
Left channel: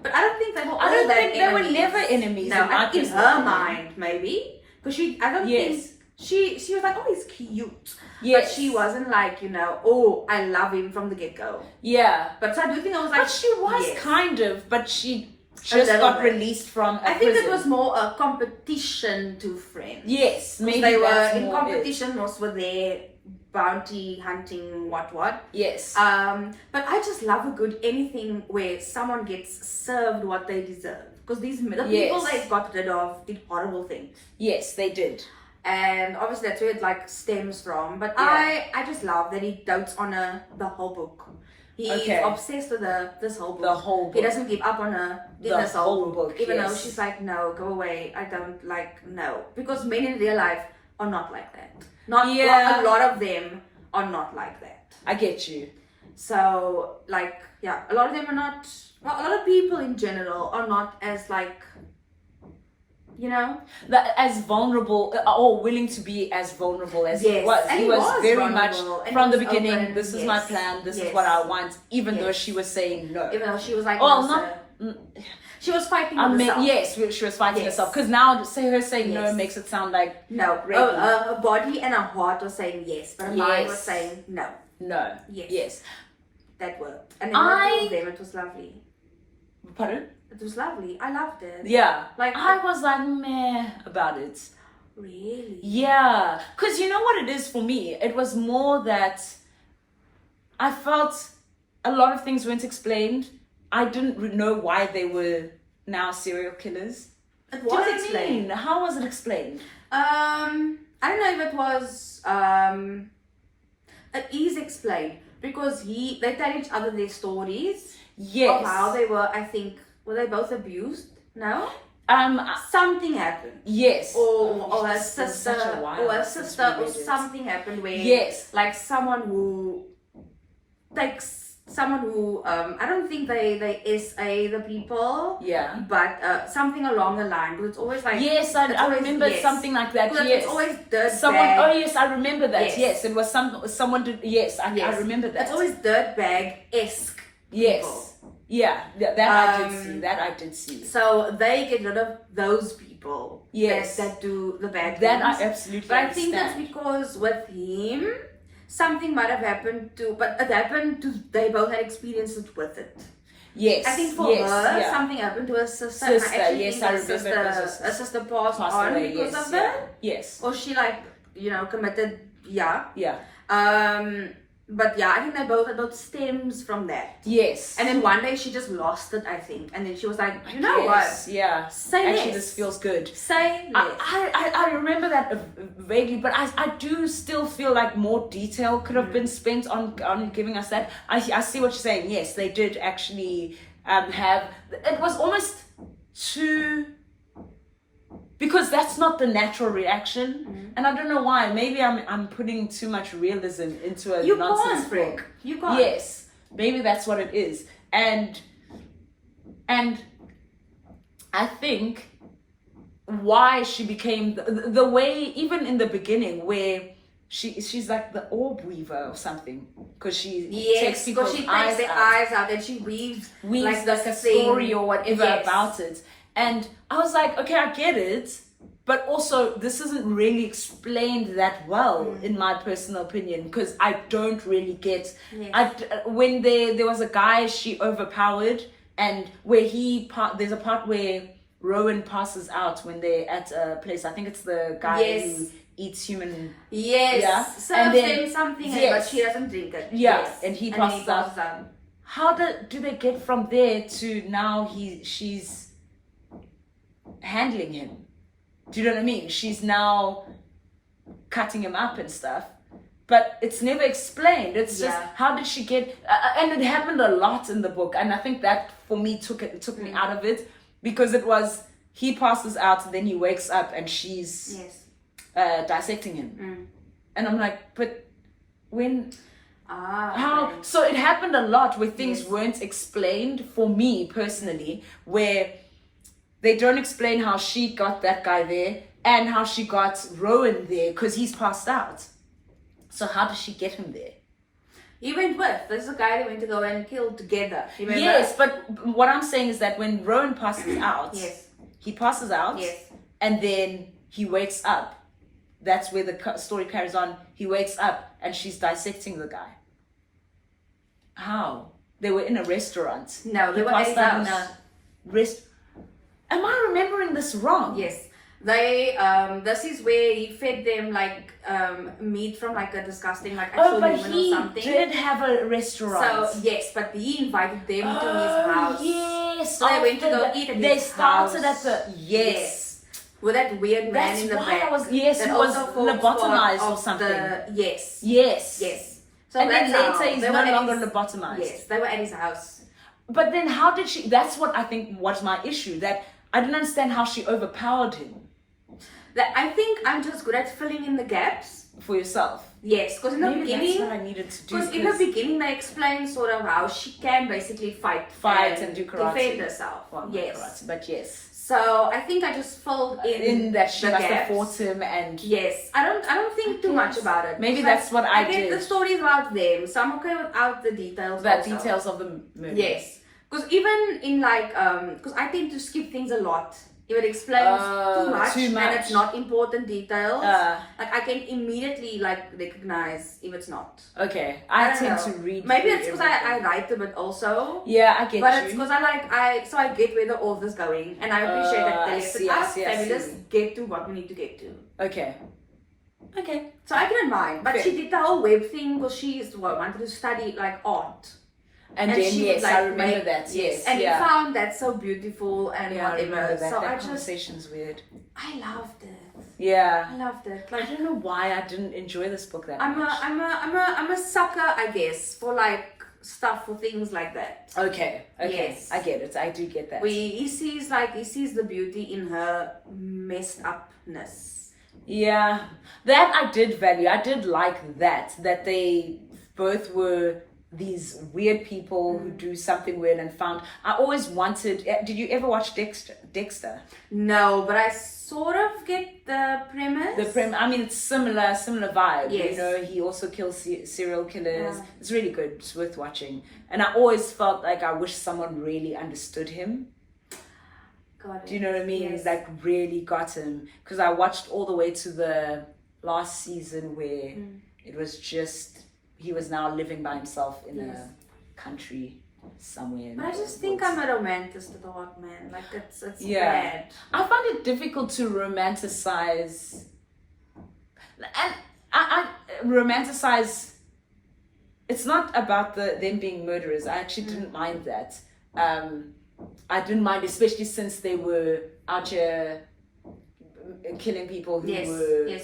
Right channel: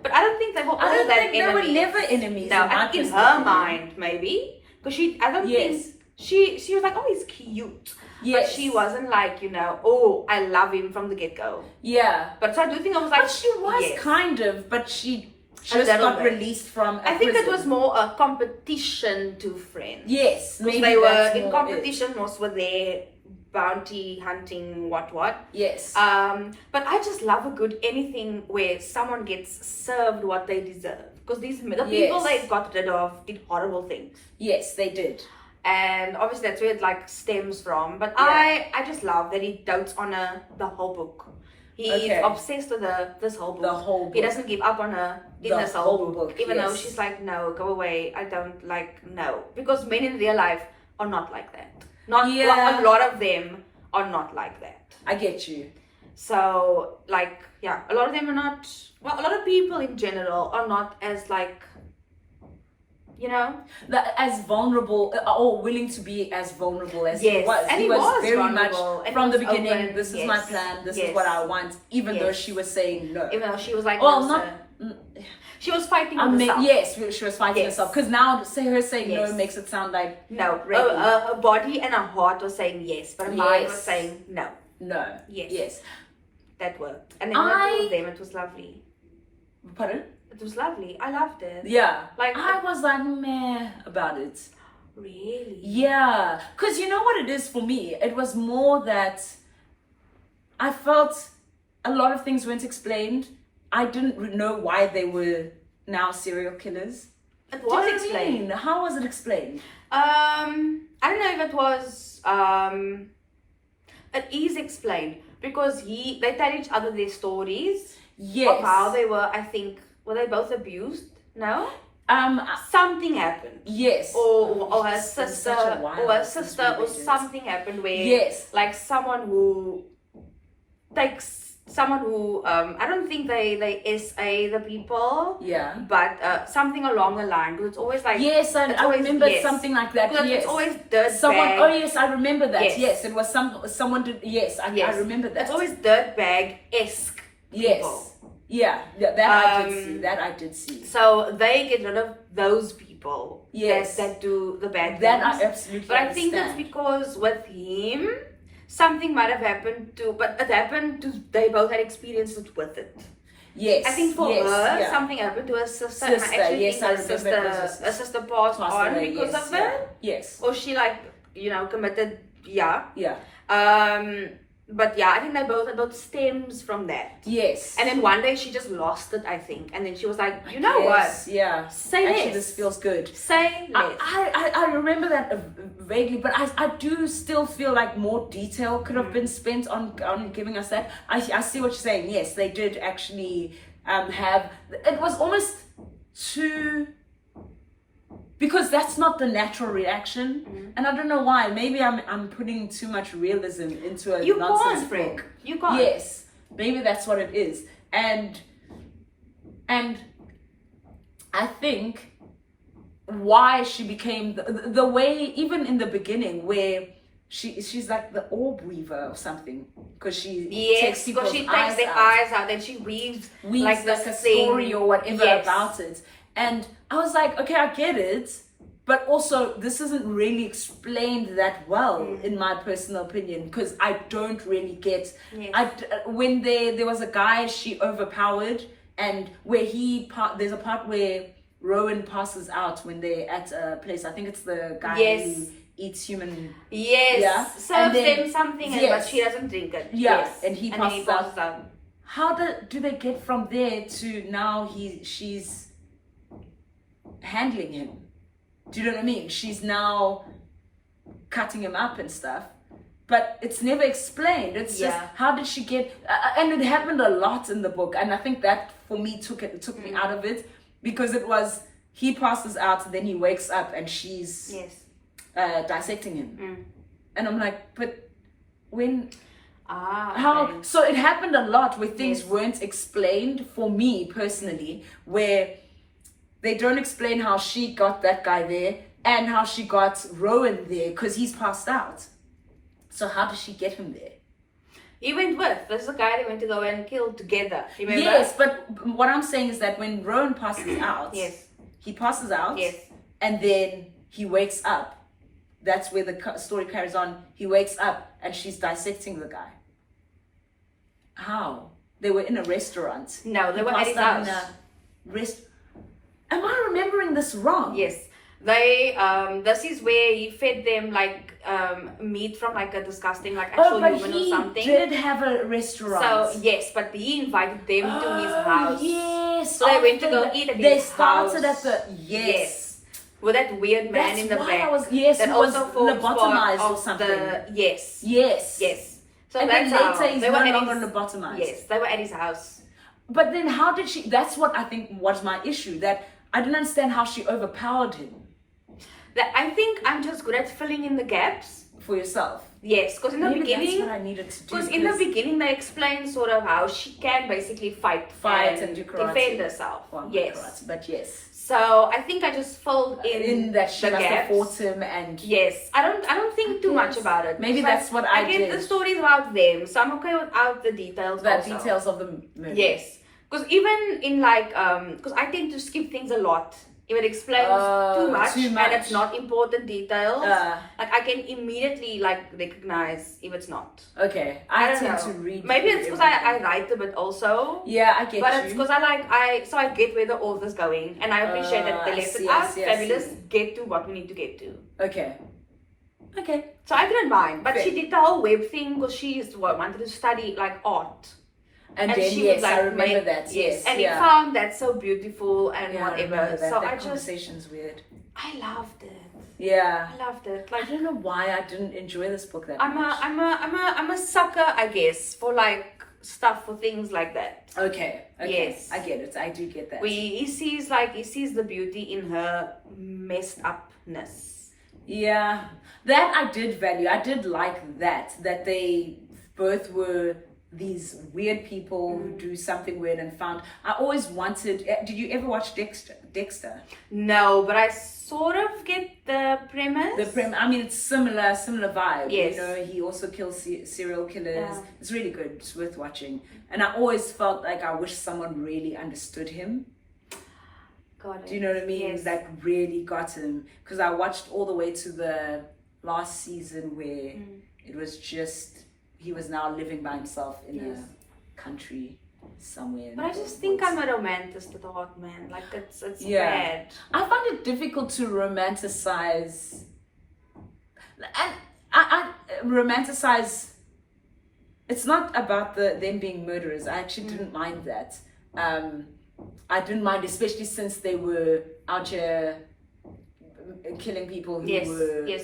But I don't think they were all that enemies. They were never enemies. No, in her mind, maybe. Because I don't think, she was like, oh, he's cute. Yes. But she wasn't like, oh, I love him from the get-go. Yeah. But so I do think I was like... But she was kind of, but she just got released from I think it was more a competition to friends. Yes. Because they were in competition, most were there. Bounty hunting, what. Yes. But I just love a good anything where someone gets served what they deserve. Because the people they got rid of did horrible things. Yes, they did. And obviously that's where it like stems from. But I just love that he dotes on the whole book. He's obsessed with this whole book. The whole book. He doesn't give up on her in this whole book. Even though she's like, no, go away. I don't no. Because men in real life are not like that. A lot of them are not like that. I get you. So, like, a lot of them are not... Well, a lot of people in general are not as, like... As vulnerable or willing to be as vulnerable as he was. And he was very much from the beginning. Open. This is my plan. This is what I want. Even though she was saying no. Even though she was like, she was fighting herself. Yes, she was fighting herself. Because now her saying no makes it sound like no. Her body and her heart was saying yes, but her mind was saying no. No. Yes. That worked. And then with them, it was lovely. Pardon? It was lovely. I loved it. Yeah. Like I was like meh about it. Really? Yeah. Because you know what it is for me? It was more that I felt a lot of things weren't explained. I didn't know why they were now serial killers. It was explained. How was it explained? I don't know if it was. It is explained because they tell each other their stories. Yes. Of how they were. I think were they both abused? No. Something happened. Yes. Or her sister. Or something happened where. Like someone who takes. Someone who I don't think they SA the people, but something along the line. Because it's always like I remember something like that. Because it's always dirtbag. Oh yes, I remember that. Yes, it was someone did. Yes, I remember that. It's always dirtbag-esque. Yes. People. that I did see. That I did see. So they get rid of those people. Yes. That do the bad things. That I absolutely But I think understand. that's because with him, something might have happened to, but it happened to, they both had experiences with it. Yes. I think for yes, her, yeah. something happened to her sister. And I actually yes, think I her remember her sister passed on away, because yes, of yeah. it. Yes. Or she committed, Yeah. But yeah, I think they both stems from that. Yes. And then one day she just lost it, I think. And then she was like, you know yes, what? Yeah. Say Actually, less. this feels good. Say less. I remember that vaguely, but I do still feel like more detail could have been spent on giving us that. I see what you're saying. Yes, they did actually have. It was almost too. Because that's not the natural reaction, and I don't know why. Maybe I'm putting too much realism into a nonsense book. You can't. Yes, maybe that's what it is, and I think why she became the way, even in the beginning, where she's like the orb weaver or something, because she takes people's she takes their out. eyes out and she weaves Like this a thing. story or whatever about it. And I was like, okay, I get it, but also this isn't really explained that well, in my personal opinion, because I don't really get. When there was a guy she overpowered, and where there's a part where Rowan passes out when they're at a place. I think it's the guy who eats human. Yes. Yeah. Serves them something, but she doesn't drink it. Yeah. Yes. And he passes out. How do they get from there to now? She's handling him. Do you know what I mean? She's now cutting him up and stuff, but it's never explained. It's just, how did she get? And it happened a lot in the book, and I think that for me took me out of it, because it was he passes out and then he wakes up and she's dissecting him, and I'm like, but when? How? So it happened a lot where things weren't explained for me personally, where they don't explain how she got that guy there and how she got Rowan there, because he's passed out. So how does she get him there? He went with. There's a guy they went to go and kill together. Remember? Yes, but what I'm saying is that when Rowan passes out, he passes out, and then he wakes up. That's where the story carries on. He wakes up and she's dissecting the guy. How? They were in a restaurant. No, they were at his house. Am I remembering this wrong? Yes. They this is where he fed them meat from a disgusting actual human or something. He did have a restaurant. So yes, but he invited them to his house. Yes. So they went to go eat at his They started house. at the with that weird man in the back. Who was lobotomized or something. Yes. So and that's then later how he's they no were longer lobotomized. Yes, they were at his house. But then how did she? That's what I think was my issue. That I didn't understand how she overpowered him. That I think I'm just good at filling in the gaps for yourself. Yes, because in the beginning, that's what I needed to do. Because in the beginning they explain sort of how she can basically fight and do karate, defend herself. Well, yes, karate, but yes. So I think I just filled in that she must gaps. have fought him and yes. I don't think too much about it. Maybe that's what I did. I get the stories about them, so I'm okay without the details. Details of the murder. Yes, because even in because I tend to skip things a lot. If it explains too much and it's not important details, I can immediately recognize if it's not. Okay, I tend to read. Maybe it's because I write a bit also. Yeah, I get But it's because I get where the author's going, and I appreciate that they left it out. Fabulous. Get to what we need to get to. Okay. So I didn't mind, but she did the whole web thing because she wanted to study art. And then, she yes, would I remember that. Yes, and he found that so beautiful and whatever. So that conversation's weird. I loved it. Yeah, I loved it. I don't know why I didn't enjoy this book that much. I'm a sucker, I guess, for stuff for things like that. Okay. Yes, I get it. I do get that. He sees the beauty in her messed upness. Yeah, that I did value. I did like that they both were these weird people who do something weird and found. I always wanted. Did you ever watch Dexter? No, but I sort of get the premise. I mean, it's similar vibe. Yes. You know, he also kills serial killers. Yeah. It's really good. It's worth watching. And I always felt like I wish someone really understood him. Got it. Do you know what I mean? Yes. Like really got him. Because I watched all the way to the last season where it was just, he was now living by himself in Yes. a country somewhere. But I just think I'm a romantist at heart, man. Like it's Yeah. bad. I find it difficult to romanticize, and I romanticize. It's not about them being murderers. I actually didn't mind that. I didn't mind, especially since they were out here killing people who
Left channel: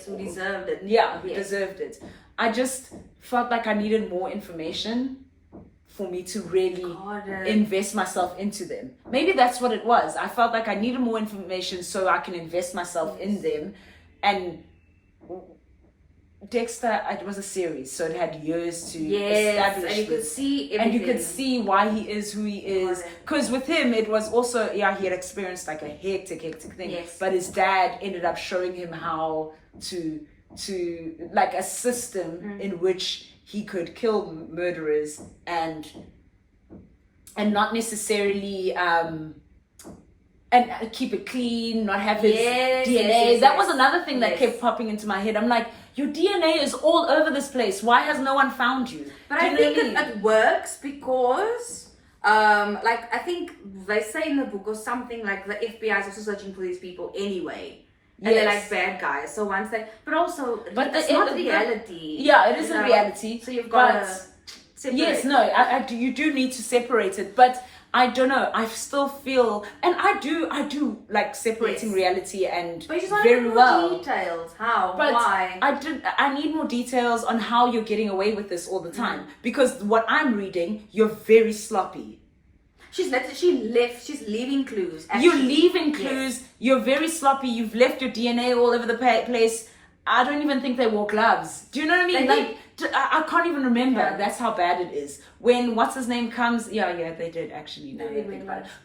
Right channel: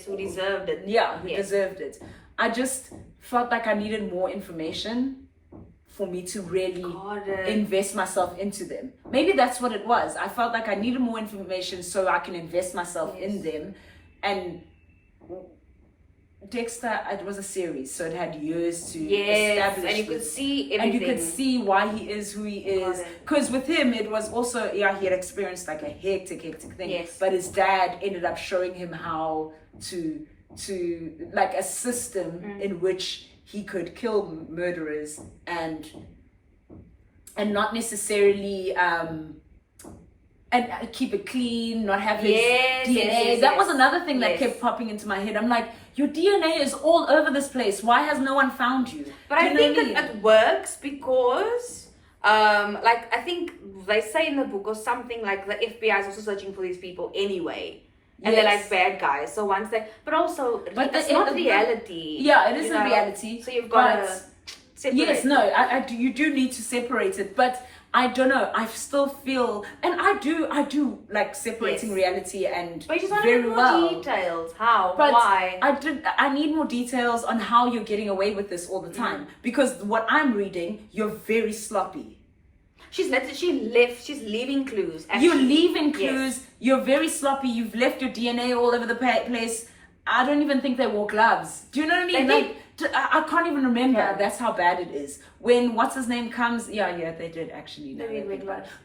who deserved it. Yeah, who deserved it. I just felt like I needed more information for me to really invest myself into them. Maybe that's what it was. I felt like I needed more information so I can invest myself in them. And Dexter, it was a series, so it had years to establish and you could see everything. and you could see why he is who he is. Because with him, it was also, he had experienced like a hectic thing. Yes. But his dad ended up showing him how to like a system in which he could kill murderers and not necessarily and keep it clean, not have his DNA. That was another thing that kept popping into my head. I'm like, your DNA is all over this place. Why has no one found you? But I think it works because, like, I think they say in the book or something like the FBI is also searching for these people anyway. And they're like bad guys. So once but also, it's not reality. Yeah, it is a reality. So you've got to separate. Yes, no, you do need to separate it. But I don't know. I still feel, and I do like separating reality and but you just want very to know well. details. How? But why? I need more details on how you're getting away with this all the time. Because what I'm reading, you're very sloppy. She's leaving clues. Actually. You're leaving clues. You're very sloppy. You've left your DNA all over the place. I don't even think they wore gloves. Do you know what I mean? I can't even remember. Yeah. That's how bad it is. When what's his name comes, yeah, they did actually.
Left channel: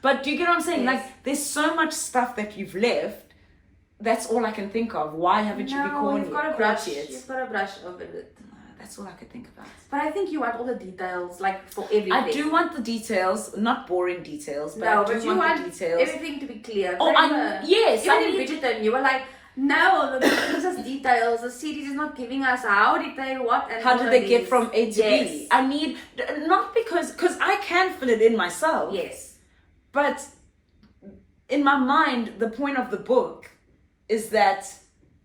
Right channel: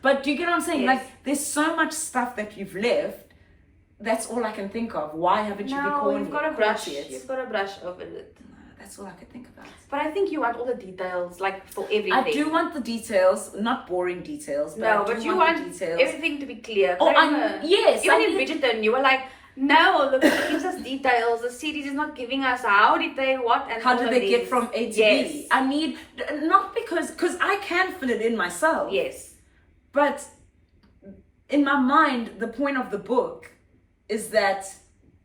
But do you get what I'm saying? Yes. Like, there's so much stuff that you've left. That's all I can think of. Why haven't you recorded it? You've got to brush. You've got to brush over it. That's all I could think about. But I think you want all the details, like for everything. I do want the details, not boring details. But you want the details. Everything to be clear. Yes. Even in Bridgerton, you were like, no, look, it gives us details. The series is not giving us how did they what and how did they get from A to B. I need not because I can fill it in myself. Yes. But in my mind, the point of the book is that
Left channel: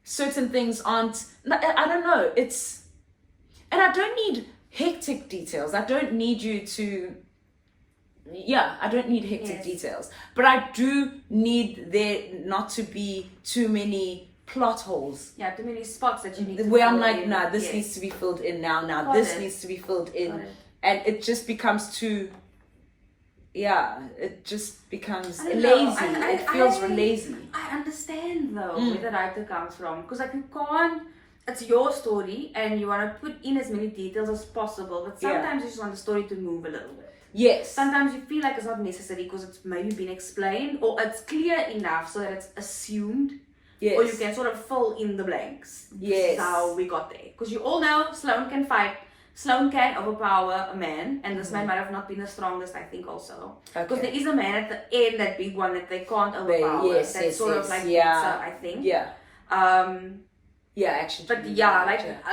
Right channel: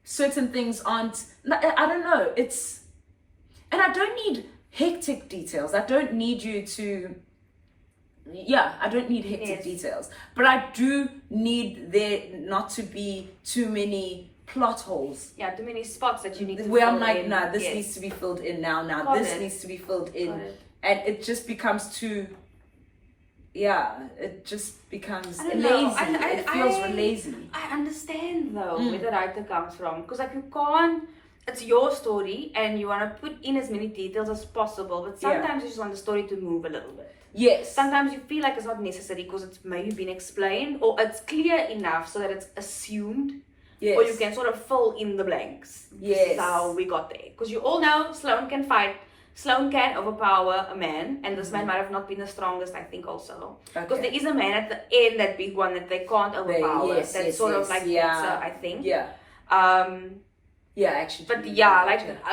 certain things aren't. I don't know. And I don't need hectic details. I don't need you to. Yeah, I don't need hectic details. But I do need there not to be too many plot holes. Yeah, too many spots that you need to where fill I'm like, in. nah, this needs to be filled in now. This needs to be filled in. And it just becomes too. Yeah, it just becomes lazy. It feels lazy. I understand though where the writer comes from. Because like you can't. It's your story and you want to put in as many details as possible. But sometimes you just want the story to move a little bit. Yes. Sometimes you feel like it's not necessary because it's maybe been explained or it's clear enough so that it's assumed. Yes. Or you can sort of fill in the blanks. Yes. This is how we got there. Because you all know Sloane can fight. Sloane can overpower a man. And this man might have not been the strongest, I think, also. Because there is a man at the end, that big one that they can't overpower. That's sort of like better, I think. Yeah. Yeah, actually. But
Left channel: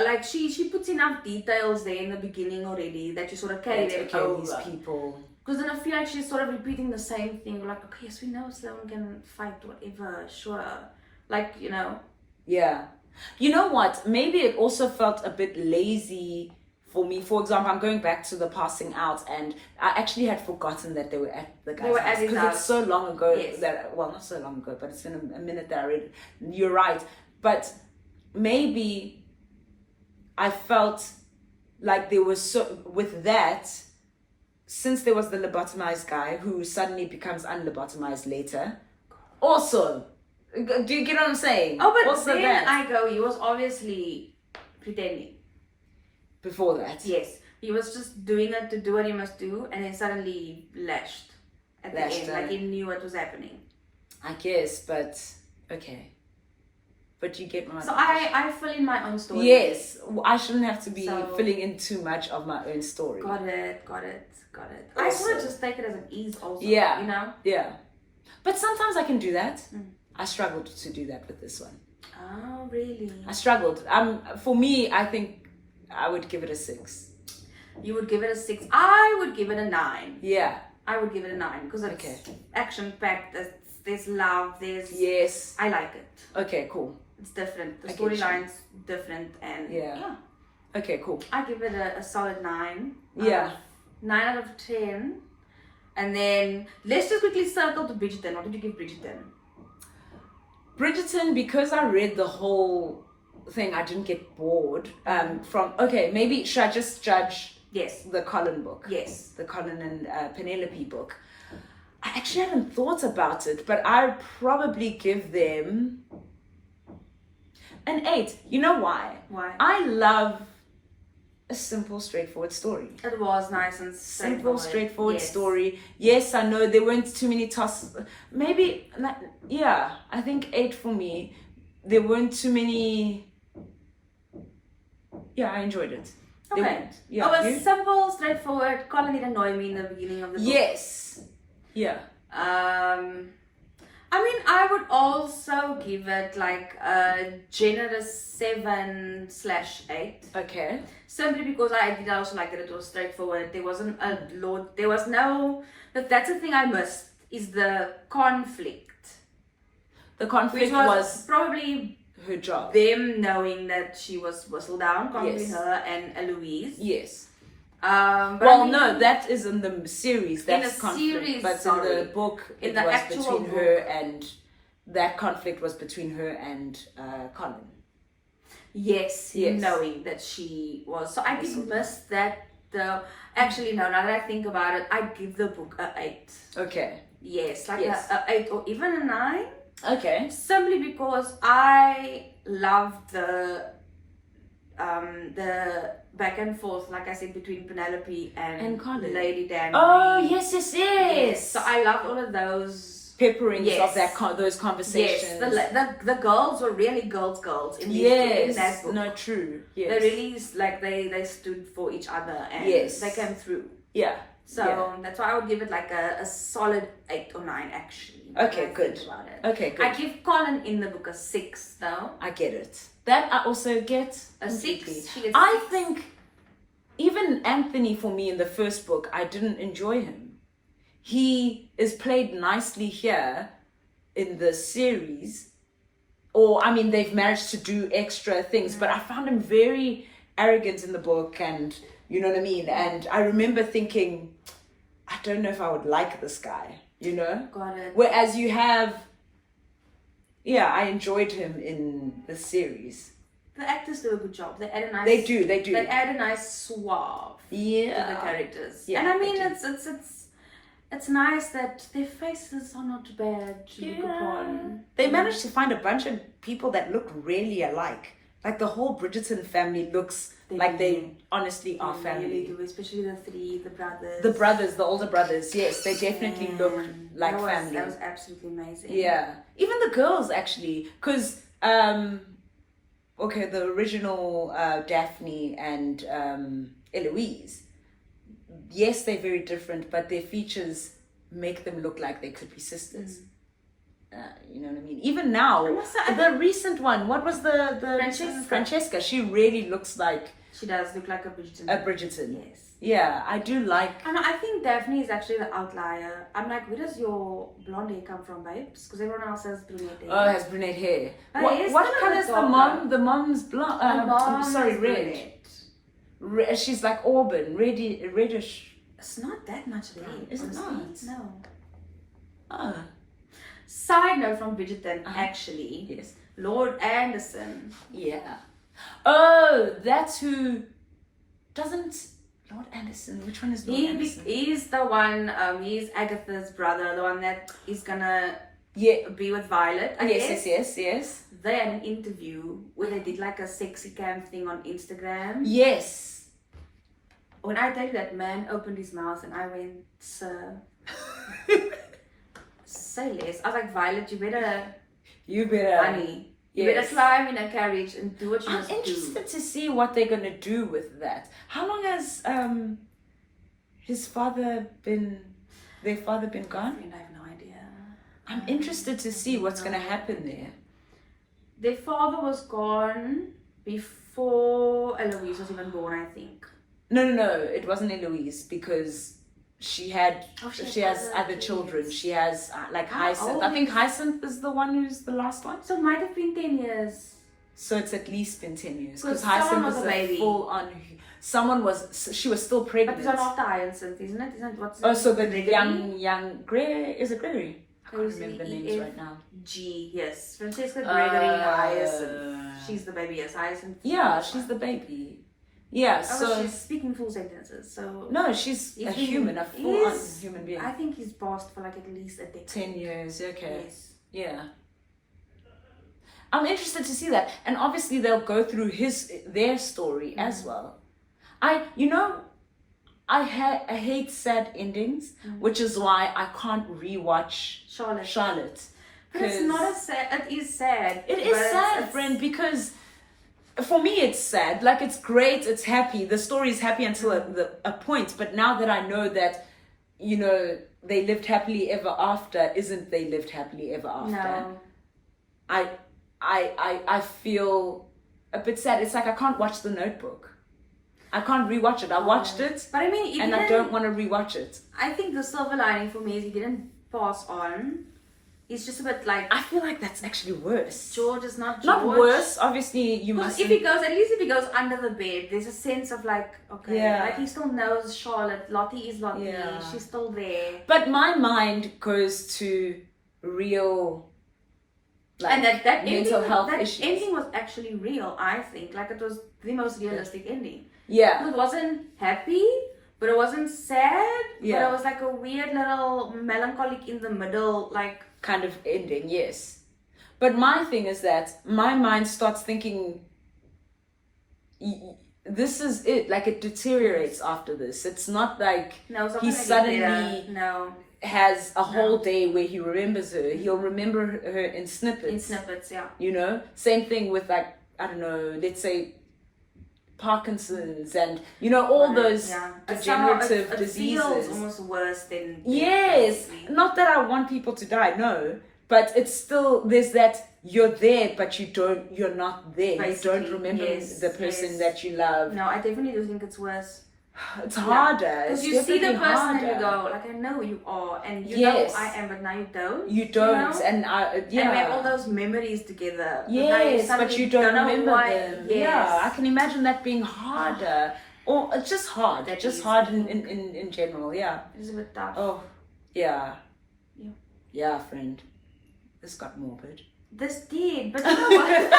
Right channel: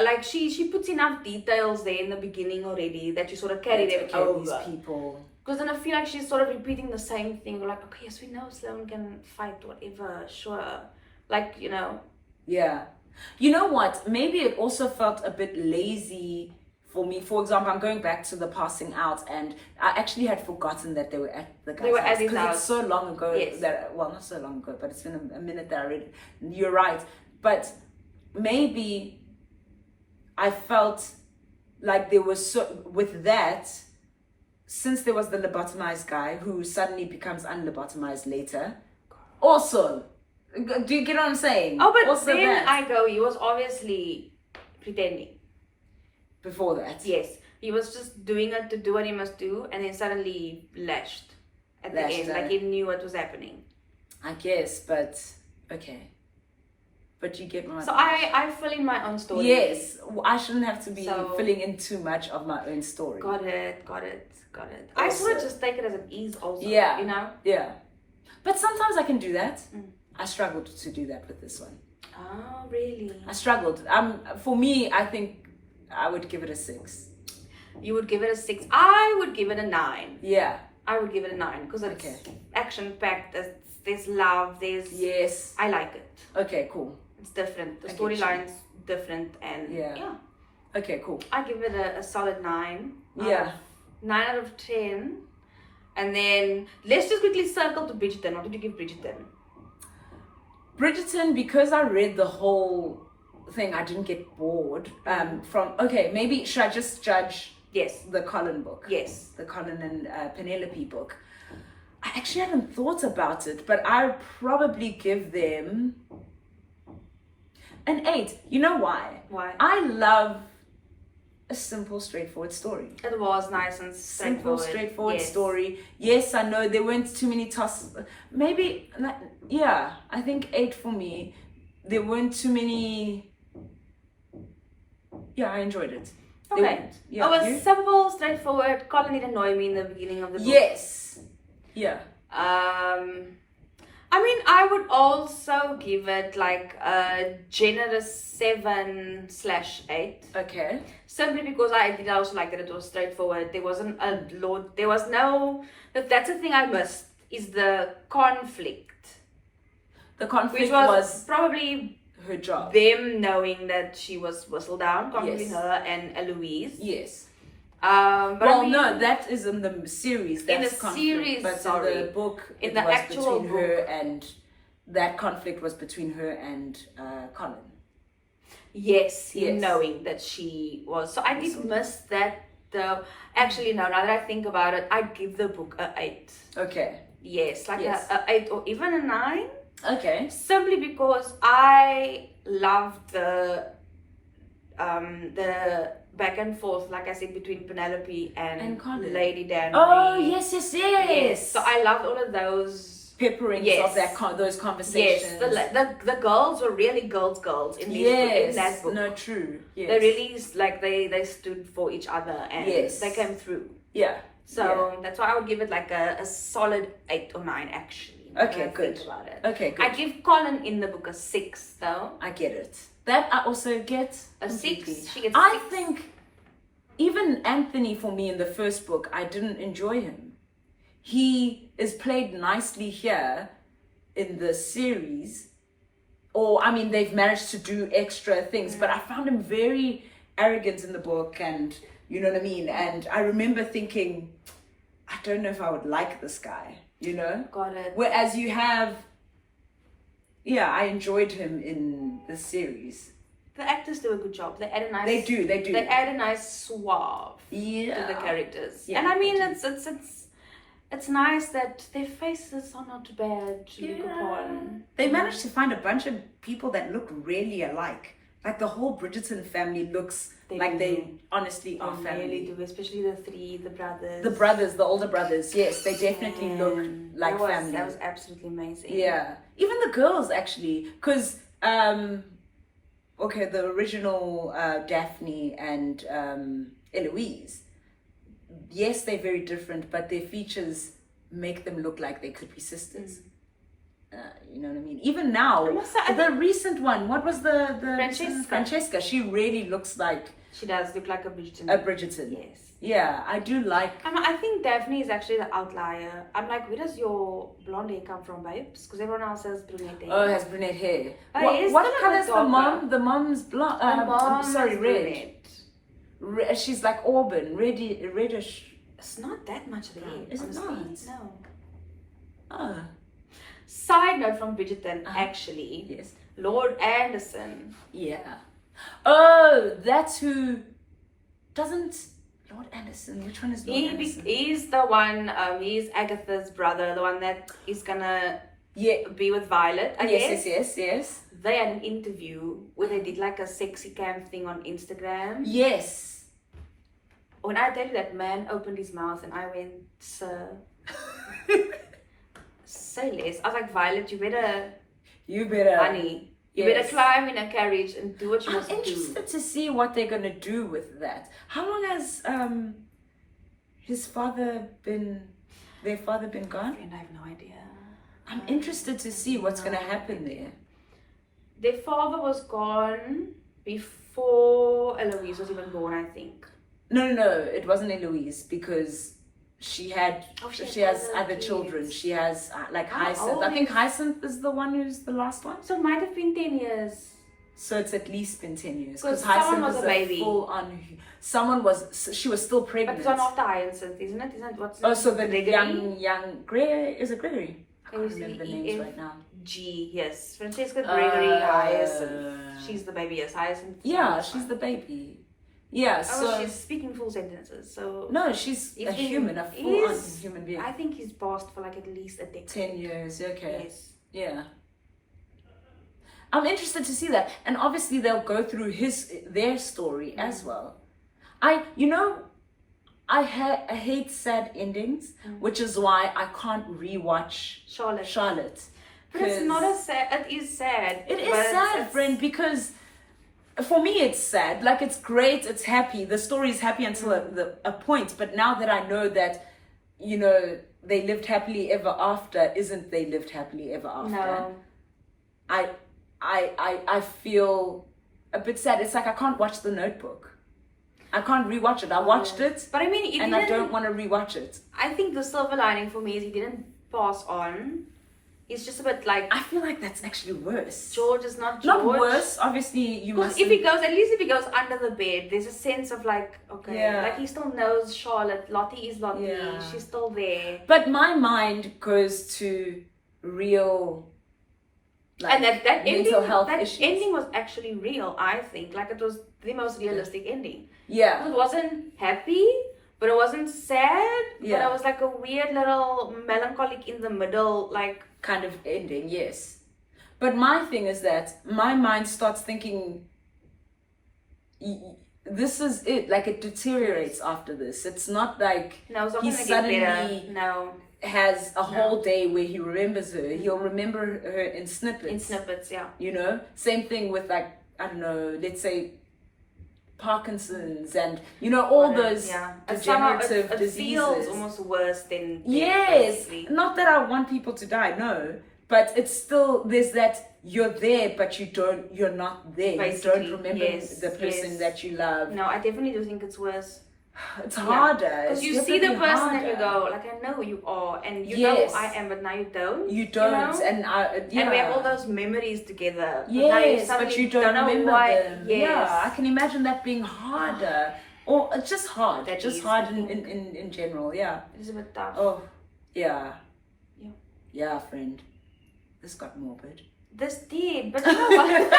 like she puts enough details there in the beginning already that you sort of carry them over. These people. Because then I feel like she's sort of repeating the same thing. We're like, okay, yes, we know Sloane can fight, whatever, sure. Like, you know. Yeah. You know what? Maybe it also felt a bit lazy for me. For example, I'm going back to the passing out, and I actually had forgotten that they were at the guy's house. Because it's so long ago that, well, not so long ago, but it's been a minute that I read it. You're right. But maybe I felt like there was with that, since there was the lobotomized guy who suddenly becomes unlobotomized later. Also, do you get what I'm saying? Oh, but also then he was obviously pretending. Before that? Yes. He was just doing it to do what he must do, and then suddenly lashed at the end. Like he knew what was happening. I guess, but okay. But you get my So I fill in my own story. Yes, I shouldn't have to be So- filling in too much of my own story. Got it. I sort of just take it as an ease also. Yeah. You know? Yeah. But sometimes I can do that. Mm. I struggled to do that with this one. Oh, really? I struggled. For me, I think I would give it a 6. You would give it a 6. I would give it a 9. Yeah. I would give it a 9 because it's Okay. action-packed. There's love. Yes. I like it. Okay, cool. It's different. The I get storyline's different, and Yeah. Okay, cool. I give it a solid 9. Yeah. 9 out of 10. And then let's just quickly circle to Bridgerton. What did you give Bridgerton? Bridgerton, because I read the whole thing, I didn't get bored. Maybe should I just judge Yes. the Colin book? Yes. The Colin and Penelope book. I actually haven't thought about it, but I'd probably give them an 8. You know why? Why? I love a simple, straightforward story. It was nice and Simple, straightforward Yes. story. Yes, I know there weren't too many tosses. Maybe, I think 8 for me. There weren't too many. Yeah, I enjoyed it. Okay. Yeah, It was you? simple, straightforward. Colin didn't annoy me in the beginning of the book. Yes. Yeah. I mean, I would also give it like a generous 7/8. Okay. Simply because I did also like that it was straightforward. There wasn't a lot. There was no. That's the thing I missed is the conflict, The conflict which was was probably her job. them knowing that she was whistled down, conflict Yes. her and Eloise. Yes. But Well, I mean, no, that is in the series. That's In the conflict. series, But sorry. in the book, In it the was actual between her book. and that conflict was between her and Colin. yes, him Yes. knowing that she was. So I did Whistled. miss that though. Actually, no. Now that I think about it, I'd give the book a 8. Okay. Yes, like Yes. a 8 or even a 9. Okay. Simply because I loved the back and forth, like I said, between Penelope and Colin. Lady Danny. Oh yes. Yes. So I loved all of those. Pepperings Yes. of those conversations. Yes, the girls were really girls in in that book. No, true. Yes. They really they stood for each other and Yes. they came through. Yeah. So that's why I would give it like a solid 8 or 9 actually. when Okay, I good. Think about it. Okay, good. I give Colin in the book a 6 though. I get it. That I also get A 6. completely. She gets I 6. think even Anthony, for me in the first book, I didn't enjoy him. He is played nicely here in the series, or I mean, they've managed to do extra things, but I found him very arrogant in the book, and you know what I mean. And I remember thinking, I don't know if I would like this guy, you know. Got it. Whereas you have, I enjoyed him in the series. The actors do a good job. They add a nice. They do. They add a nice suave to the Yeah. characters. Yeah, and I mean, they do. it's nice that their faces are not bad to look upon. They managed to find a bunch of people that look really alike. Like the whole Bridgerton family looks like they honestly are They family. really do, especially the brothers. The brothers, the older brothers, yes, they definitely look like family. That was absolutely amazing. Yeah, even the girls actually, because the original Daphne and Eloise, yes, they're very different, but their features make them look like they could be sisters. You know what I mean? Even now, the recent one, what was the Francesca? She really looks like She does look like a Bridgerton. Yes. Yes. Yeah, I do like. I think Daphne is actually the outlier. I'm like, where does your blonde hair come from, babes? Because everyone else has brunette hair. Oh, has brunette hair. Oh, yes, What kind of color is the darker. mom? The mom's blonde. The mom sorry, is red. brunette. She's like auburn, reddish. It's not that much red. Is it honestly. not? No. Oh, Side note from Bridgerton, Uh-huh. actually, yes. Lord Anderson. Yeah. Oh, that's who. Doesn't Lord Anderson? Which one is Lord Anderson? He's the one. He's Agatha's brother, the one that is gonna Yeah. be with Violet. I guess. Yes. They had an interview where they did like a sexy cam thing on Instagram. Yes. When I tell you that man opened his mouth and I went, sir, say less. I was like, Violet, You better. honey, You better climb in a carriage and do what you must do. I'm interested to see what they're going to do with that. How long has their father been gone? I have no idea. I'm interested to see what's going to happen there. Their father was gone before Eloise was even born, I think. No, it wasn't Eloise because she has other kids. children. She has like How Hyacinth. old I think Hyacinth is the one who's the last one. So it might have been 10 years. So it's at least been 10 years. Because Hyacinth someone was is a baby. full on. She was still But pregnant. it's not after Hyacinth, isn't it? Isn't it? What's Oh, so the Gregory? young Gregory, is it Gregory? I can't It was remember the names right now. G, yes. Francesca Gregory Hyacinth. She's the baby, yes. Hyacinth. Yeah, she's the baby. Yeah, so she's speaking full sentences, so... no, she's a human, a full-on human being. I think he's passed for like at least a decade. 10 years, okay. Yes. Yeah. I'm interested to see that. And obviously they'll go through their story as well. I hate sad endings, which is why I can't rewatch Charlotte. But it's not as sad. It is sad. It is sad, friend, because for me it's sad. Like, it's great, it's happy. The story is happy until a point. But now that I know that, they lived happily ever after, isn't they lived happily ever after? No. I feel a bit sad. It's like I can't watch The Notebook. I can't rewatch it. I watched it, but I mean, and I don't want to rewatch it. I think the silver lining for me is he didn't pass on. He's just a bit like... I feel like that's actually worse. George is not George. Not worse. Obviously, you must... At least if he goes under the bed, there's a sense of like, okay, like he still knows Charlotte. Lottie is Lottie. Yeah. She's still there. But my mind goes to real... Like, and that mental health issues. That ending was actually real, I think. Like, it was the most realistic ending. Yeah. It wasn't happy, but it wasn't sad. Yeah. But it was like a weird little melancholic in the middle, like... kind of ending, yes. But my thing is that my mind starts thinking, this is it. Like, it deteriorates after this. It's not like he suddenly has a whole day where he remembers her. He'll remember her in snippets. In snippets, yeah. Same thing with, like, I don't know, let's say Parkinson's and, all those degenerative diseases. It feels almost worse than... Yes. Not that I want people to die, no. But it's still, there's that you're there, but you're not there. Basically, you don't remember the person that you love. No, I definitely do think it's worse. It's harder. Because you see the person and you go, like, I know you are, and you know I am, but now you don't. You don't, and and we have all those memories together. Yes, but you don't remember them. Yes. Yeah, I can imagine that being harder, or it's just hard. That just is. hard in general. Yeah. It's a bit tough. Oh, yeah. Yeah. Yeah, friend. This got morbid. This did, but you know what?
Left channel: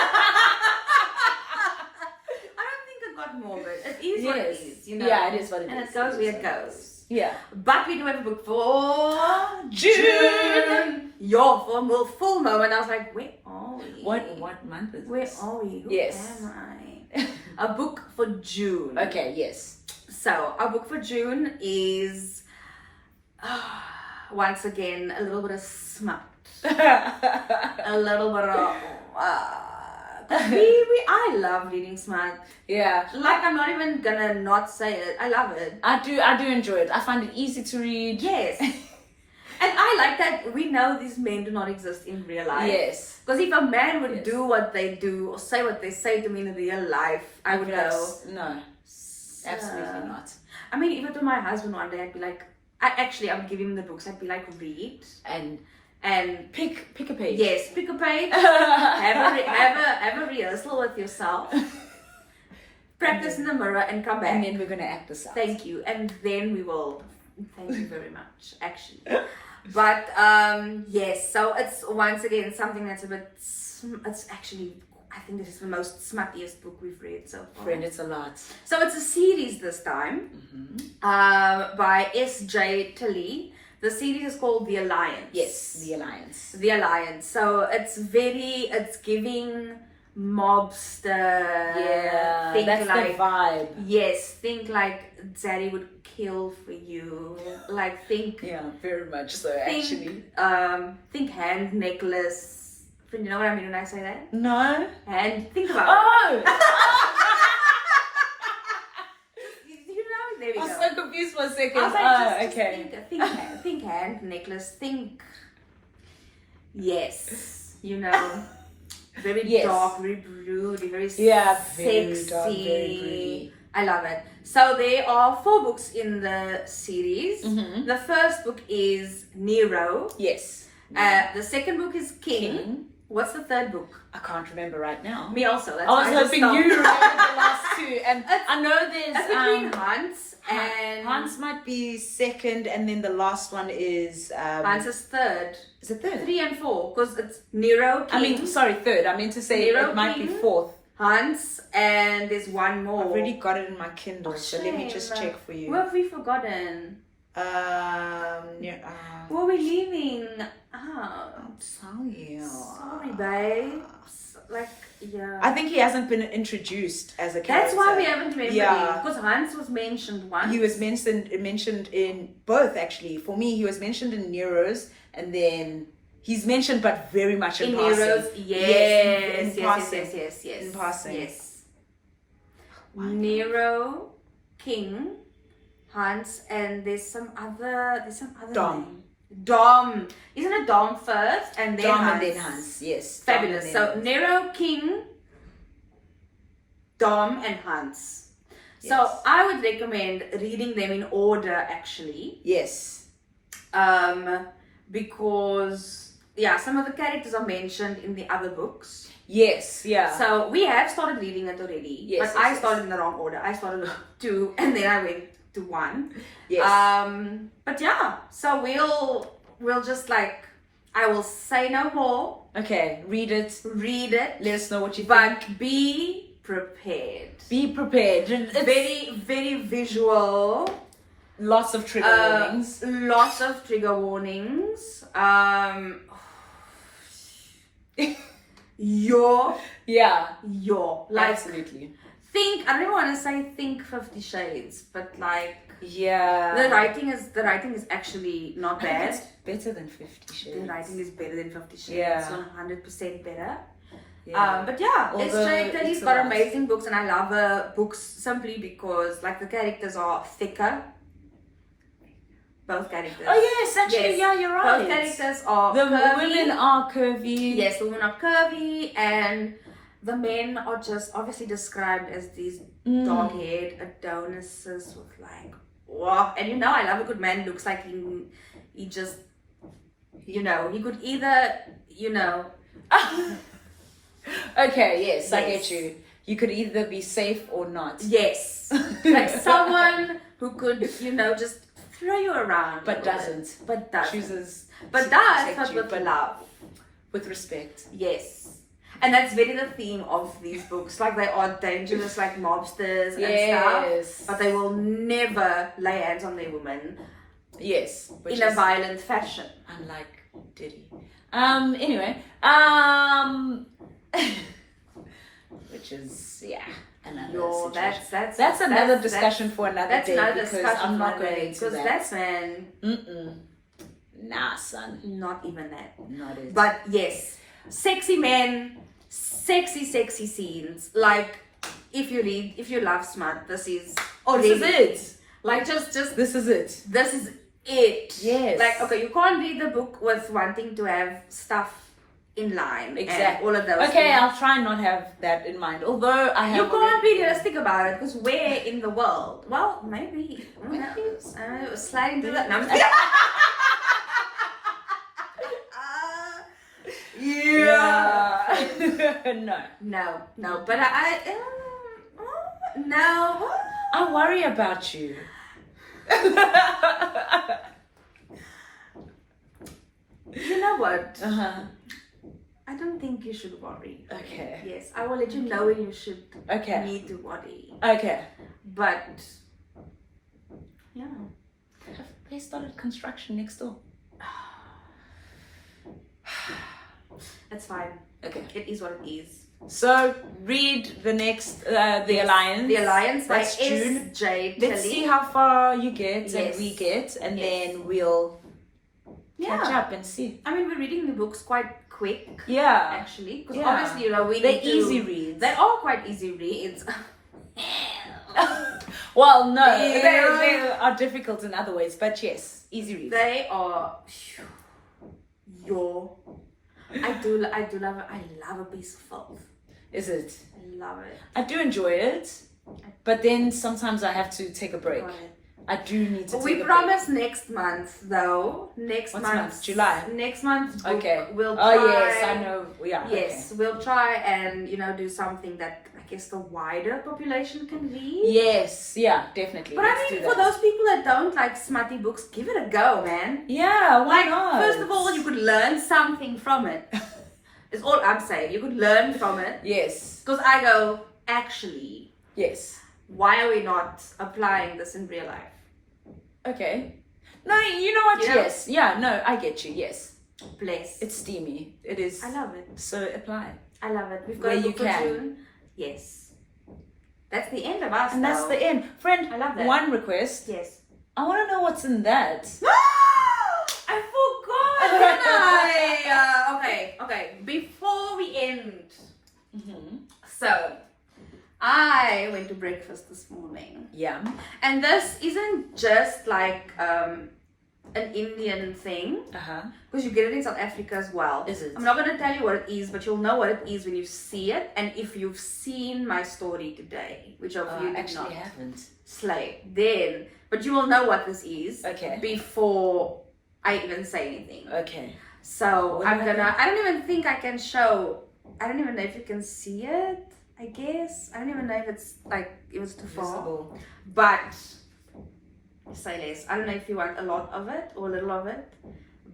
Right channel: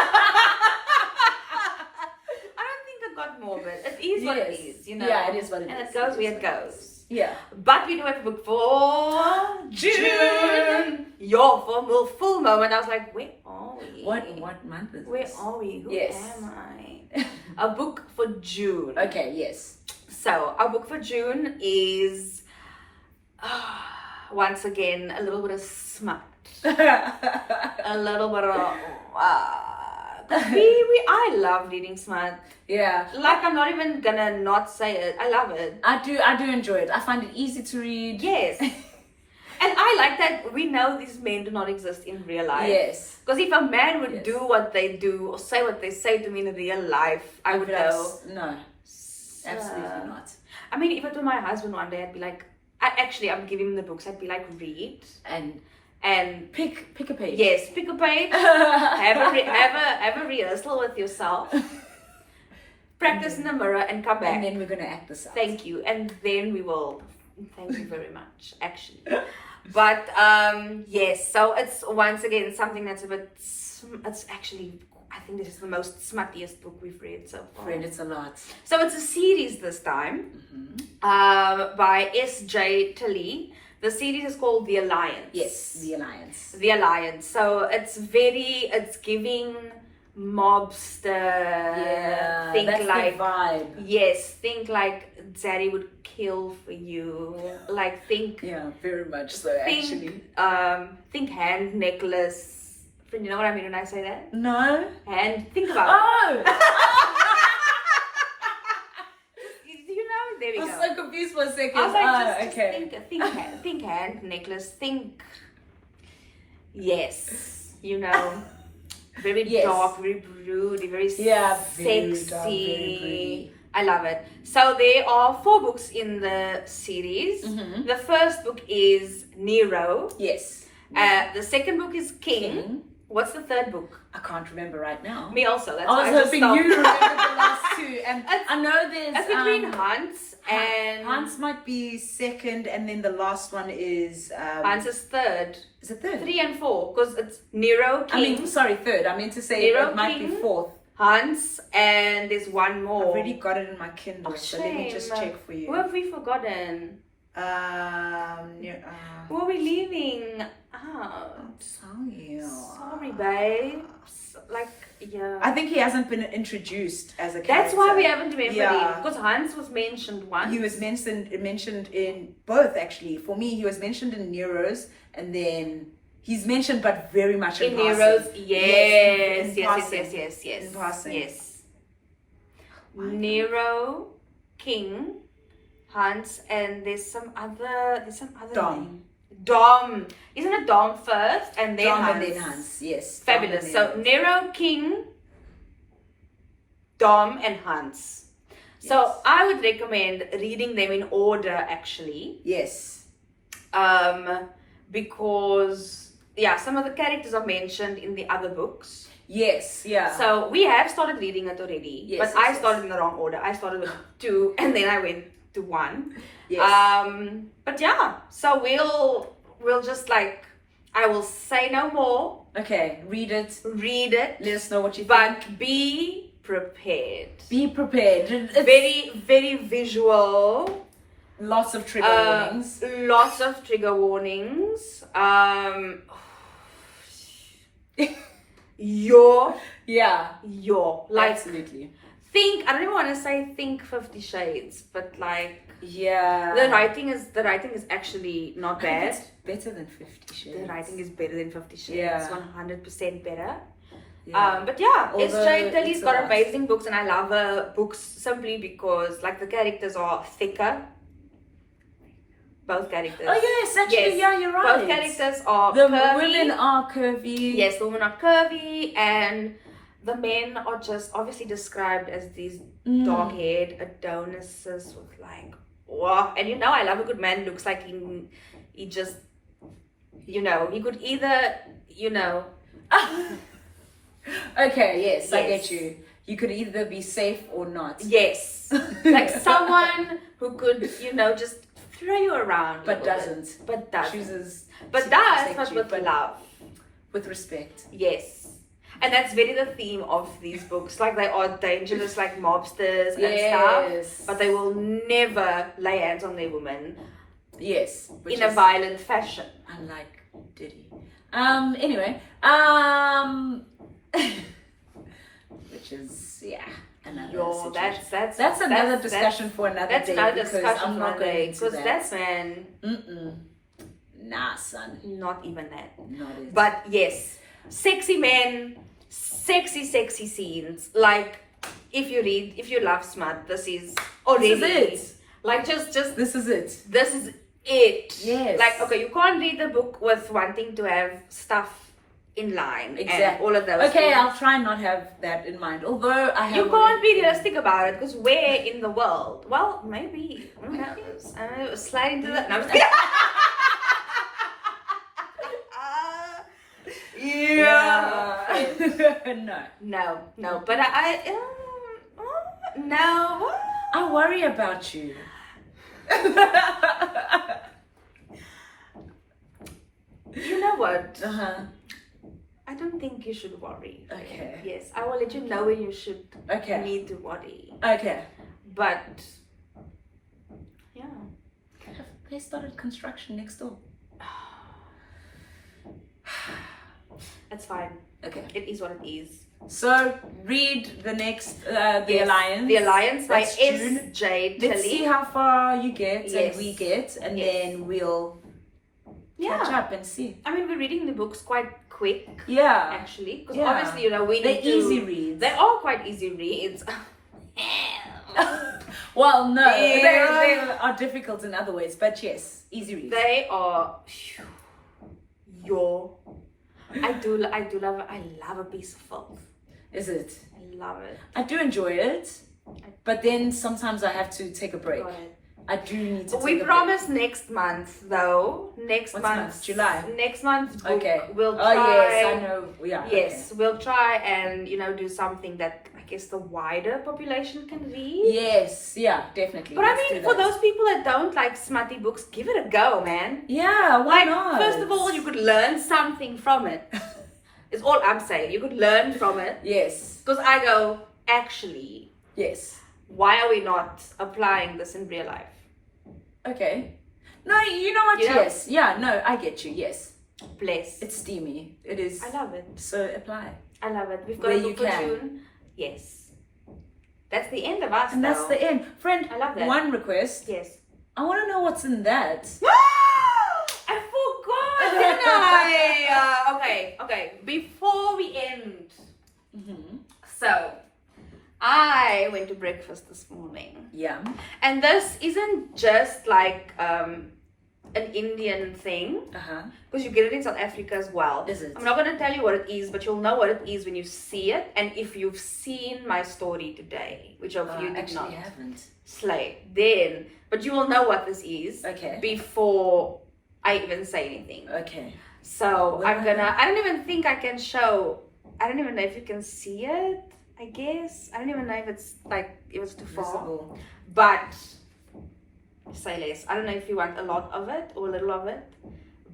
Got morbid. It is what it is, Yeah, it is what it is. And it goes where it goes. Yeah. But we do have a book for June. For a full moment, I was like, where are we? What month is this? Where are we? Who am I? A book for June. Okay, yes. So, our book for June is, once again, a little bit of smut. A little bit of... I love reading smut. Yeah. Like, I'm not even gonna not say it. I love it. I do enjoy it. I find it easy to read. Yes. And I like that we know these men do not exist in real life. Yes. Because if a man would do what they do or say what they say to me in real life, I would know. No. Absolutely not. I mean, if it were my husband one day, I'd be like, I'm giving him the books. I'd be like, read. And pick a page. Yes, pick a page. have a rehearsal with yourself. Practice in the mirror and come back. And then we're going to act this out. Thank you. And then we will. Thank you very much, actually. But yes, so it's once again something that's a bit. It's actually, I think this is the most smuttiest book we've read so far. Friend, it's a lot. So it's a series this time, by S.J. Tilley. The series is called The Alliance. Yes, The Alliance. The Alliance. So it's giving mobster. Yeah, think that's like the vibe. Yes, think like Dzaddy would kill for you. Like think. Yeah, very much so. Actually, think hand necklace You know what I mean when I say that? No. And think about it. Oh! You know, there we I go. was so confused for a second. I was like, just okay. think hand necklace, think, yes, you know, very Yes. dark, very broody, very Yeah, sexy. very dark, very broody. I love it. So there are 4 books in the series. Mm-hmm. The first book is Nero. Yes. The second book is King. King. What's the third book? I can't remember right now. Me also. That's I why was just hoping stopped. you remembered the last 2. And I know there's... It's between Hans and... Hans might be second, and then the last one is... Hans is third. Is it third? 3 and 4, because it's Nero, King, third. I meant to say Nero, it might King. be fourth. Hans, and there's one more. I've already got it in my Kindle, so let me just check for you. Who have we forgotten? Who are we leaving out? Sorry, babes. Like, yeah. I think he hasn't been introduced as a character. That's why we haven't remembered Yeah. him. Because Hans was mentioned once. He was mentioned in both, actually. For me, he was mentioned in Nero's, and then he's mentioned, but very much in passing. Nero's, yes, in passing. yes. In passing. Yes. Nero, King, Hans, and there's some other Dom. name. Dom. Isn't it Dom first and then Dom Hans? and then Hans, yes. Fabulous. Dom So and then Nero, King, Dom, and Hans. So Yes. I would recommend reading them in order, actually. Yes. Because some of the characters are mentioned in the other books. Yes, yeah. So we have started reading it already, Yes, but yes, I yes. started in the wrong order. I started with 2 and then I went to 1. Yes. But yeah, so we'll just like, I will say no more. Okay, read it. Let us know what you think. But be prepared. Be prepared. It's Very, very visual. lots of trigger warnings. Lots of trigger warnings. Yeah, Like, absolutely. I don't even want to say think 50 Shades, but like, Yeah. the writing is actually not I think bad. it's better than 50 Shades. The writing is better than 50 Shades. Yeah. It's 100% better. Yeah. But yeah, Although SJ Tilly's it's a got lot. amazing books, and I love her books simply because like the characters are thicker. Both characters. Oh yes, actually, Yes. yeah, you're right. Both characters are The curvy. women are curvy. Yes, the women are curvy, and the men are just obviously described as these dark-haired Adonises with like, wow. And you know, I love a good man. Looks like he just, you know, he could either, you know. Okay, yes, I Yes. get you. You could either be safe or not. Yes, like someone who could, you know, just throw you around, a But little doesn't. bit. But doesn't. Chooses But to does, protect but you, with but love. with respect. Yes. And that's very the theme of these books. Like, they are dangerous, like mobsters and stuff. Yes. But they will never lay hands on their women Yes. Which in a is violent fashion. unlike Diddy. Anyway. Which is, yeah. Another situation. That's another discussion for another That's day. another because discussion I'm for not another going day. into Because that. that's, man, Nah, son. not even that. Not it. But yes, sexy men, sexy scenes. Like, if you love smut, this is already This is it. Like, just This is it. this is it. Yes. Like, okay, you can't read the book with wanting to have stuff in line and Exactly. all of those Okay, things. I'll try and not have that in mind. Although I have. You can't be realistic about it, because where in the world? Well, maybe. Who knows? Slide into that. No, I'm just kidding. Yeah. No. No. But no. I worry about you. You know what? Uh-huh. I don't think you should worry. Okay. Yes, I will let you know when you should Okay. need to worry. Okay. But yeah. They started construction next door. That's fine. Okay. It is what it is. So read the next, The Yes. Alliance. The Alliance by That's June. S.J. Let's Tilly. see how far you get Yes. and we get, and Yes. then we'll catch Yeah. up and see. I mean, we're reading the books quite quick. Yeah. Actually, because Yeah. obviously, you know, we They're need to. easy reads. They are quite easy reads. Well, no, Yeah. they are difficult in other ways, but yes, easy reads. They are. I do love it. I love a piece of filth. Is it? I love it. I do enjoy it, but then sometimes I have to take a break. Got it. I do need to. We promise next month, though. Next What's month, month? July. Next month, Okay. We'll try. Oh yes, I know. Yeah. Yes, we'll try and do something that I guess the wider population can read. Yes. Yeah. Definitely. But Let's I mean, do for that. those people that don't like smutty books, give it a go, man. Yeah. Why Like, not? first of all, you could learn something from it. It's all I'm saying. You could learn from it. Yes. Because I go, actually, Yes. why are we not applying this in real life? Okay. No, you know what? You know? Yes. Yeah. No, I get you. Yes. Bless. It's steamy. It is. I love it. So apply. I love it. We've got Where a you book can. platoon. Yes. That's the end of us. And that's though. the end. Friend, I love that. one request. Yes. I want to know what's in that. I forgot, didn't I? Okay. Before we end. Mm-hmm. So, I went to breakfast this morning. Yeah. And this isn't just like an Indian thing. Uh-huh. Because you get it in South Africa as well. Is it? I'm not going to tell you what it is, but you'll know what it is when you see it. And if you've seen my story today, which of you did actually not, haven't. slay, then, but you will know what this is Okay. before I even say anything. Okay. So What I'm gonna, I don't even think I can show, I don't even know if you can see it, I guess. I don't even know if it's like, it was too far. Visible. But, say less. I don't know if you want a lot of it or a little of it,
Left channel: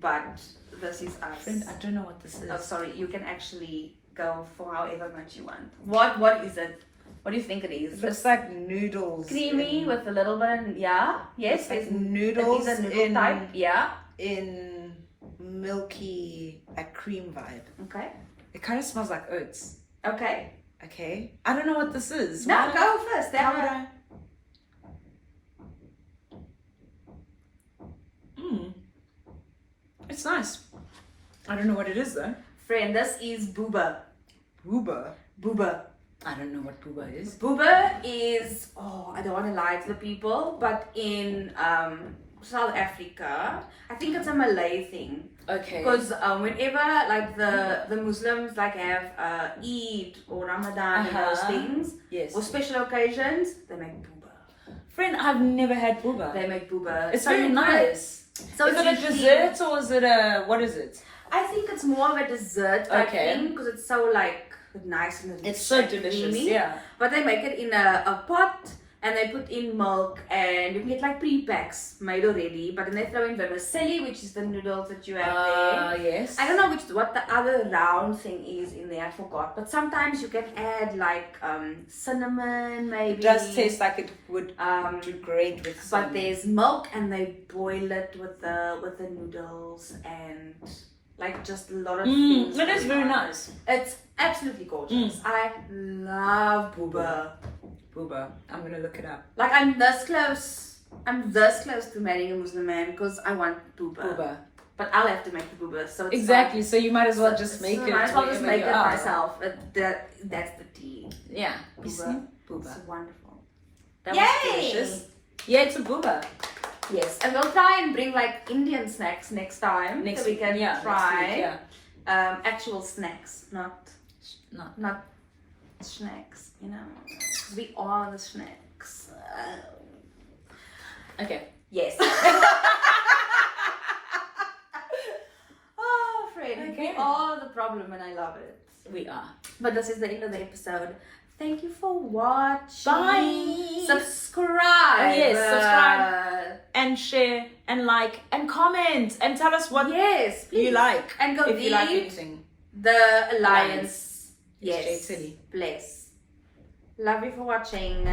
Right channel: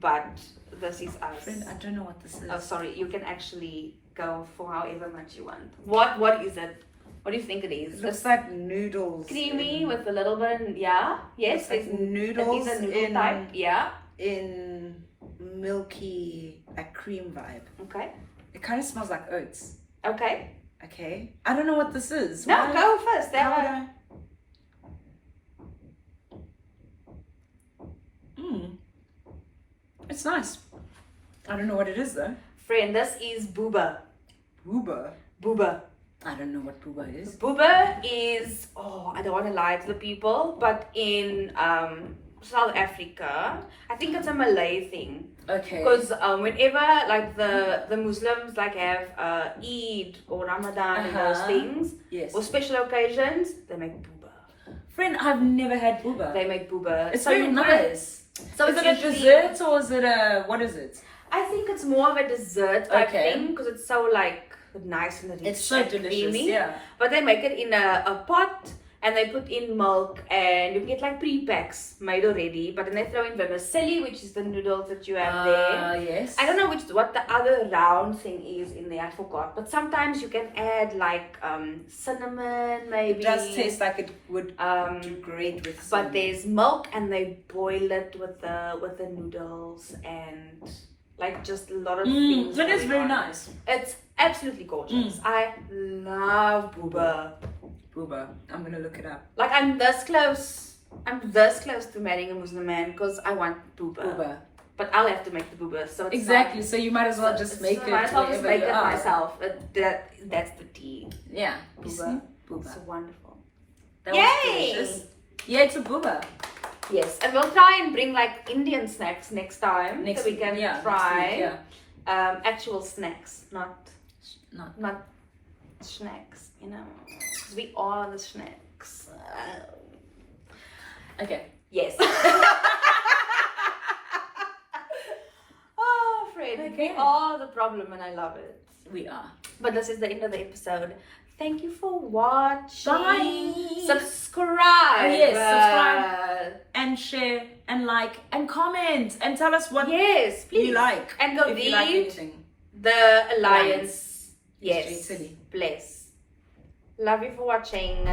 but this is us. Friend, I don't know what this is. Oh, sorry, you can actually go for however much you want. What is it? What do you think it is? It looks like noodles. Creamy with a little bit of, yeah, yes, like it's noodles It is a noodle in- type, yeah. In milky, like cream vibe. Okay, It kind of smells like oats. okay. Okay. I don't know what this is. No, Why- go first. How would I? It's nice. I don't know what it is though. Friend, this is booba. Booba. Booba. I don't know what booba is. Booba is, I don't want to lie to the people, but in South Africa, I think it's a Malay thing. Okay. Because whenever like the Muslims like have Eid or Ramadan and those things, Yes. or special occasions, they make booba. Friend, I've never had booba. They make booba. It's So very you put it- nice. So Is it's it a usually- dessert or is it a, what is it? I think it's more of a dessert type Okay. thing because it's so like nice and rich. It's so and delicious, creamy. yeah. But they make it in a pot and they put in milk and you can get like pre-packs made already. But then they throw in vermicelli, which is the noodles that you have there. Yes. I don't know what the other round thing is in there. I forgot. But sometimes you can add like cinnamon, maybe. It does taste like it would do great with some. But there's milk and they boil it with the noodles and like just a lot of things. That is going very on. nice. It's absolutely gorgeous. I love booba. Booba. I'm gonna look it up. Like I'm this close to marrying a Muslim man because I want booba. Booba. But I'll have to make the booba. So it's Exactly. fine. So you might as well So- just make so it. might as well just wherever make you it are. myself. That's the tea. Yeah. Booba. Booba. It's wonderful. That Yay! was delicious. Yeah, it's a booba. Yes, and we'll try and bring like Indian snacks next time Next so we week, can yeah, next try week, yeah. actual snacks, not Not. snacks. You know, 'cause we are the snacks. Okay. Yes. Oh, Fred, we Okay. are the problem, and I love it. We are. But this is the end of the episode. Thank you for watching. Bye. Subscribe. Oh, yes, subscribe. And share and like and comment and tell us what Yes, please. you like. And go if you like read anything. The Alliance. It's Yes. Jade Silly. Bless. Love you for watching.